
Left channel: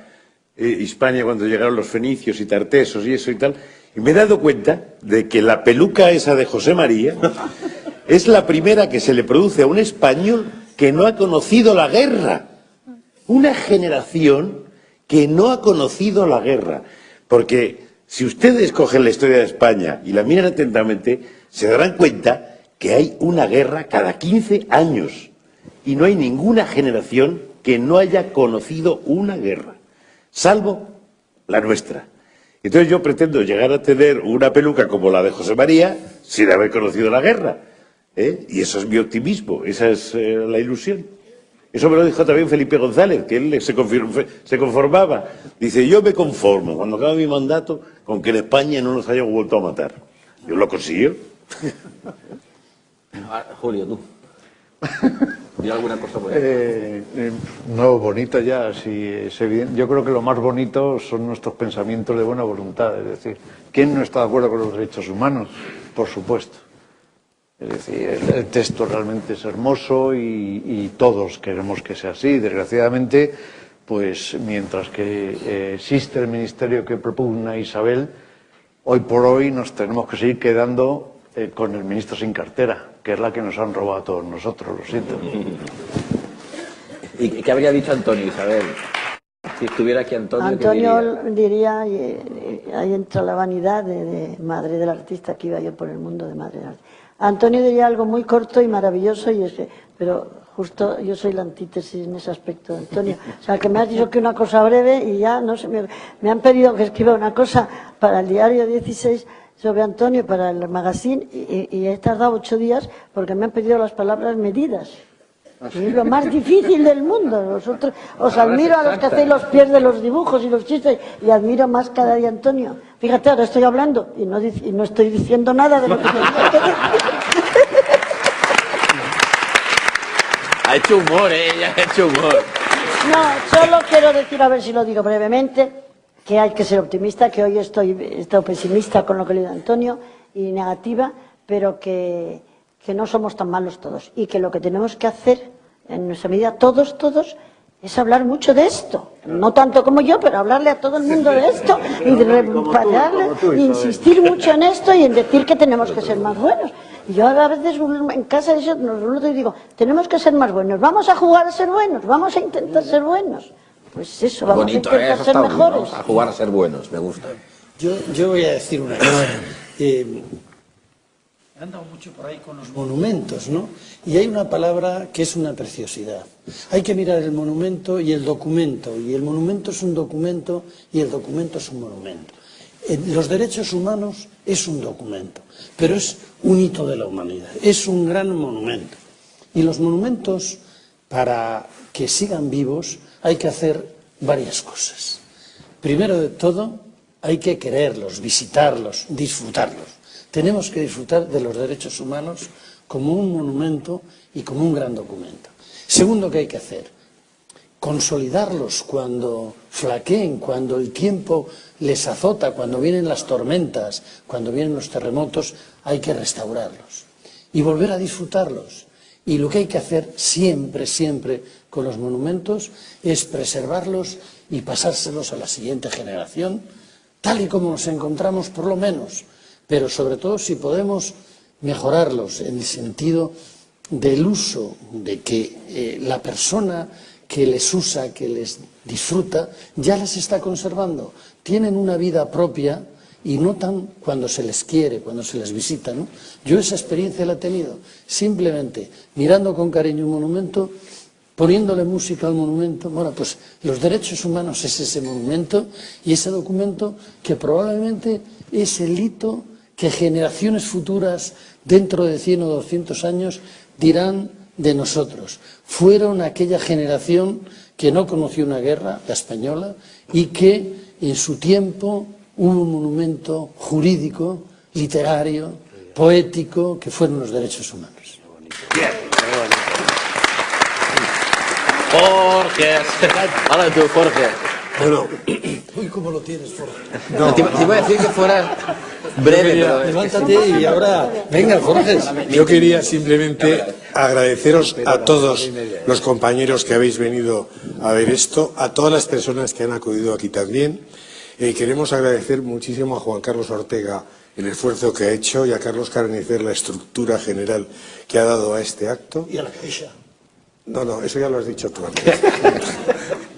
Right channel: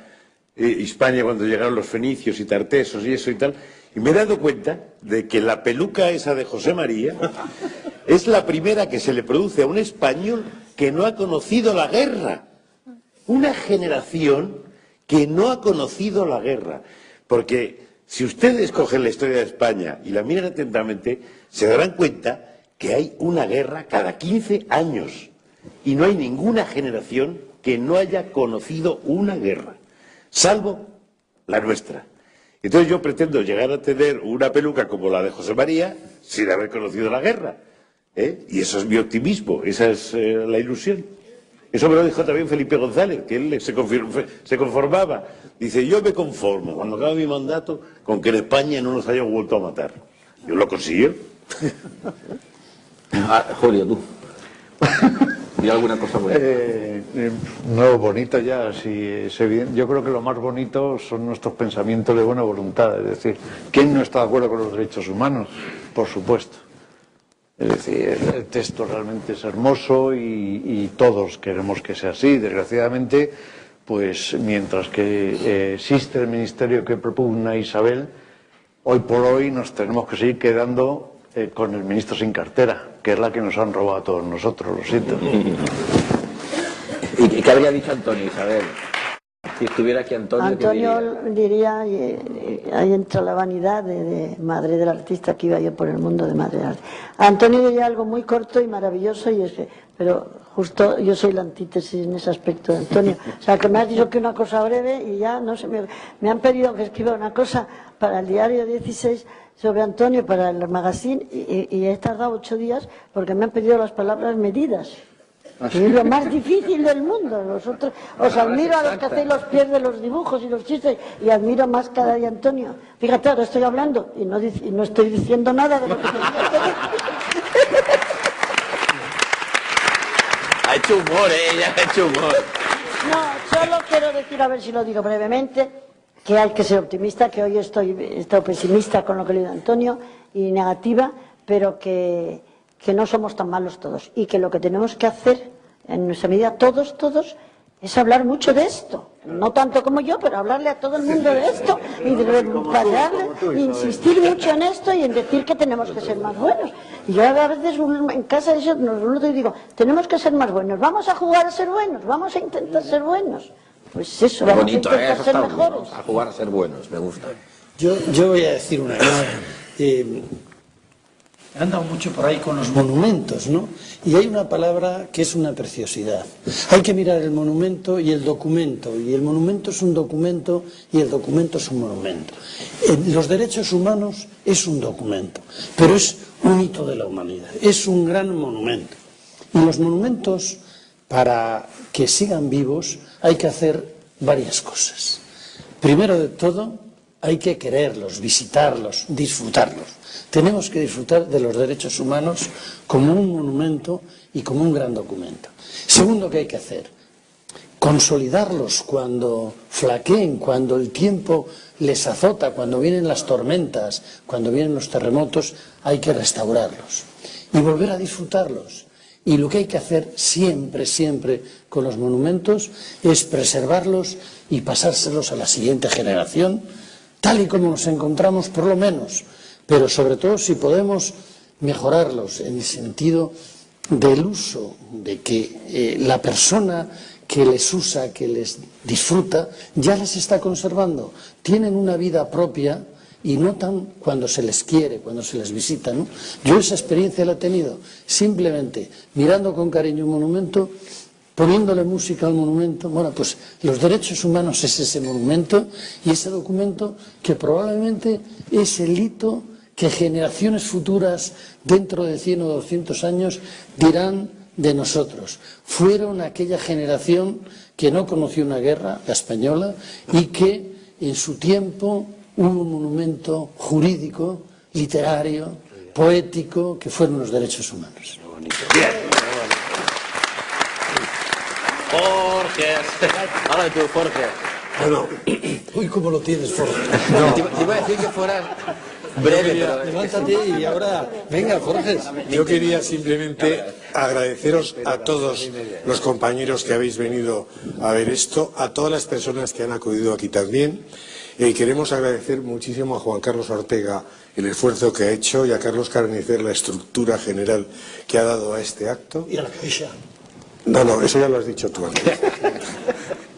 Hispania, cuando llegaron los fenicios y tartesos y eso y tal, y me he dado cuenta de que la peluca esa de José María es la primera que se le produce a un español que no ha conocido la guerra. Una generación que no ha conocido la guerra. Porque si ustedes cogen la historia de España y la miran atentamente, se darán cuenta que hay una guerra cada 15 años. Y no hay ninguna generación que no haya conocido una guerra, salvo la nuestra. Entonces yo pretendo llegar a tener una peluca como la de José María sin haber conocido la guerra. Y eso es mi optimismo, esa es la ilusión. Eso me lo dijo también Felipe González, que él se conformaba. Dice, yo me conformo, cuando acabe mi mandato, con que en España no nos hayan vuelto a matar. Yo lo consiguió. Julio, tú. ¿Di alguna cosa bonita? No, bonito ya, sí, es evidente. Yo creo que lo más bonito son nuestros pensamientos de buena voluntad. Es decir, ¿quién no está de acuerdo con los derechos humanos? Por supuesto. Es decir, el texto realmente es hermoso y todos queremos que sea así. Desgraciadamente, pues mientras que existe el ministerio que propugna Isabel, hoy por hoy nos tenemos que seguir quedando con el ministro sin cartera, que es la que nos han robado a todos nosotros, lo siento. ¿Y qué habría dicho Antonio, Isabel? Si estuviera aquí Antonio, Antonio diría, y ahí entra la vanidad de madre del artista, que iba yo por el mundo de madre del artista. Antonio diría algo muy corto y maravilloso, y es que, pero justo yo soy la antítesis en ese aspecto de Antonio. O sea, que me has dicho que una cosa breve y ya, no sé, me han pedido que escriba una cosa para el diario 16 sobre Antonio, para el magazine, y he tardado 8 días porque me han pedido las palabras medidas. Y es lo más difícil del mundo. Vosotros os admiro a los que hacéis los pies de los dibujos y los chistes, y admiro más cada día a Antonio. Fíjate, ahora estoy hablando y no estoy diciendo nada de lo que Ha hecho humor, ella ha hecho humor. No, solo quiero decir, a ver si lo digo brevemente, que hay que ser optimista, que hoy estoy pesimista con lo que le digo a Antonio y negativa, pero que no somos tan malos todos, y que lo que tenemos que hacer, en nuestra medida, todos, es hablar mucho de esto. No tanto como yo, pero hablarle a todo el mundo de esto, y insistir mucho en esto y en decir que tenemos que ser más buenos. Y yo a veces en casa digo, tenemos que ser más buenos, vamos a jugar a ser buenos, vamos a intentar ser buenos. Pues eso, vamos bonito, a intentar eso ser está mejores. Vamos a jugar a ser buenos, me gusta. Yo voy a decir una cosa. He andado mucho por ahí con los monumentos, ¿no? Y hay una palabra que es una preciosidad. Hay que mirar el monumento y el documento. Y el monumento es un documento y el documento es un monumento. Los derechos humanos es un documento, pero es un hito de la humanidad. Es un gran monumento. Y los monumentos, para que sigan vivos, hay que hacer varias cosas. Primero de todo, hay que quererlos, visitarlos, disfrutarlos. Tenemos que disfrutar de los derechos humanos como un monumento y como un gran documento. Segundo, ¿qué hay que hacer? Consolidarlos cuando flaqueen, cuando el tiempo les azota, cuando vienen las tormentas, cuando vienen los terremotos, hay que restaurarlos y volver a disfrutarlos. Y lo que hay que hacer siempre con los monumentos es preservarlos y pasárselos a la siguiente generación, tal y como nos encontramos por lo menos, pero sobre todo si podemos mejorarlos en el sentido del uso, de que la persona que les usa, que les disfruta, ya las está conservando. Tienen una vida propia y notan cuando se les quiere, cuando se les visita, ¿no? Yo esa experiencia la he tenido simplemente mirando con cariño un monumento, poniéndole música al monumento. Bueno, pues los derechos humanos es ese monumento y ese documento que probablemente es el hito que generaciones futuras, dentro de 100 o 200 años, dirán de nosotros. Fueron aquella generación que no conoció una guerra, la española, y que en su tiempo hubo un monumento jurídico, literario, poético, que fueron los derechos humanos. Jorge, ahora tú, Jorge. Bueno, uy, ¿cómo lo tienes, Jorge? No, te iba a decir que fuera breve, pero... Levántate y ahora, venga, Jorge. Yo quería simplemente agradeceros a todos los compañeros que habéis venido a ver esto, a todas las personas que han acudido aquí también. Queremos agradecer muchísimo a Juan Carlos Ortega el esfuerzo que ha hecho y a Carlos Carnicer la estructura general que ha dado a este acto. Y a la caixa. No, eso ya lo has dicho tú antes.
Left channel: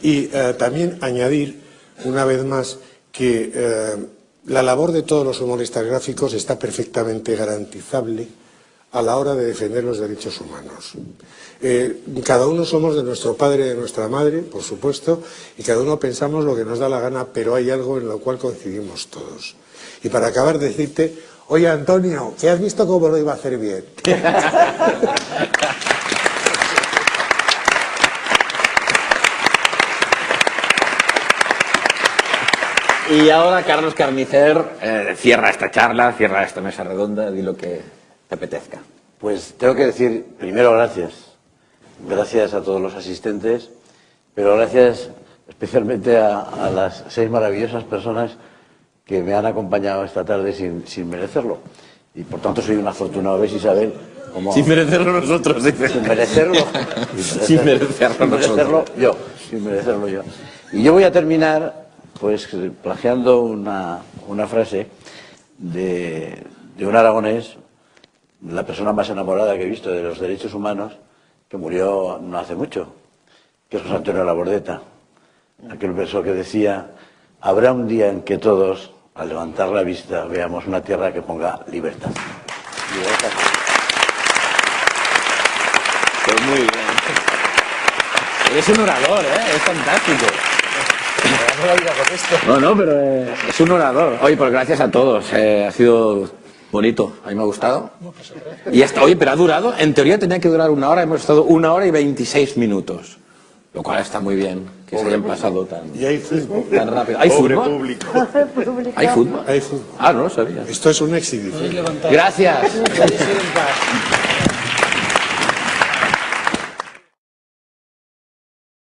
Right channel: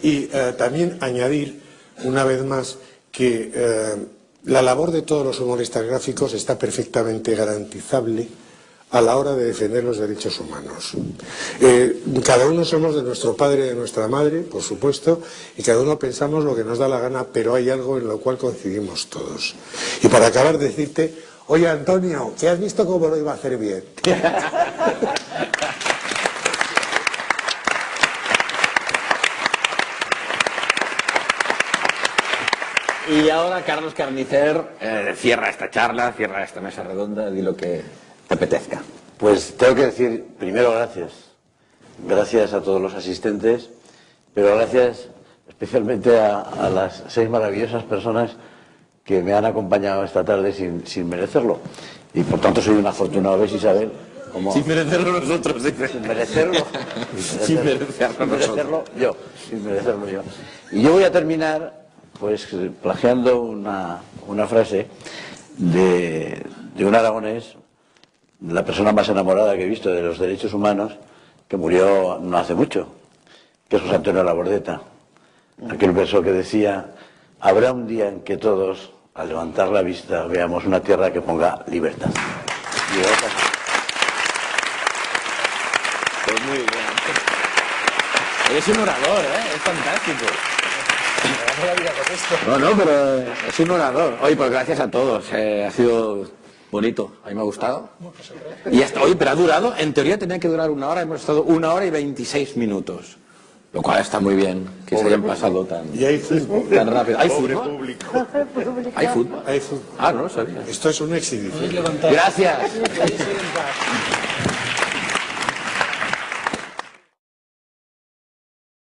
Y también añadir, una vez más, que la labor de todos los humoristas gráficos está perfectamente garantizable a la hora de defender los derechos humanos. Cada uno somos de nuestro padre y de nuestra madre, por supuesto, y cada uno pensamos lo que nos da la gana, pero hay algo en lo cual coincidimos todos. Y para acabar, decirte, oye, Antonio, ¿que has visto cómo lo iba a hacer bien? Y ahora Carlos Carnicer cierra esta charla, cierra esta mesa redonda, di lo que te apetezca. Pues tengo que decir, primero, gracias gracias a todos los asistentes, pero gracias especialmente a las 6 maravillosas personas que me han acompañado esta tarde sin merecerlo. Y por tanto soy un afortunado, ¿ves, Isabel? Sin merecerlo nosotros. Sin merecerlo. Sin merecerlo yo. Sin merecerlo yo. Y yo voy a terminar, pues, plagiando una frase de un aragonés, la persona más enamorada que he visto de los derechos humanos, que murió no hace mucho, que es José Antonio Labordeta. Aquel verso que decía: habrá un día en que todos, al levantar la vista, veamos una tierra que ponga libertad. Y gracias. Pues muy bien. Es un orador, es fantástico. No, pero es un orador. Oye, pues gracias a todos. Ha sido bonito, a mí me ha gustado. Y hasta hoy, pero ha durado, en teoría tenía que durar 1 hora, hemos estado 1 hora y 26 minutos. Lo cual está muy bien, que se hayan pasado tan, Y hay fútbol. tan rápido. ¿Hay Pobre fútbol? público. ¿Hay fútbol? Hay fútbol. Ah, no lo sabía. Esto es una exhibición. Gracias.